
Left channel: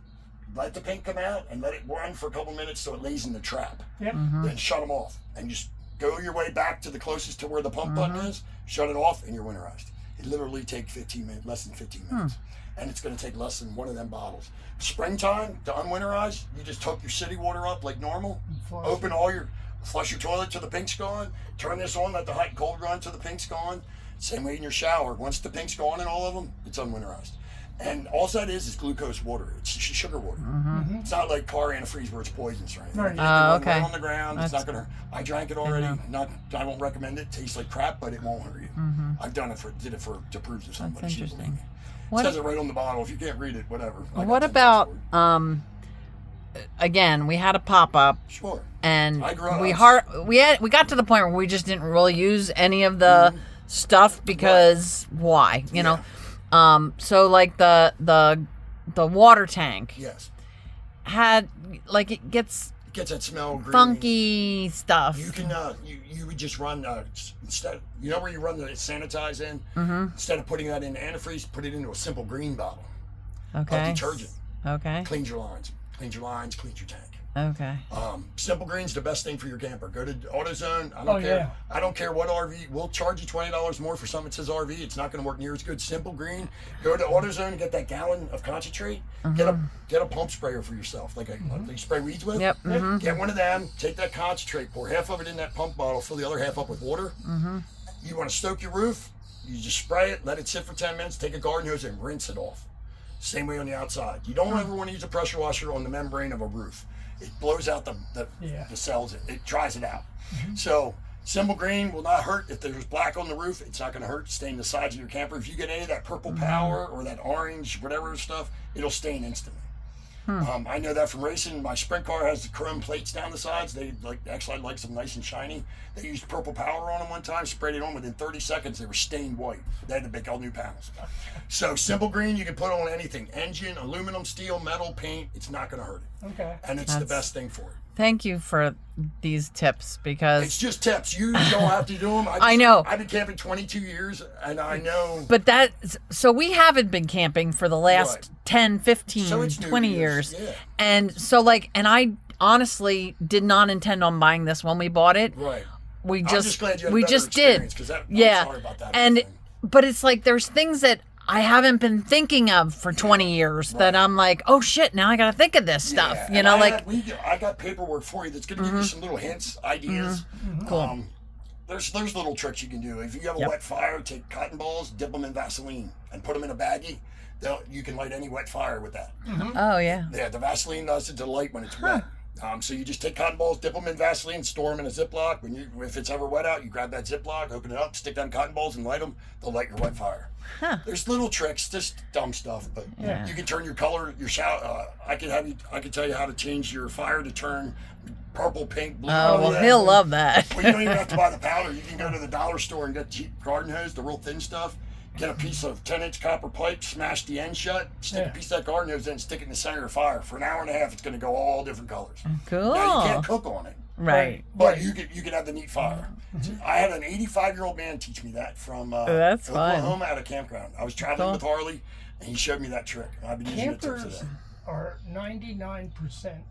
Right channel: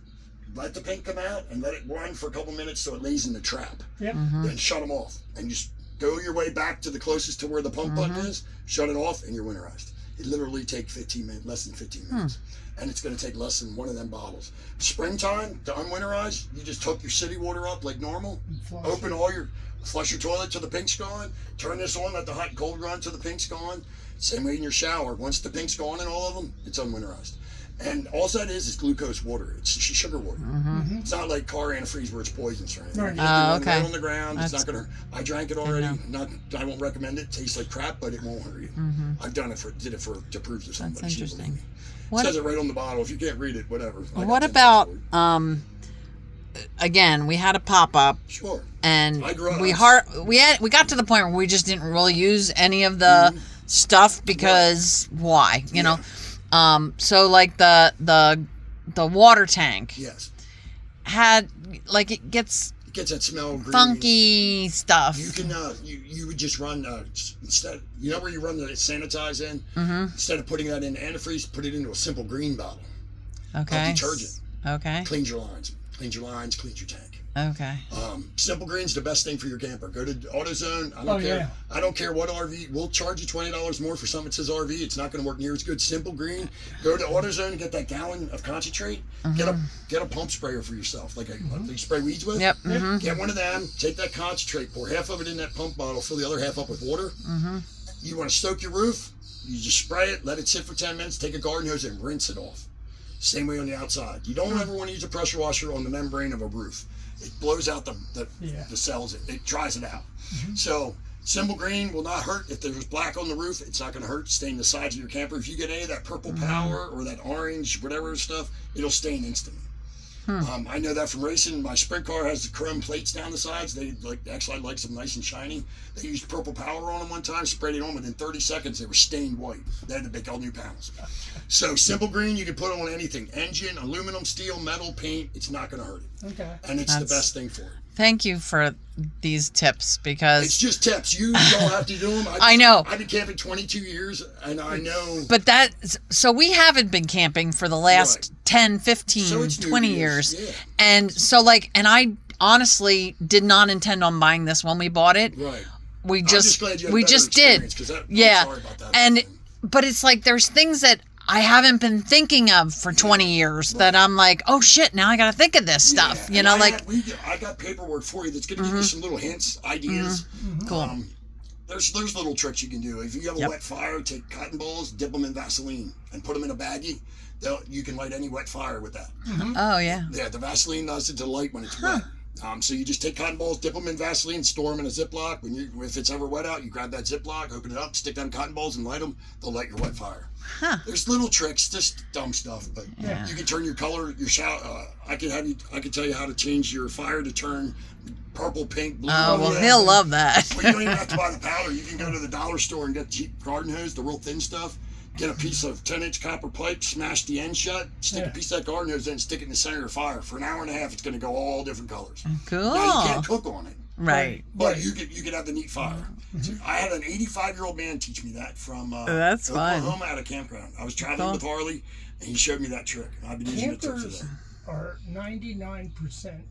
let the pink come out and let it run for a couple minutes so it lays in the trap. Yep. Then shut them off and just go your way back to the closest to where the pump button is, shut it off, and you're winterized. It literally takes 15 minutes, less than 15 minutes. And it's going to take less than one of them bottles. Springtime, to unwinterize, you just hook your city water up like normal, flush your toilet till the pink's gone, turn this on, let the hot and cold run till the pink's gone. Same way in your shower. Once the pink's gone in all of them, it's unwinterized. And all that is glucose water. It's sugar water. It's not like car antifreeze where it's poisonous or anything. Right. It can run okay. right on the ground. It's not gonna. I drank it already. I won't recommend it. It tastes like crap, but it won't hurt you. I've done it to prove to somebody. That's She didn't believe interesting. me. What- It says it right on the bottle. If you can't read it, whatever. I got What 10 about minutes for again, we had a pop-up it. Sure. and I grew up- we got to the point where we just didn't really use any of the stuff because why? You know. So like the water tank Yes. had like it gets It gets that smell. Green. funky stuff. You can you would just run instead. You know where you run the sanitize in. Instead of putting that in antifreeze, put it into a simple green bottle. Okay. Detergent. Okay. Cleans your lines. Cleans your tank. Okay. Simple Green's the best thing for your camper. Go to AutoZone. I don't Oh, care. yeah. I don't care what RV. We'll charge you $20 more for something that says RV. It's not going to work near as good. Simple Green. Go to AutoZone and get that gallon of concentrate. Get a pump sprayer for yourself, like you spray weeds with. Yep. Get one of them. Take that concentrate. Pour half of it in that pump bottle. Fill the other half up with water. You want to stoke your roof? You just spray it. Let it sit for 10 minutes. Take a garden hose and rinse it off. Same way on the outside. You don't ever want to use a pressure washer on the membrane of a roof. It blows out the cells. It dries it out. So Simple Green will not hurt. If there's black on the roof, it's not going to hurt. Stain the sides of your camper. If you get any of that purple power or that orange, whatever stuff, it'll stain instantly. I know that from racing. My sprint car has the chrome plates down the sides. They actually like them nice and shiny. They used purple power on them one time, sprayed it on. Within 30 seconds, they were stained white. They had to make all new panels. So Simple Green, you can put on anything: engine, aluminum, steel, metal, paint. It's not going to hurt it, Okay. and it's the best thing for it. Thank you for these tips It's because just tips. You don't have to do them. I know. I've been camping 22 years, and I know. but so we haven't been camping for the last Right. 10, 15, So it's new 20 to you. years. Yeah. And so and I honestly did not intend on buying this when we bought it. Right. We I'm just glad you had a we better just did. experience, 'cause I'm Yeah. sorry about that And thing. but it's like there's things that I haven't been thinking of for 20 years that I'm like, "Oh shit, now I got to think of this stuff." Yeah, You and know, I got paperwork for you that's going to give you some little hints, ideas. Cool. There's little tricks you can do. If you have a wet fire, take cotton balls, dip them in Vaseline, and put them in a baggie. You can light any wet fire with that. oh yeah. Yeah, the Vaseline does it to light when it's wet. So you just take cotton balls, dip them in Vaseline, store them in a Ziploc. If it's ever wet out, you grab that Ziploc, open it up, stick them cotton balls, and light them. They'll light your wet fire. There's little tricks, just dumb stuff, but you can turn your color, your shower. I can tell you how to change your fire to turn purple, pink, blue. Oh, well, he'll love that. Well, you don't even have to buy the powder. You can go to the dollar store and get cheap garden hose, the real thin stuff. Get a piece of 10-inch copper pipe, smash the end shut, stick a piece of that garden hose in, stick it in the center of the fire. For an hour and a half, it's going to go all different colors. Cool. Now, you can't cook on it. Right. But you could have the neat fire. I had an 85-year-old man teach me that from That's fun. Oklahoma at a campground. I was traveling with Harley, and he showed me that trick, and I've been using it till Campers today. are 99%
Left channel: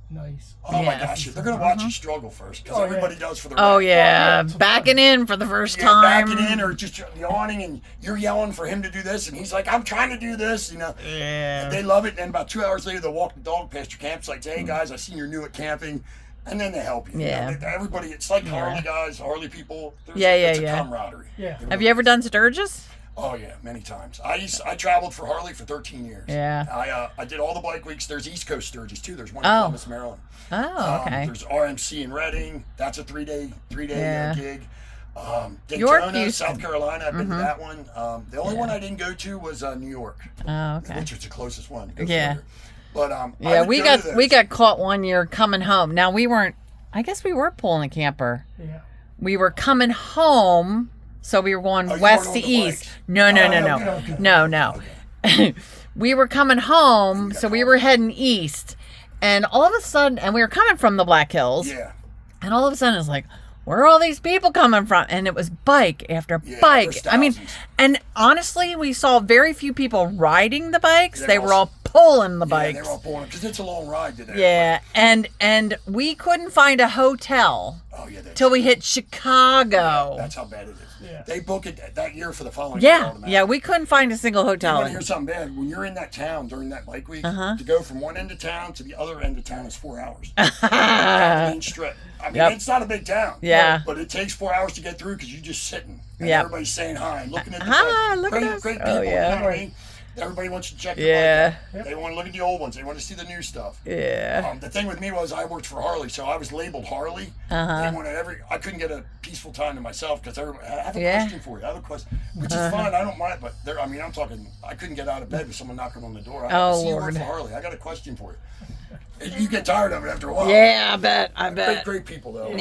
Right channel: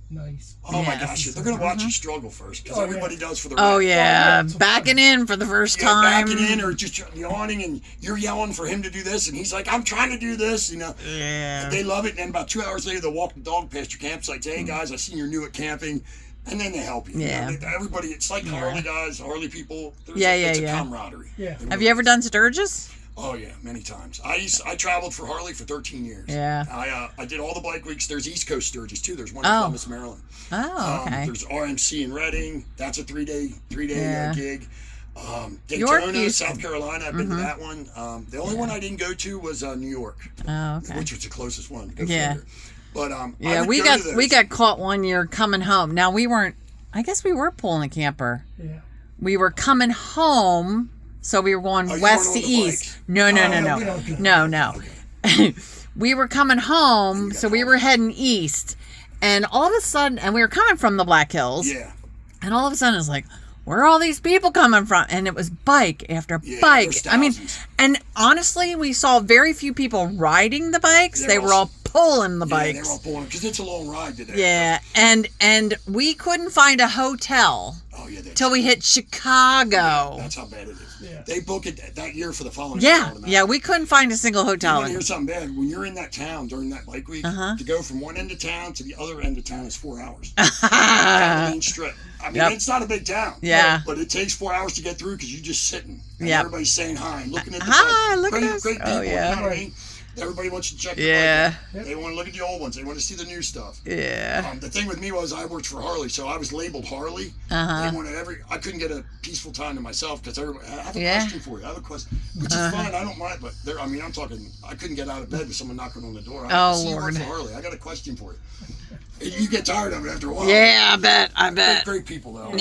nice. Oh my Yes. gosh, they're gonna watch you struggle first, because everybody does for the Oh rent. yeah, it's backing in for the first Yeah, time. backing in or just yawning, and you're yelling for him to do this, and he's like, "I'm trying to do this," you know. Yeah. They love it, and then about 2 hours later, they'll walk the dog past your campsite. Say, "Hey guys, I seen you're new at camping," and then they help you. Yeah. You know, everybody, it's like Harley guys, Harley people. Yeah, It's yeah. a camaraderie. Yeah. It Have really you ever is. done Sturgis? Oh yeah, many times. I traveled for Harley for 13 years. Yeah. I did all the bike weeks. There's East Coast Sturgis too. There's one in Oh. Columbus, Maryland. Oh, okay. There's RMC in Reading. That's a three-day Yeah. gig. York Daytona, used- South Carolina. I've been to that one. The only one I didn't go to was New York, Oh, okay. which was the closest one. To go Yeah. further. But I Yeah, would we go got to we those. got caught one year coming home. Now we weren't. I guess we were pulling a camper. Yeah. We were coming home, so we were going Oh, you west weren't to on the east. bikes? No, okay. no. We were coming home, so we were heading east, and all of a sudden, and we were coming from the Black Hills, Yeah. and all of a sudden it's like, where are all these people coming from? And it was bike after Yeah, bike. there's I mean, thousands. and honestly, we saw very few people riding the bikes. They're They all- were all pulling the Yeah, bikes. they were all pulling because it's a long ride today. Yeah, and we couldn't find a hotel Oh yeah. till we hit Chicago. That's how bad it is. Yeah. They book it that year for the following year Yeah, automatically. yeah, we couldn't find a single You hotel. want to hear something bad? When you're in that town during that bike week, to go from one end of town to the other end of town is 4 hours. Down the main strip. I mean, Yep. it's not a big town. Yeah. But it takes 4 hours to get through because you're just sitting. And Yep. everybody's saying hi and looking at the Hi, bike. look at great, us. Great Oh, people. yeah. You know what I mean? Everybody wants to check Yeah. the bike out. They want to look at the old ones. They want to see the new stuff. Yeah. The thing with me was I worked for Harley, so I was labeled Harley. Uh-huh. They wanted I couldn't get a peaceful time to myself because everybody. I have a Yeah. question for you. I have a question, which is fine. I don't mind, but I mean, I'm talking. I couldn't get out of bed with someone knocking on the door. Oh, See, you work Lord. for Harley. I got a question for you. You get tired of it after a while. Yeah, I bet. Great people though.